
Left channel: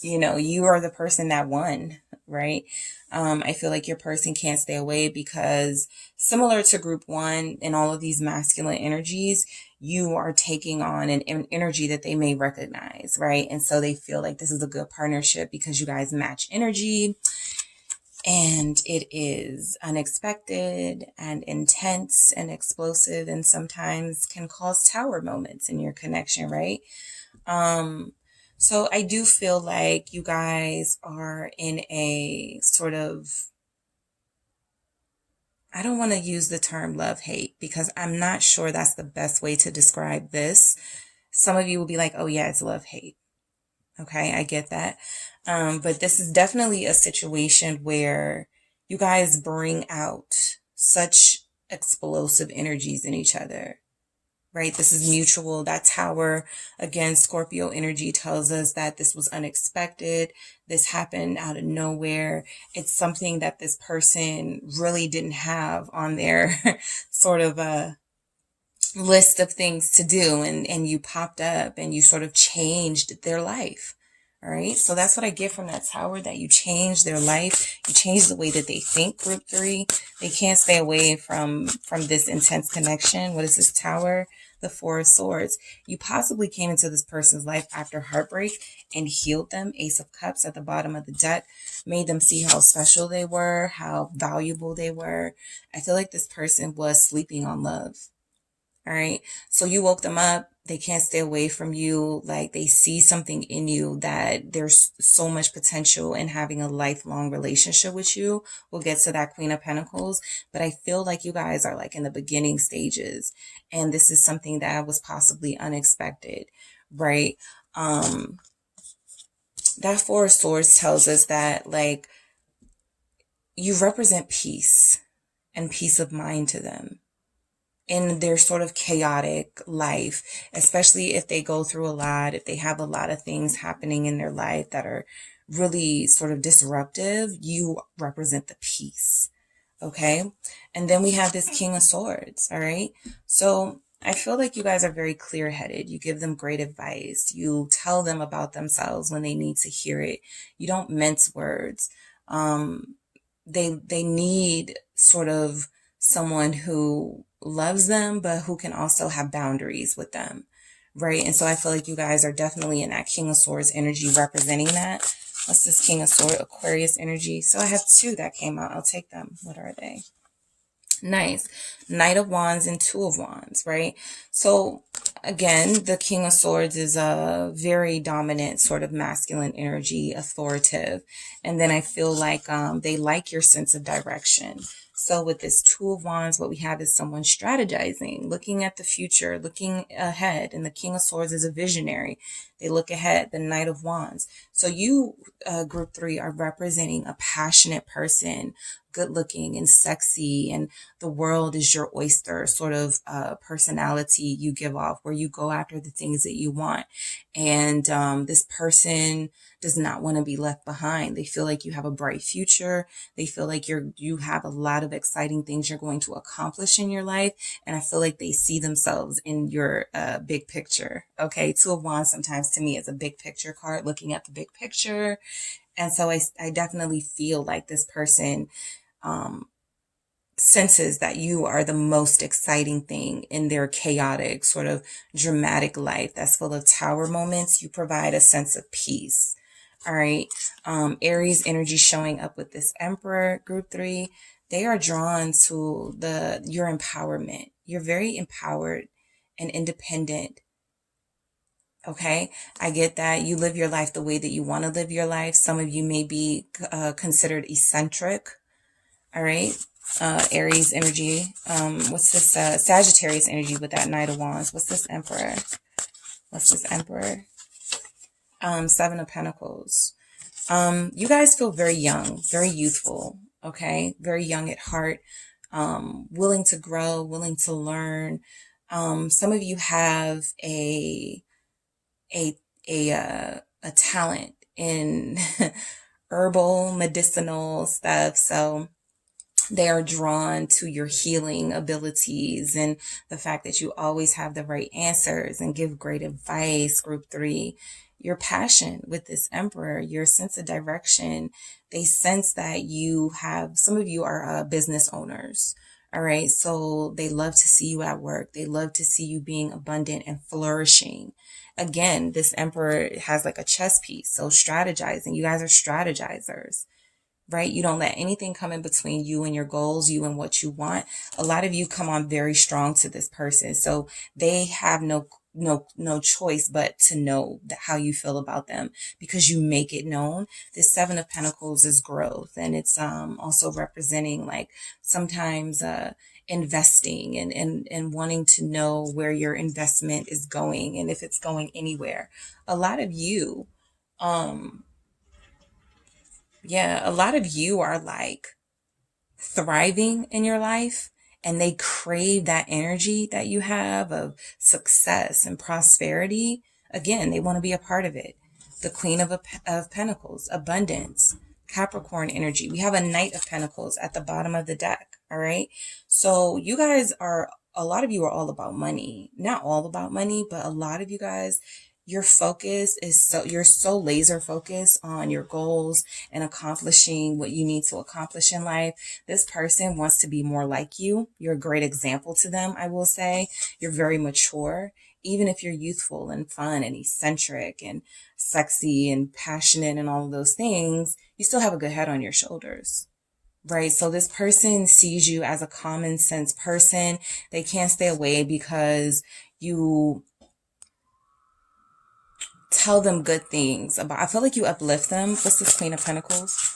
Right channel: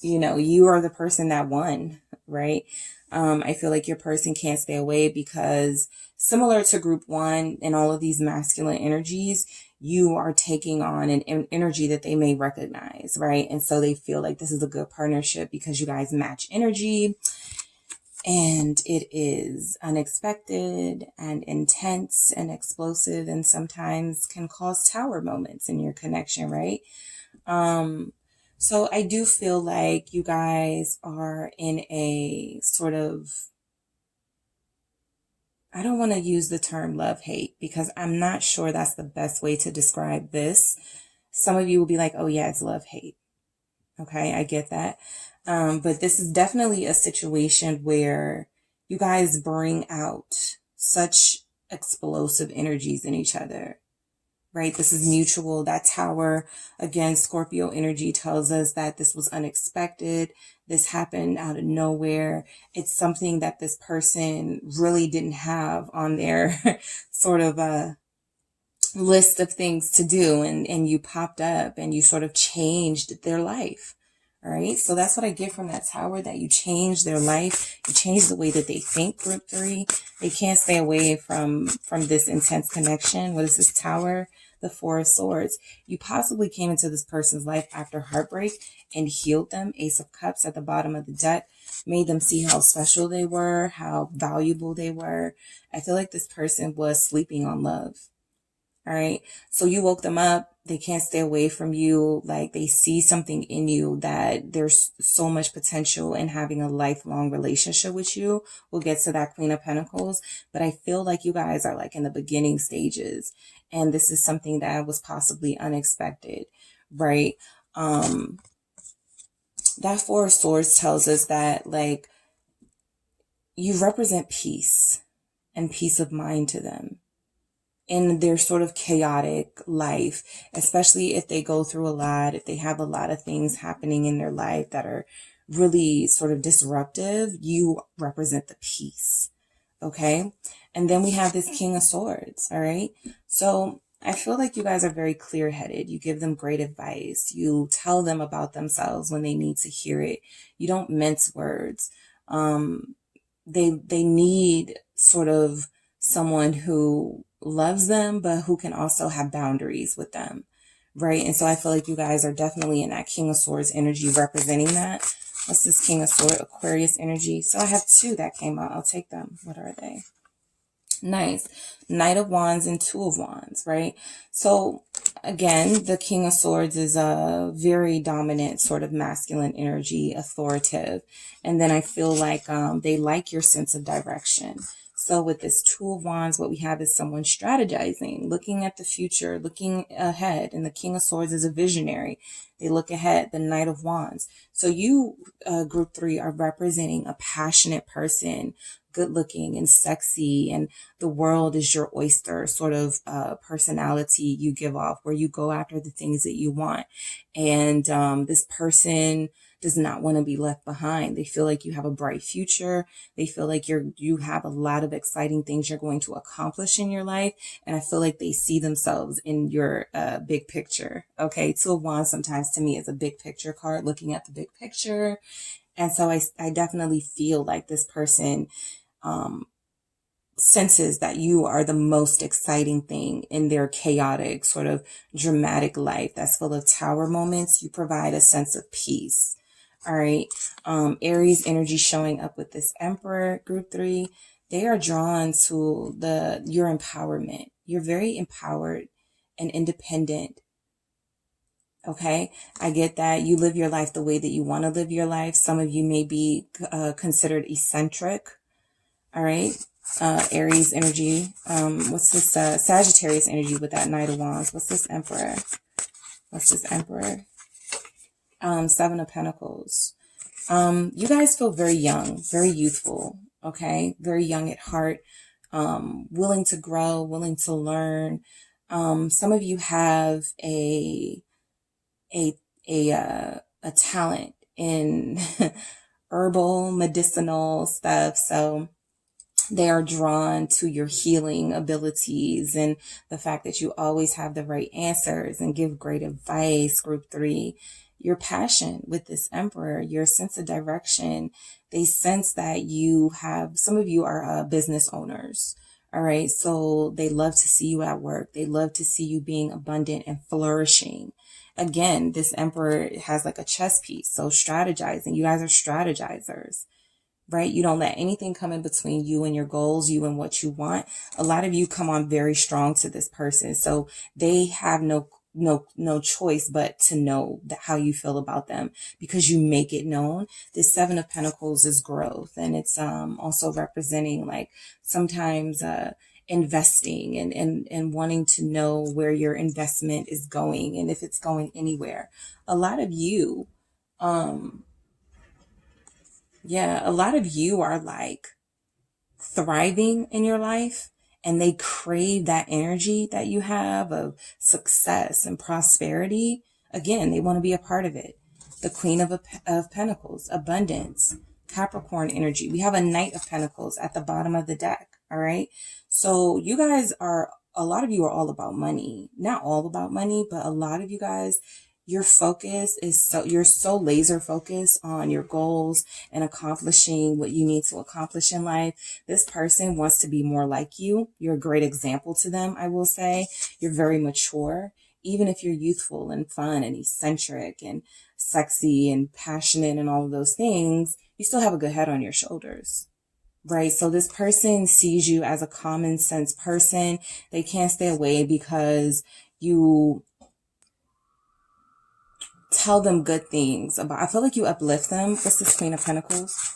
you are the person that won, right? I feel like your person can't stay away because similar to group 1 and all of these masculine energies, you are taking on an energy that they may recognize, right? And so they feel like this is a good partnership because you guys match energy and it is unexpected and intense and explosive and sometimes can cause tower moments in your connection, right? So I do feel like you guys are in a sort of, I don't want to use the term love-hate because I'm not sure that's the best way to describe this. Some of you will be like, oh yeah, it's love-hate. Okay, I get that. But this is definitely a situation where you guys bring out such explosive energies in each other. Right? This is mutual. That Tower, again, Scorpio energy tells us that this was unexpected. This happened out of nowhere. It's something that this person really didn't have on their sort of a list of things to do. And you popped up and you sort of changed their life. All right. So that's what I get from that Tower, that you changed their life. You changed the way that they think, group 3. They can't stay away from this intense connection. What is this Tower? The 4 of Swords. You possibly came into this person's life after heartbreak and healed them. Ace of Cups at the bottom of the deck. Made them see how special they were, how valuable they were. I feel like this person was sleeping on love. All right. So you woke them up. They can't stay away from you. Like, they see something in you that there's so much potential in having a lifelong relationship with you. We'll get to that Queen of Pentacles, but I feel like you guys are like in the beginning stages, and this is something that was possibly unexpected, right? That Four of Swords tells us that, like, you represent peace and peace of mind to them in their sort of chaotic life, especially if they go through a lot, if they have a lot of things happening in their life that are really sort of disruptive. You represent the peace. Okay. And then we have this King of Swords. All right. So I feel like you guys are very clear-headed. You give them great advice. You tell them about themselves when they need to hear it. You don't mince words. They need sort of someone who loves them, but who can also have boundaries with them, right? And so I feel like you guys are definitely in that King of Swords energy, representing that. What's this King of Swords? Aquarius energy. So I have two that came out. I'll take them. What are they? Nice. Knight of Wands and Two of Wands, right? So again, the King of Swords is a very dominant sort of masculine energy, authoritative. And then I feel like they like your sense of direction. So with this Two of Wands, what we have is someone strategizing, looking at the future, looking ahead. And the King of Swords is a visionary. They look ahead. The Knight of Wands. So you, group 3, are representing a passionate person, good looking and sexy, and the world is your oyster sort of personality you give off, where you go after the things that you want. And this person does not want to be left behind. They feel like you have a bright future. They feel like you have a lot of exciting things you're going to accomplish in your life. And I feel like they see themselves in your big picture. Okay. Two of Wands sometimes to me is a big picture card, looking at the big picture. And so I definitely feel like this person senses that you are the most exciting thing in their chaotic, sort of dramatic life that's full of tower moments. You provide a sense of peace. All right. Aries energy showing up with this Emperor, group 3. They are drawn to your empowerment. You're very empowered and independent. Okay. I get that you live your life the way that you want to live your life. Some of you may be considered eccentric. All right. Aries energy. What's this? Sagittarius energy with that Knight of Wands. What's this Emperor? What's this Emperor? Seven of Pentacles. You guys feel very young, very youthful. Okay. Very young at heart. Willing to grow, willing to learn. Some of you have a talent in herbal, medicinal stuff. So they are drawn to your healing abilities and the fact that you always have the right answers and give great advice. Group 3, your passion with this Emperor, your sense of direction. They sense that some of you are business owners. All right. So they love to see you at work. They love to see you being abundant and flourishing. Again, this Emperor has like a chess piece. So strategizing, you guys are strategizers. Right? You don't let anything come in between you and your goals, you and what you want. A lot of you come on very strong to this person. So they have no choice but to know how you feel about them, because you make it known. This Seven of Pentacles is growth, and it's also representing like sometimes investing and wanting to know where your investment is going and if it's going anywhere. A lot of you a lot of you are like thriving in your life, and they crave that energy that you have of success and prosperity. Again, they want to be a part of it. The Queen of Pentacles, abundance, Capricorn energy. We have a Knight of Pentacles at the bottom of the deck. All right. So you guys a lot of you are all about money. Not all about money, but a lot of you guys, your focus is you're so laser focused on your goals and accomplishing what you need to accomplish in life. This person wants to be more like you. You're a great example to them, I will say. You're very mature. Even if you're youthful and fun and eccentric and sexy and passionate and all of those things, you still have a good head on your shoulders. Right. So this person sees you as a common sense person. They can't stay away because you tell them good things about. I feel like you uplift them. What's this Queen of Pentacles?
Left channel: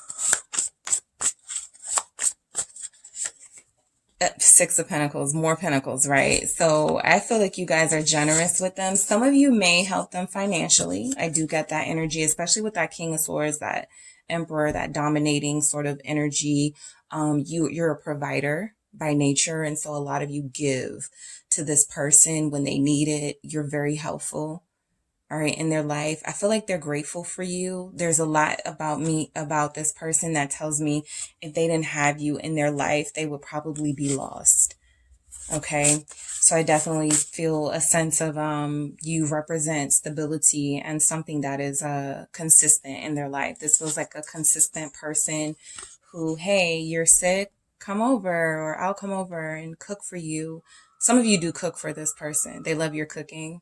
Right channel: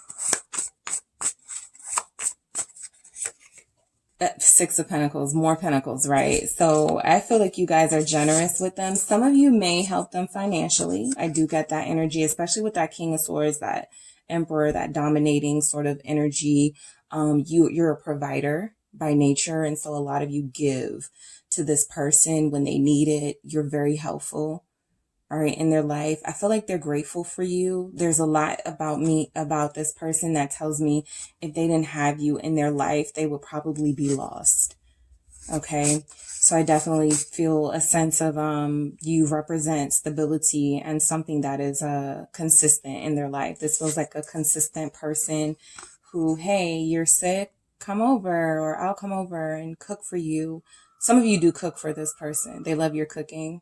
Six of Pentacles, more Pentacles, right? So I feel like you guys are generous with them. Some of you may help them financially. I do get that energy, especially with that King of Swords, that Emperor, that dominating sort of energy. You're a provider by nature, and so a lot of you give to this person when they need it. You're very helpful, all right, in their life. I feel like they're grateful for you. There's a lot about this person that tells me if they didn't have you in their life, they would probably be lost. Okay. So I definitely feel a sense of, you represent stability and something that is, consistent in their life. This feels like a consistent person who, hey, you're sick, come over, or I'll come over and cook for you. Some of you do cook for this person. They love your cooking.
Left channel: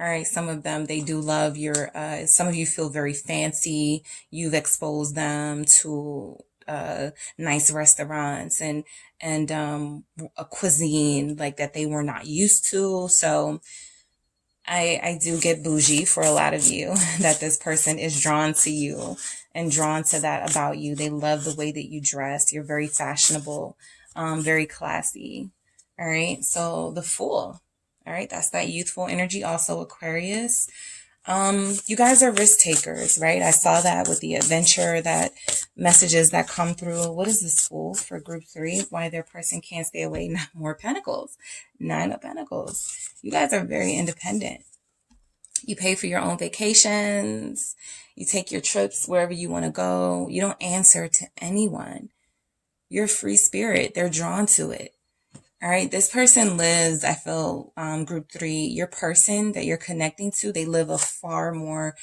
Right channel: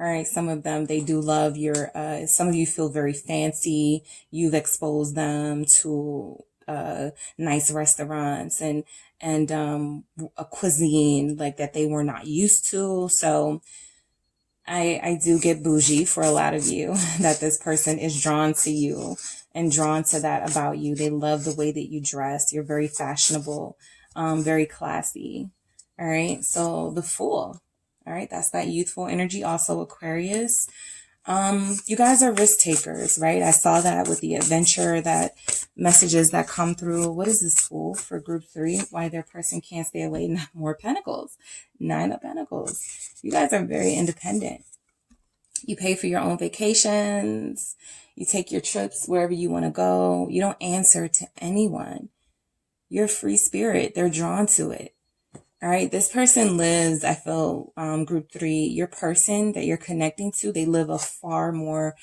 All right, some of them, they do love your, some of you feel very fancy. You've exposed them to nice restaurants and a cuisine like that they were not used to. So I do get bougie for a lot of you, that this person is drawn to you and drawn to that about you. They love the way that you dress. You're very fashionable, very classy. All right, so the Fool. All right, that's that youthful energy. Also Aquarius. You guys are risk takers, right? I saw that with the adventure, that messages that come through. What is this Fool for group 3? Why their person can't stay away. More Pentacles. 9 of Pentacles. You guys are very independent. You pay for your own vacations. You take your trips wherever you want to go. You don't answer to anyone. You're a free spirit. They're drawn to it. All right, this person lives, I feel, group 3, your person that you're connecting to, they live a far more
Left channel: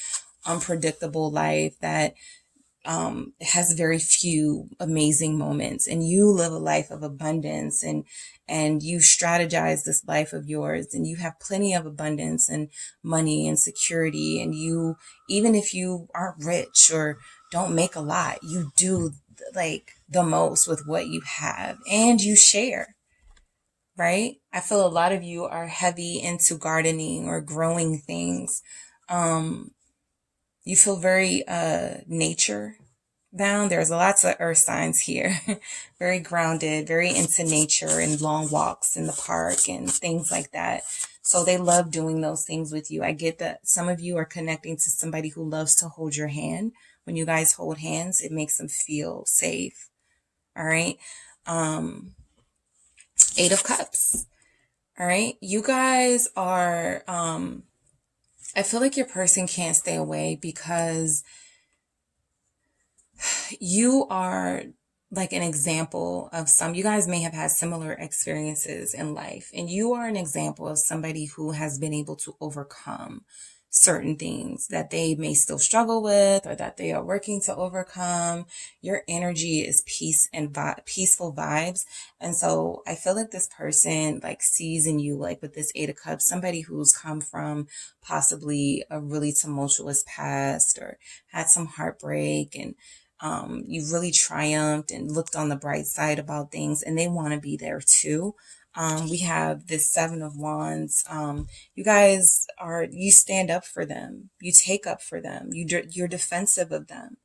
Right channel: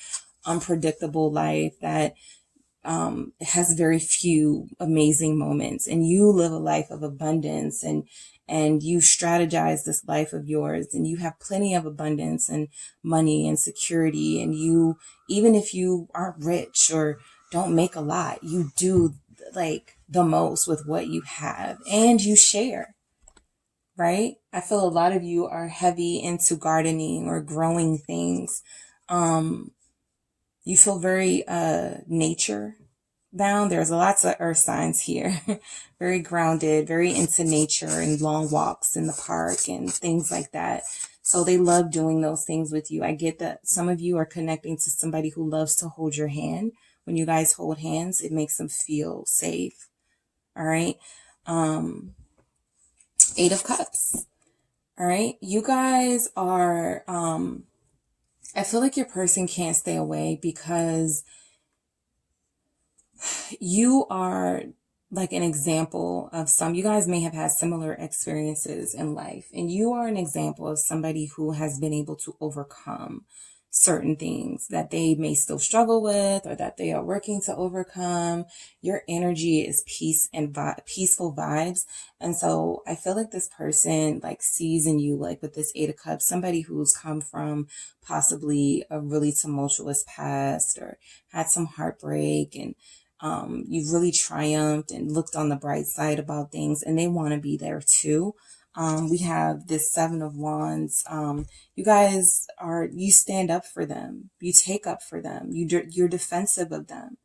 unpredictable life that has very few amazing moments. And you live a life of abundance, and you strategize this life of yours, and you have plenty of abundance and money and security. And you, even if you aren't rich or don't make a lot, you do like the most with what you have, and you share. Right? I feel a lot of you are heavy into gardening or growing things. You feel very nature bound. There's lots of earth signs here. Very grounded, very into nature and long walks in the park and things like that. So they love doing those things with you. I get that some of you are connecting to somebody who loves to hold your hand. When you guys hold hands, it makes them feel safe. All right. 8 of Cups. All right. You guys are, I feel like your person can't stay away because you are like an example of you guys may have had similar experiences in life, and you are an example of somebody who has been able to overcome certain things that they may still struggle with or that they are working to overcome. Your energy is peace and peaceful vibes. And so I feel like this person like sees in you, like with this 8 of Cups, somebody who's come from possibly a really tumultuous past or had some heartbreak, and you've really triumphed and looked on the bright side about things, and they want to be there too. We have this 7 of Wands. You guys you stand up for them. You take up for them. You're defensive of them.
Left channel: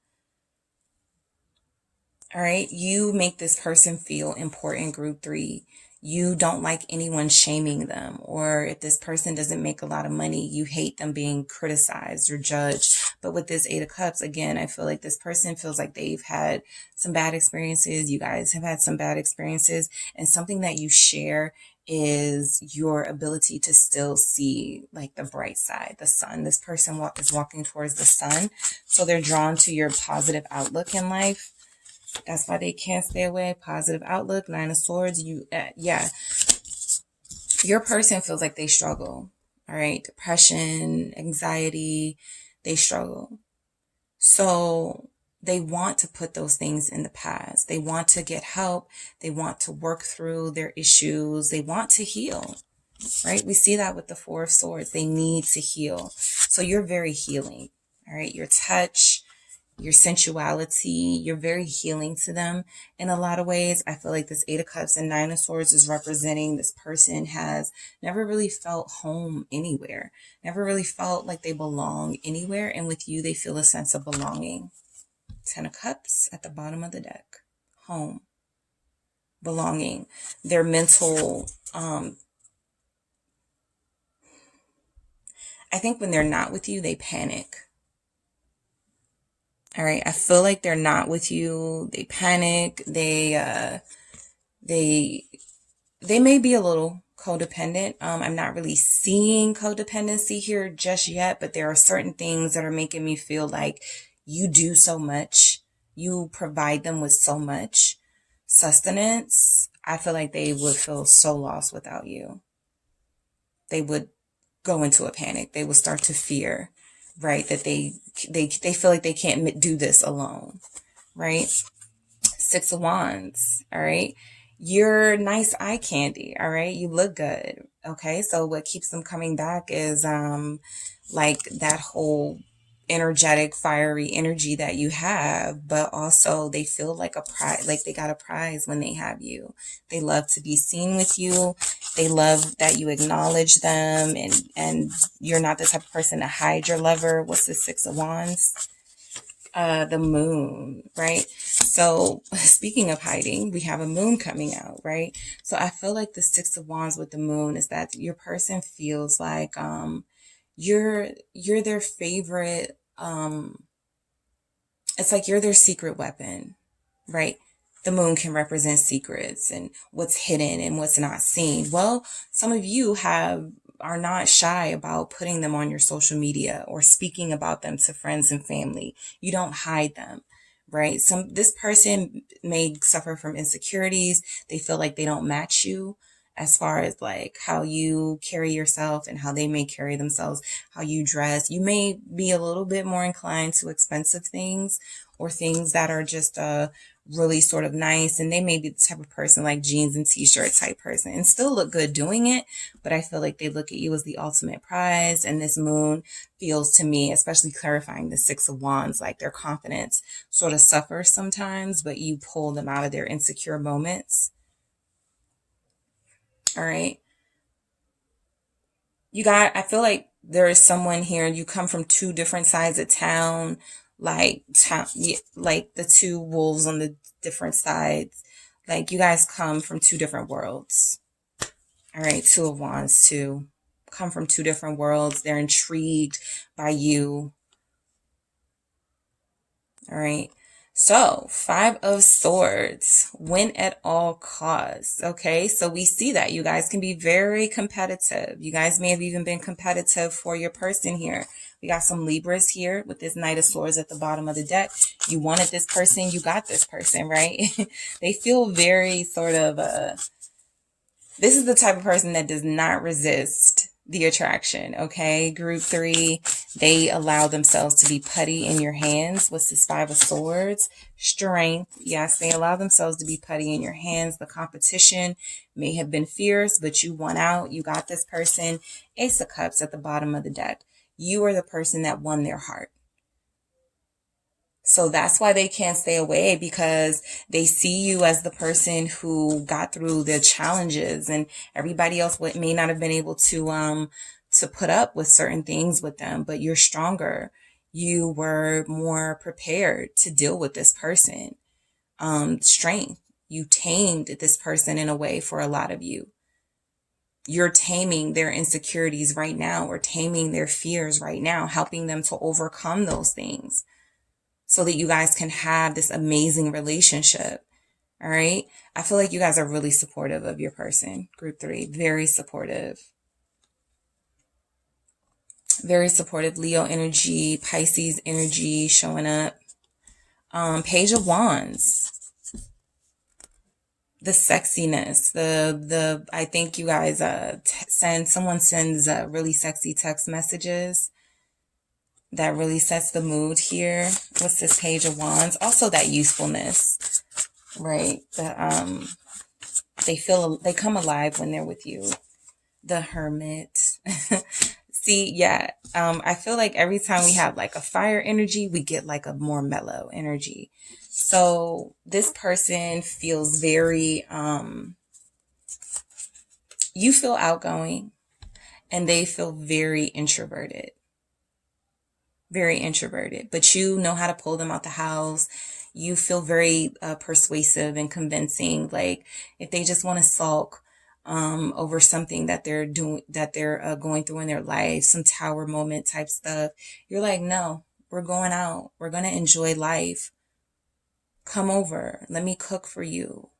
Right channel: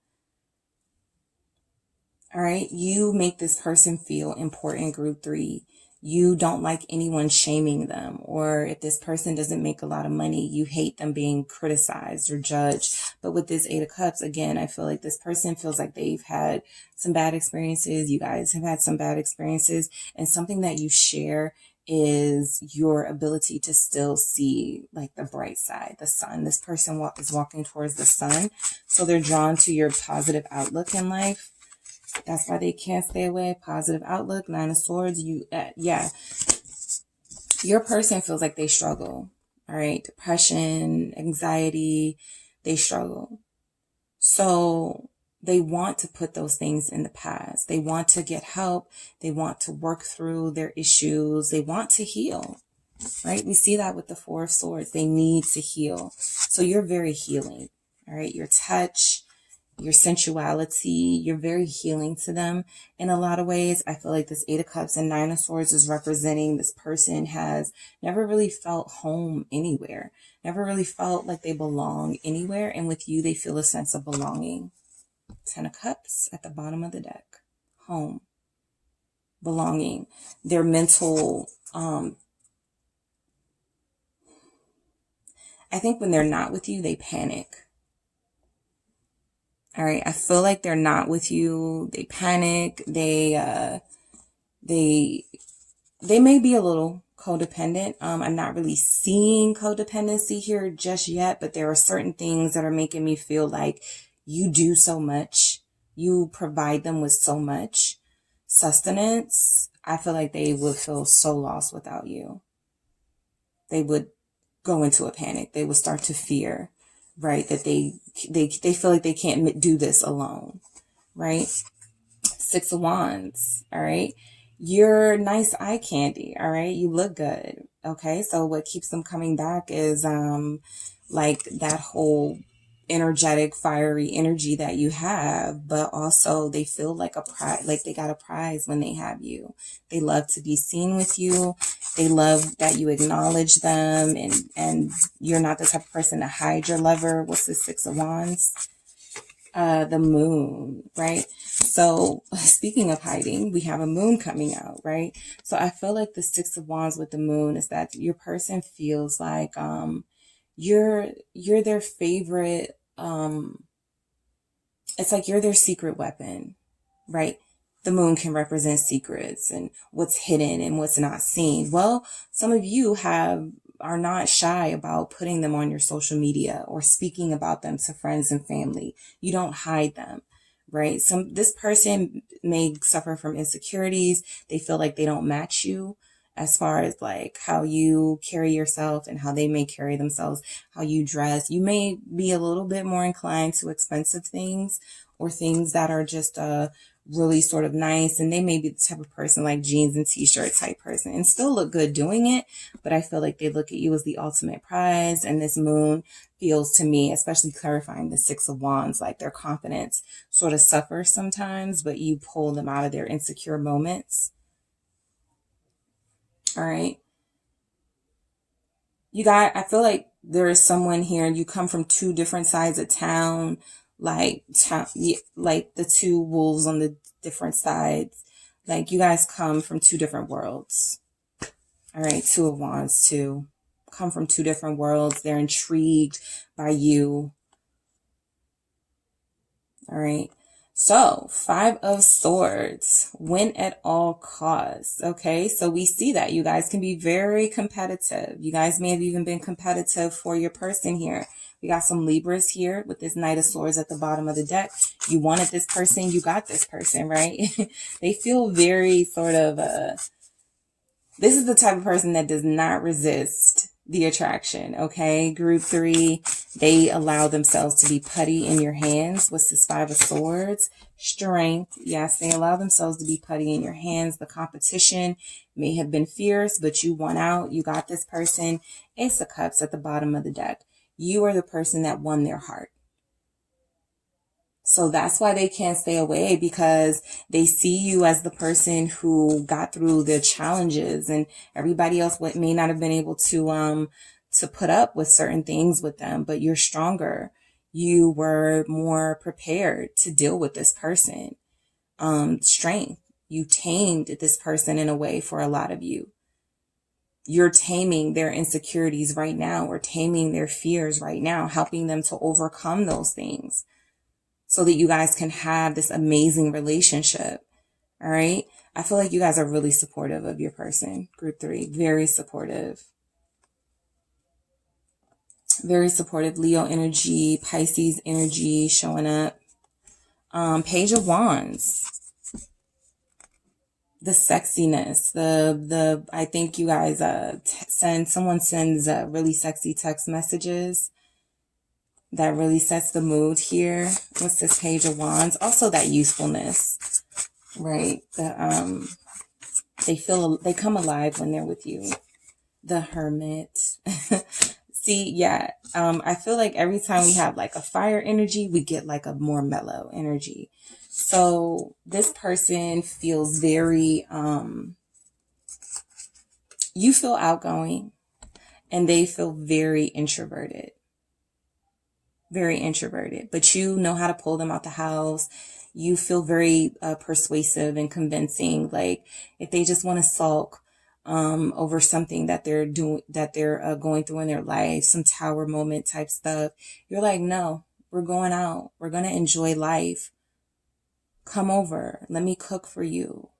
All right. You make this person feel important, group 3. You don't like anyone shaming them, or if this person doesn't make a lot of money, you hate them being criticized or judged. But with this 8 of Cups, again, I feel like this person feels like they've had some bad experiences. You guys have had some bad experiences, and something that you share is your ability to still see like the bright side, the sun. This person is walking towards the sun. So they're drawn to your positive outlook in life. That's why they can't stay away. Positive outlook, 9 of Swords. Your person feels like they struggle. All right. Depression, anxiety, they struggle. So they want to put those things in the past. They want to get help. They want to work through their issues. They want to heal. Right. We see that with the 4 of Swords. They need to heal. So you're very healing. All right. Your touch, your sensuality. You're very healing to them in a lot of ways. I feel like this Eight of Cups and Nine of Swords is representing this person has never really felt home anywhere, never really felt like they belong anywhere. And with you, they feel a sense of belonging. Ten of Cups at the bottom of the deck. Home. Belonging. Their mental, I think when they're not with you, they panic. All right. I feel like they're not with you. They panic. They may be a little codependent. I'm not really seeing codependency here just yet, but there are certain things that are making me feel like you do so much. You provide them with so much sustenance. I feel like they would feel so lost without you. They would go into a panic. They would start to fear, right? That they feel like they can't do this alone, right? Six of Wands, all right? You're nice eye candy, all right? You look good, okay? So what keeps them coming back is like that whole energetic, fiery energy that you have, but also they feel like a prize, like they got a prize when they have you. They love to be seen with you. They love that you acknowledge them, and you're not the type of person to hide your lover. What's the Six of Wands? The moon, right? So speaking of hiding, we have a moon coming out, right? So I feel like the Six of Wands with the moon is that your person feels like you're their favorite. It's like you're their secret weapon, right? The moon can represent secrets and what's hidden and what's not seen. Well, some of you are not shy about putting them on your social media or speaking about them to friends and family. You don't hide them, right? This person may suffer from insecurities. They feel like they don't match you as far as like how you carry yourself and how they may carry themselves, how you dress. You may be a little bit more inclined to expensive things or things that are just really sort of nice. And they may be the type of person like jeans and t-shirt type person and still look good doing it. But I feel like they look at you as the ultimate prize. And this moon feels to me, especially clarifying the Six of Wands, like their confidence sort of suffers sometimes, but you pull them out of their insecure moments. All right. I feel like there is someone here, you come from two different sides of town, like the two wolves on the different sides. Like you guys come from two different worlds. All right. Two of Wands too. Come from two different worlds. They're intrigued by you. All right. So, Five of Swords, win at all costs. Okay, so we see that you guys can be very competitive. You guys may have even been competitive for your person here. We got some Libras here with this Knight of Swords at the bottom of the deck. You wanted this person, you got this person, right? They feel very sort of, this is the type of person that does not resist the attraction, okay? Group 3, they allow themselves to be putty in your hands. What's this Five of Swords? Strength. Yes, they allow themselves to be putty in your hands. The competition may have been fierce, but you won out. You got this person. Ace of Cups at the bottom of the deck. You are the person that won their heart. So that's why they can't stay away, because they see you as the person who got through the challenges, and everybody else may not have been able to put up with certain things with them, but you're stronger. You were more prepared to deal with this person. Strength. You tamed this person in a way for a lot of you. You're taming their insecurities right now, or taming their fears right now, helping them to overcome those things, so that you guys can have this amazing relationship. All right. I feel like you guys are really supportive of your person. Group 3, very supportive. Very supportive. Leo energy, Pisces energy showing up. Page of Wands. The sexiness, I think you guys someone sends really sexy text messages. That really sets the mood here. What's this Page of Wands? Also that usefulness, right? They come alive when they're with you. The Hermit. See, yeah. I feel like every time we have like a fire energy, we get like a more mellow energy. So this person feels very, you feel outgoing and they feel very introverted. Very introverted, but you know how to pull them out the house. You feel very persuasive and convincing. Like if they just want to sulk over something that they're doing, that they're going through in their life, some tower moment type stuff, you're like, no, we're going out. We're going to enjoy life. Come over. Let me cook for you.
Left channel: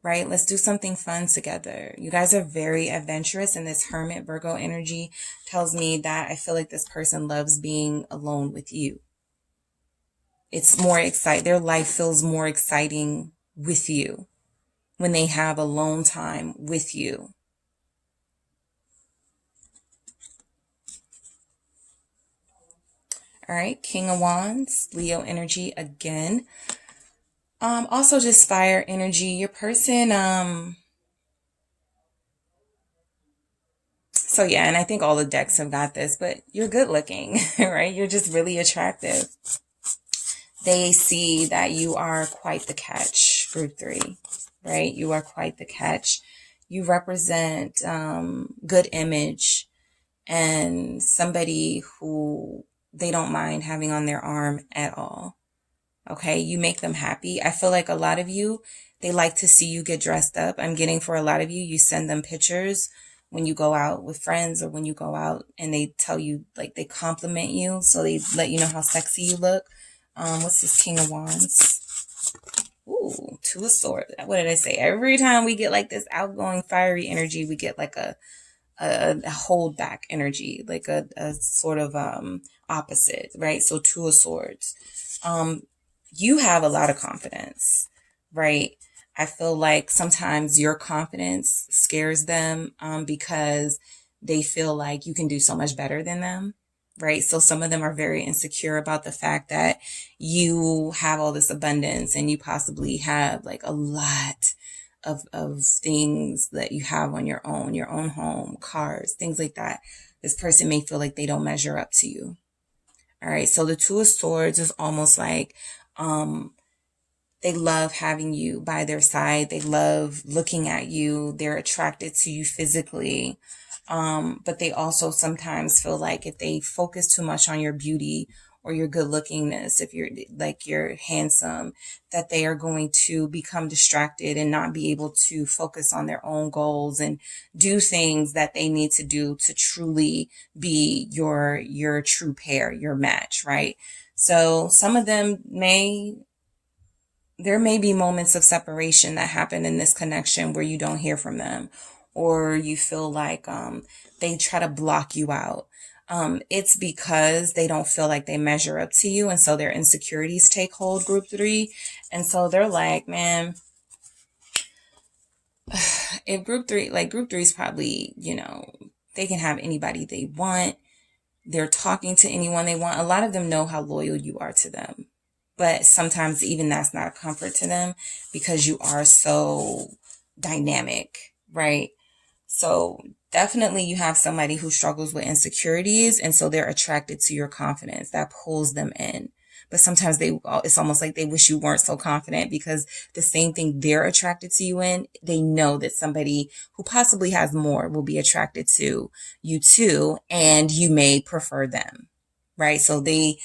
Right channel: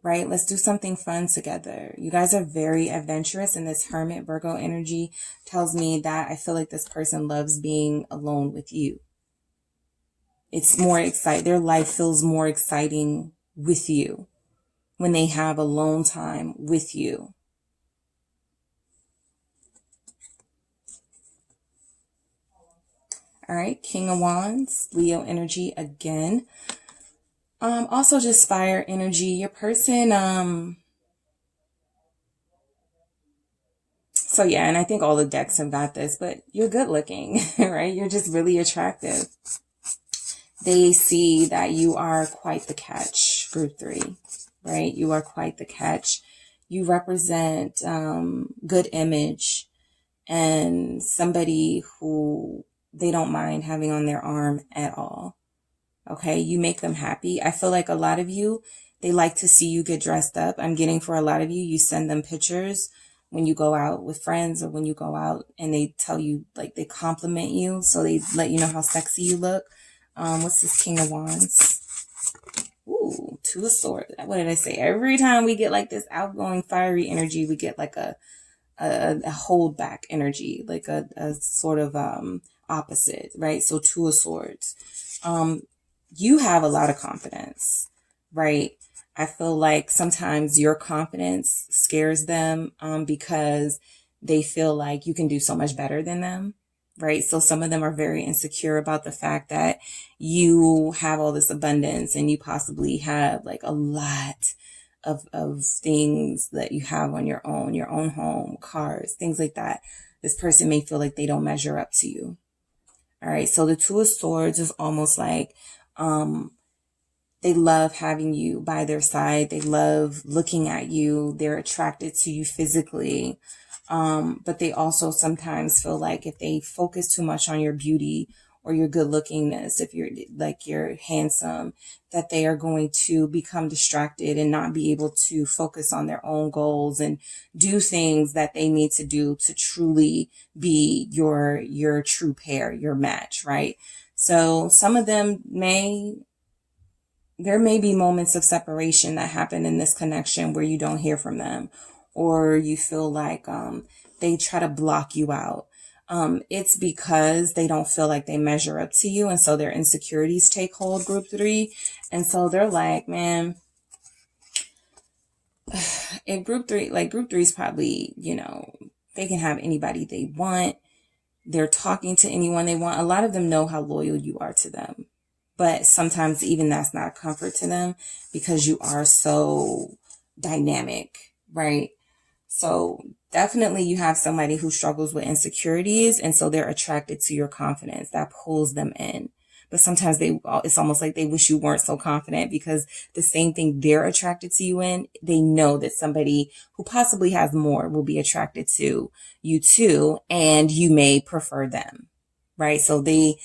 Right? Let's do something fun together. You guys are very adventurous, and this Hermit Virgo energy tells me that I feel like this person loves being alone with you. It's more exciting. Their life feels more exciting with you when they have alone time with you. All right, King of Wands, Leo energy again. Also just fire energy. Your person, so yeah, and I think all the decks have got this, but you're good looking, right? You're just really attractive. They see that you are quite the catch, group 3, right? You are quite the catch. You represent good image and somebody who they don't mind having on their arm at all. Okay, you make them happy. I feel like a lot of you, they like to see you get dressed up. I'm getting for a lot of you, you send them pictures when you go out with friends or when you go out and they tell you, like they compliment you. So they let you know how sexy you look. What's this King of Wands? Ooh, Two of Swords. What did I say? Every time we get like this outgoing fiery energy, we get like a hold back energy, like a sort of opposite, right? So Two of Swords. You have a lot of confidence, right? I feel like sometimes your confidence scares them because they feel like you can do so much better than them, right? So some of them are very insecure about the fact that you have all this abundance and you possibly have like a lot of things that you have on your own home, cars, things like that. This person may feel like they don't measure up to you. All right. So the Two of Swords is almost like, they love having you by their side. They love looking at you. They're attracted to you physically. But they also sometimes feel like if they focus too much on your beauty or your good lookingness, if you're handsome, that they are going to become distracted and not be able to focus on their own goals and do things that they need to do to truly be your true pair, your match, right? So some of them there may be moments of separation that happen in this connection where you don't hear from them or you feel like they try to block you out. It's because they don't feel like they measure up to you. And so their insecurities take hold, group 3. And so they're like, man, if group 3 is probably, they can have anybody they want. They're talking to anyone they want. A lot of them know how loyal you are to them. But sometimes even that's not a comfort to them because you are so dynamic, right? So definitely you have somebody who struggles with insecurities. And so they're attracted to your confidence. That pulls them in. But sometimes it's almost like they wish you weren't so confident because the same thing they're attracted to you in, they know that somebody who possibly has more will be attracted to you too. And you may prefer them, right? So they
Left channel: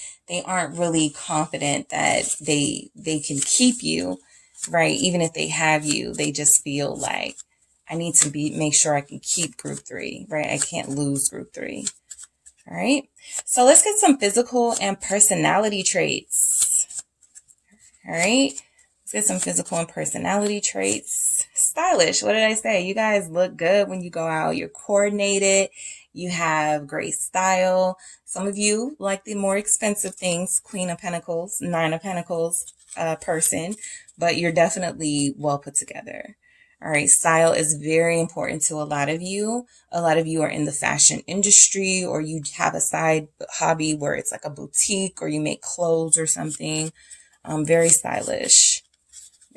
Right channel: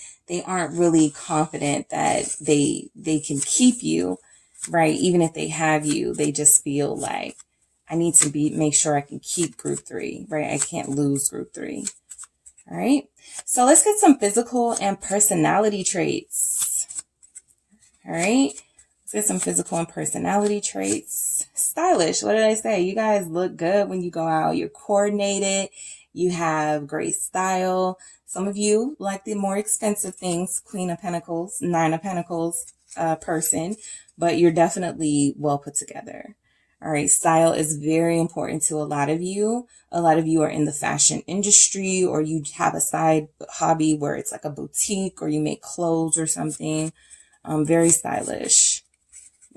aren't really confident that they can keep you, right? Even if they have you, they just feel like I need to make sure I can keep group 3, right? I can't lose group 3. All right. So let's get some physical and personality traits. All right. Let's get some physical and personality traits. Stylish. What did I say? You guys look good when you go out. You're coordinated. You have great style. Some of you like the more expensive things, Queen of Pentacles, Nine of Pentacles person, but you're definitely well put together. All right. Style is very important to a lot of you. A lot of you are in the fashion industry or you have a side hobby where it's like a boutique or you make clothes or something. Very stylish.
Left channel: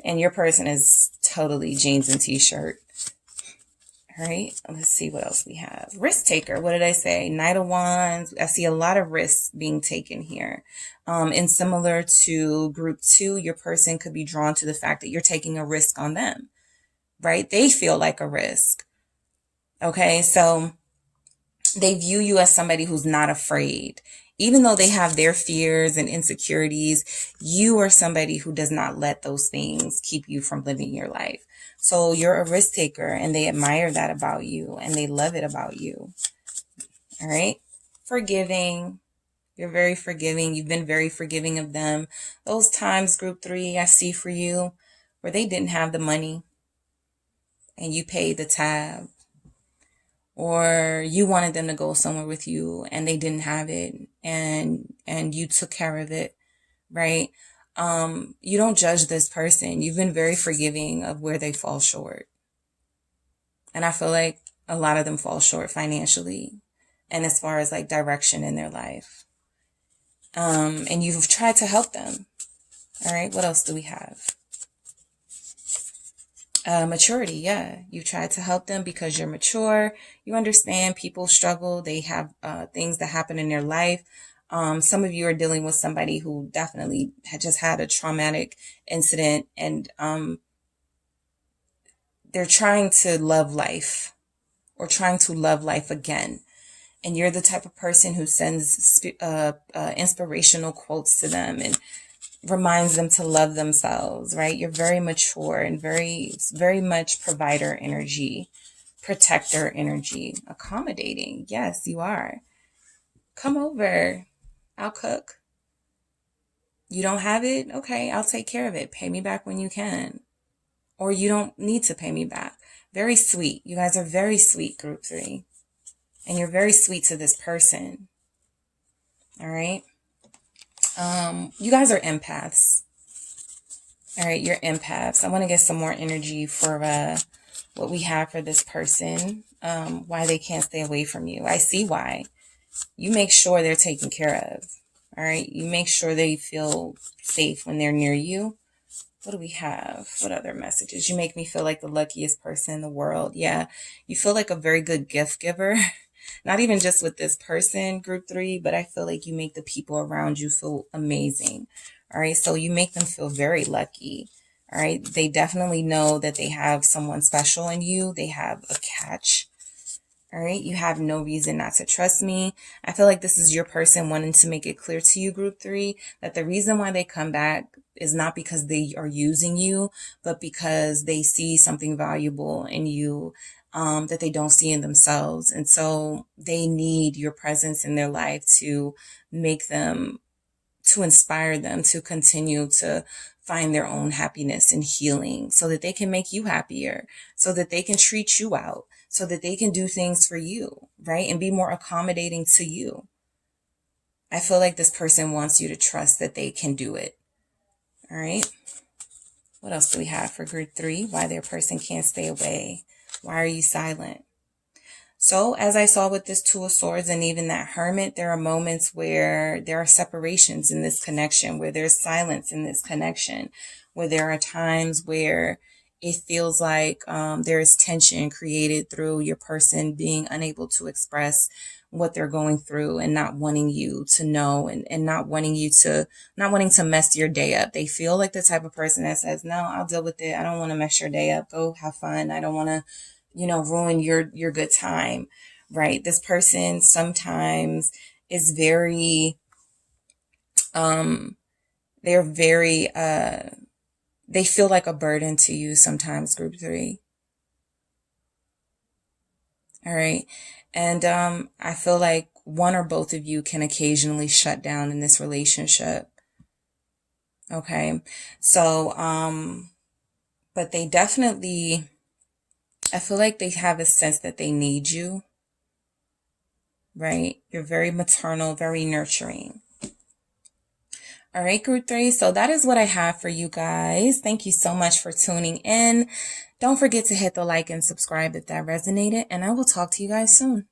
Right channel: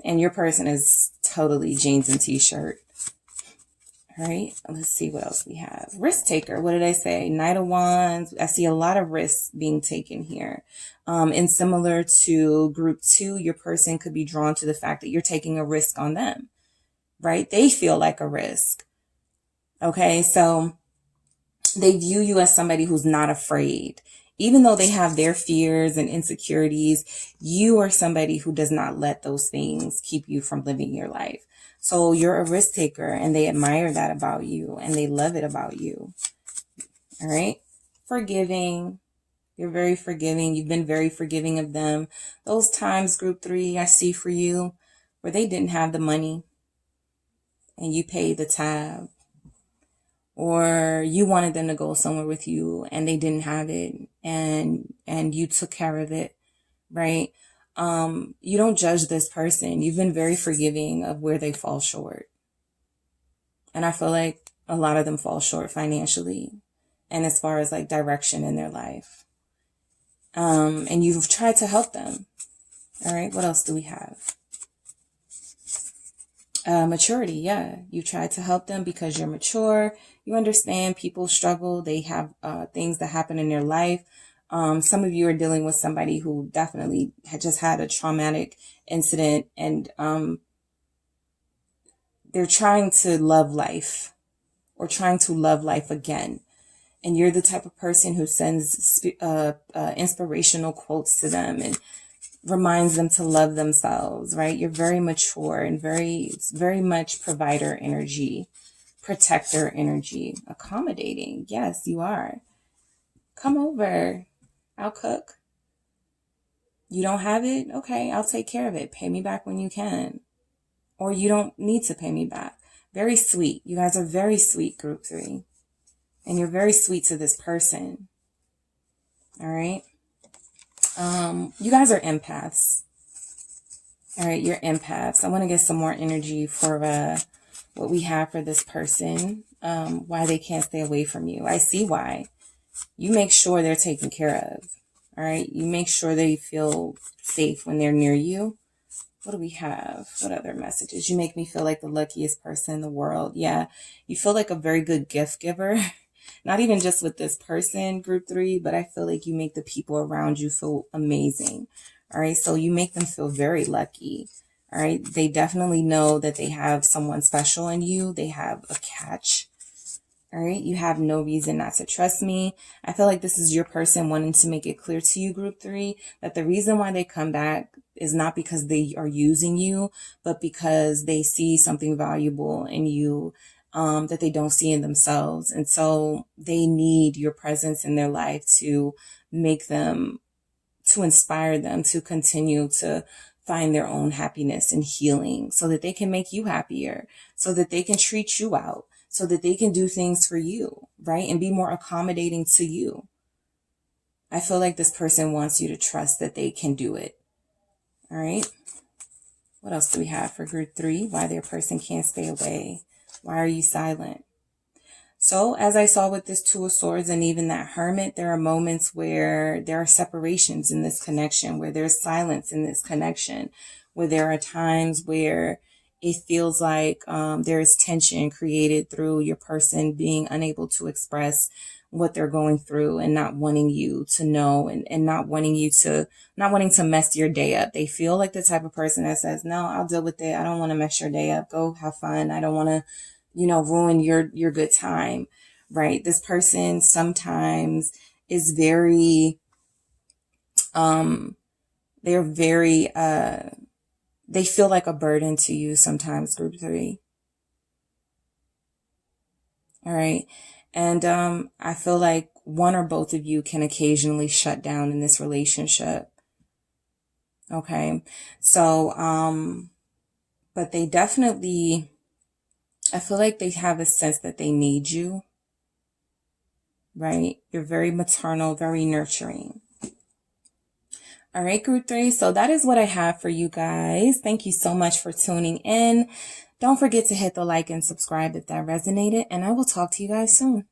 And your person is totally jeans and t-shirt. All right, let's see what else we have. Risk taker. What did I say? Knight of Wands. I see a lot of risks being taken here. And similar to group 2, your person could be drawn to the fact that you're taking a risk on them, right? They feel like a risk. Okay, so they view you as somebody who's not afraid. Even though they have their fears and insecurities, you are somebody who does not let those things keep you from living your life. So you're a risk taker, and they admire that about you, and they love it about you. All right. Forgiving. You're very forgiving. You've been very forgiving of them. Those times, group 3, I see for you, where they didn't have the money and you paid the tab. Or you wanted them to go somewhere with you and they didn't have it, and you took care of it, right? You don't judge this person. You've been very forgiving of where they fall short. And I feel like a lot of them fall short financially and as far as like direction in their life. And you've tried to help them. All right, what else do we have? Maturity, yeah. You try to help them because you're mature. You understand people struggle. They have things that happen in their life. Some of you are dealing with somebody who definitely had just had a traumatic incident, and they're trying to love life, or trying to love life again. And you're the type of person who sends inspirational quotes to them and reminds them to love themselves, right? You're very mature and very, very much provider energy, protector energy, accommodating. Yes, you are. Come over. I'll cook. You don't have it? Okay, I'll take care of it. Pay me back when you can. Or you don't need to pay me back. Very sweet. You guys are very sweet, group 3. And you're very sweet to this person. All right? You guys are empaths. All right, you're empaths. I want to get some more energy for what we have for this person, why they can't stay away from you. I see why. You make sure they're taken care of. All right, you make sure they feel safe when they're near you. What do we have? What other messages? You make me feel like the luckiest person in the world. Yeah, you feel like a very good gift giver. Not even just with this person, group 3, but I feel like you make the people around you feel amazing. All right. So you make them feel very lucky. All right. They definitely know that they have someone special in you. They have a catch. All right. You have no reason not to trust me. I feel like this is your person wanting to make it clear to you, group 3, that the reason why they come back is not because they are using you, but because they see something valuable in you that they don't see in themselves. And so they need your presence in their life to make them, to inspire them to continue to find their own happiness and healing, so that they can make you happier, so that they can treat you out, so that they can do things for you, right? And be more accommodating to you. I feel like this person wants you to trust that they can do it. All right. What else do we have for group 3? Why their person can't stay away. Why are you silent? So as I saw with this 2 of Swords and even that Hermit, there are moments where there are separations in this connection, where there's silence in this connection, where there are times where it feels like there is tension created through your person being unable to express what they're going through and not wanting you to know, and not wanting to mess your day up. They feel like the type of person that says, no, I'll deal with it. I don't want to mess your day up. Go have fun. I don't want to, ruin your good time, right? This person sometimes is very, they're very, they feel like a burden to you sometimes, group 3. All right. And I feel like one or both of you can occasionally shut down in this relationship. Okay. So, but they definitely, I feel like they have a sense that they need you, right? You're very maternal, very nurturing. All right, group 3. So that is what I have for you guys. Thank you so much for tuning in. Don't forget to hit the like and subscribe if that resonated, and I will talk to you guys soon.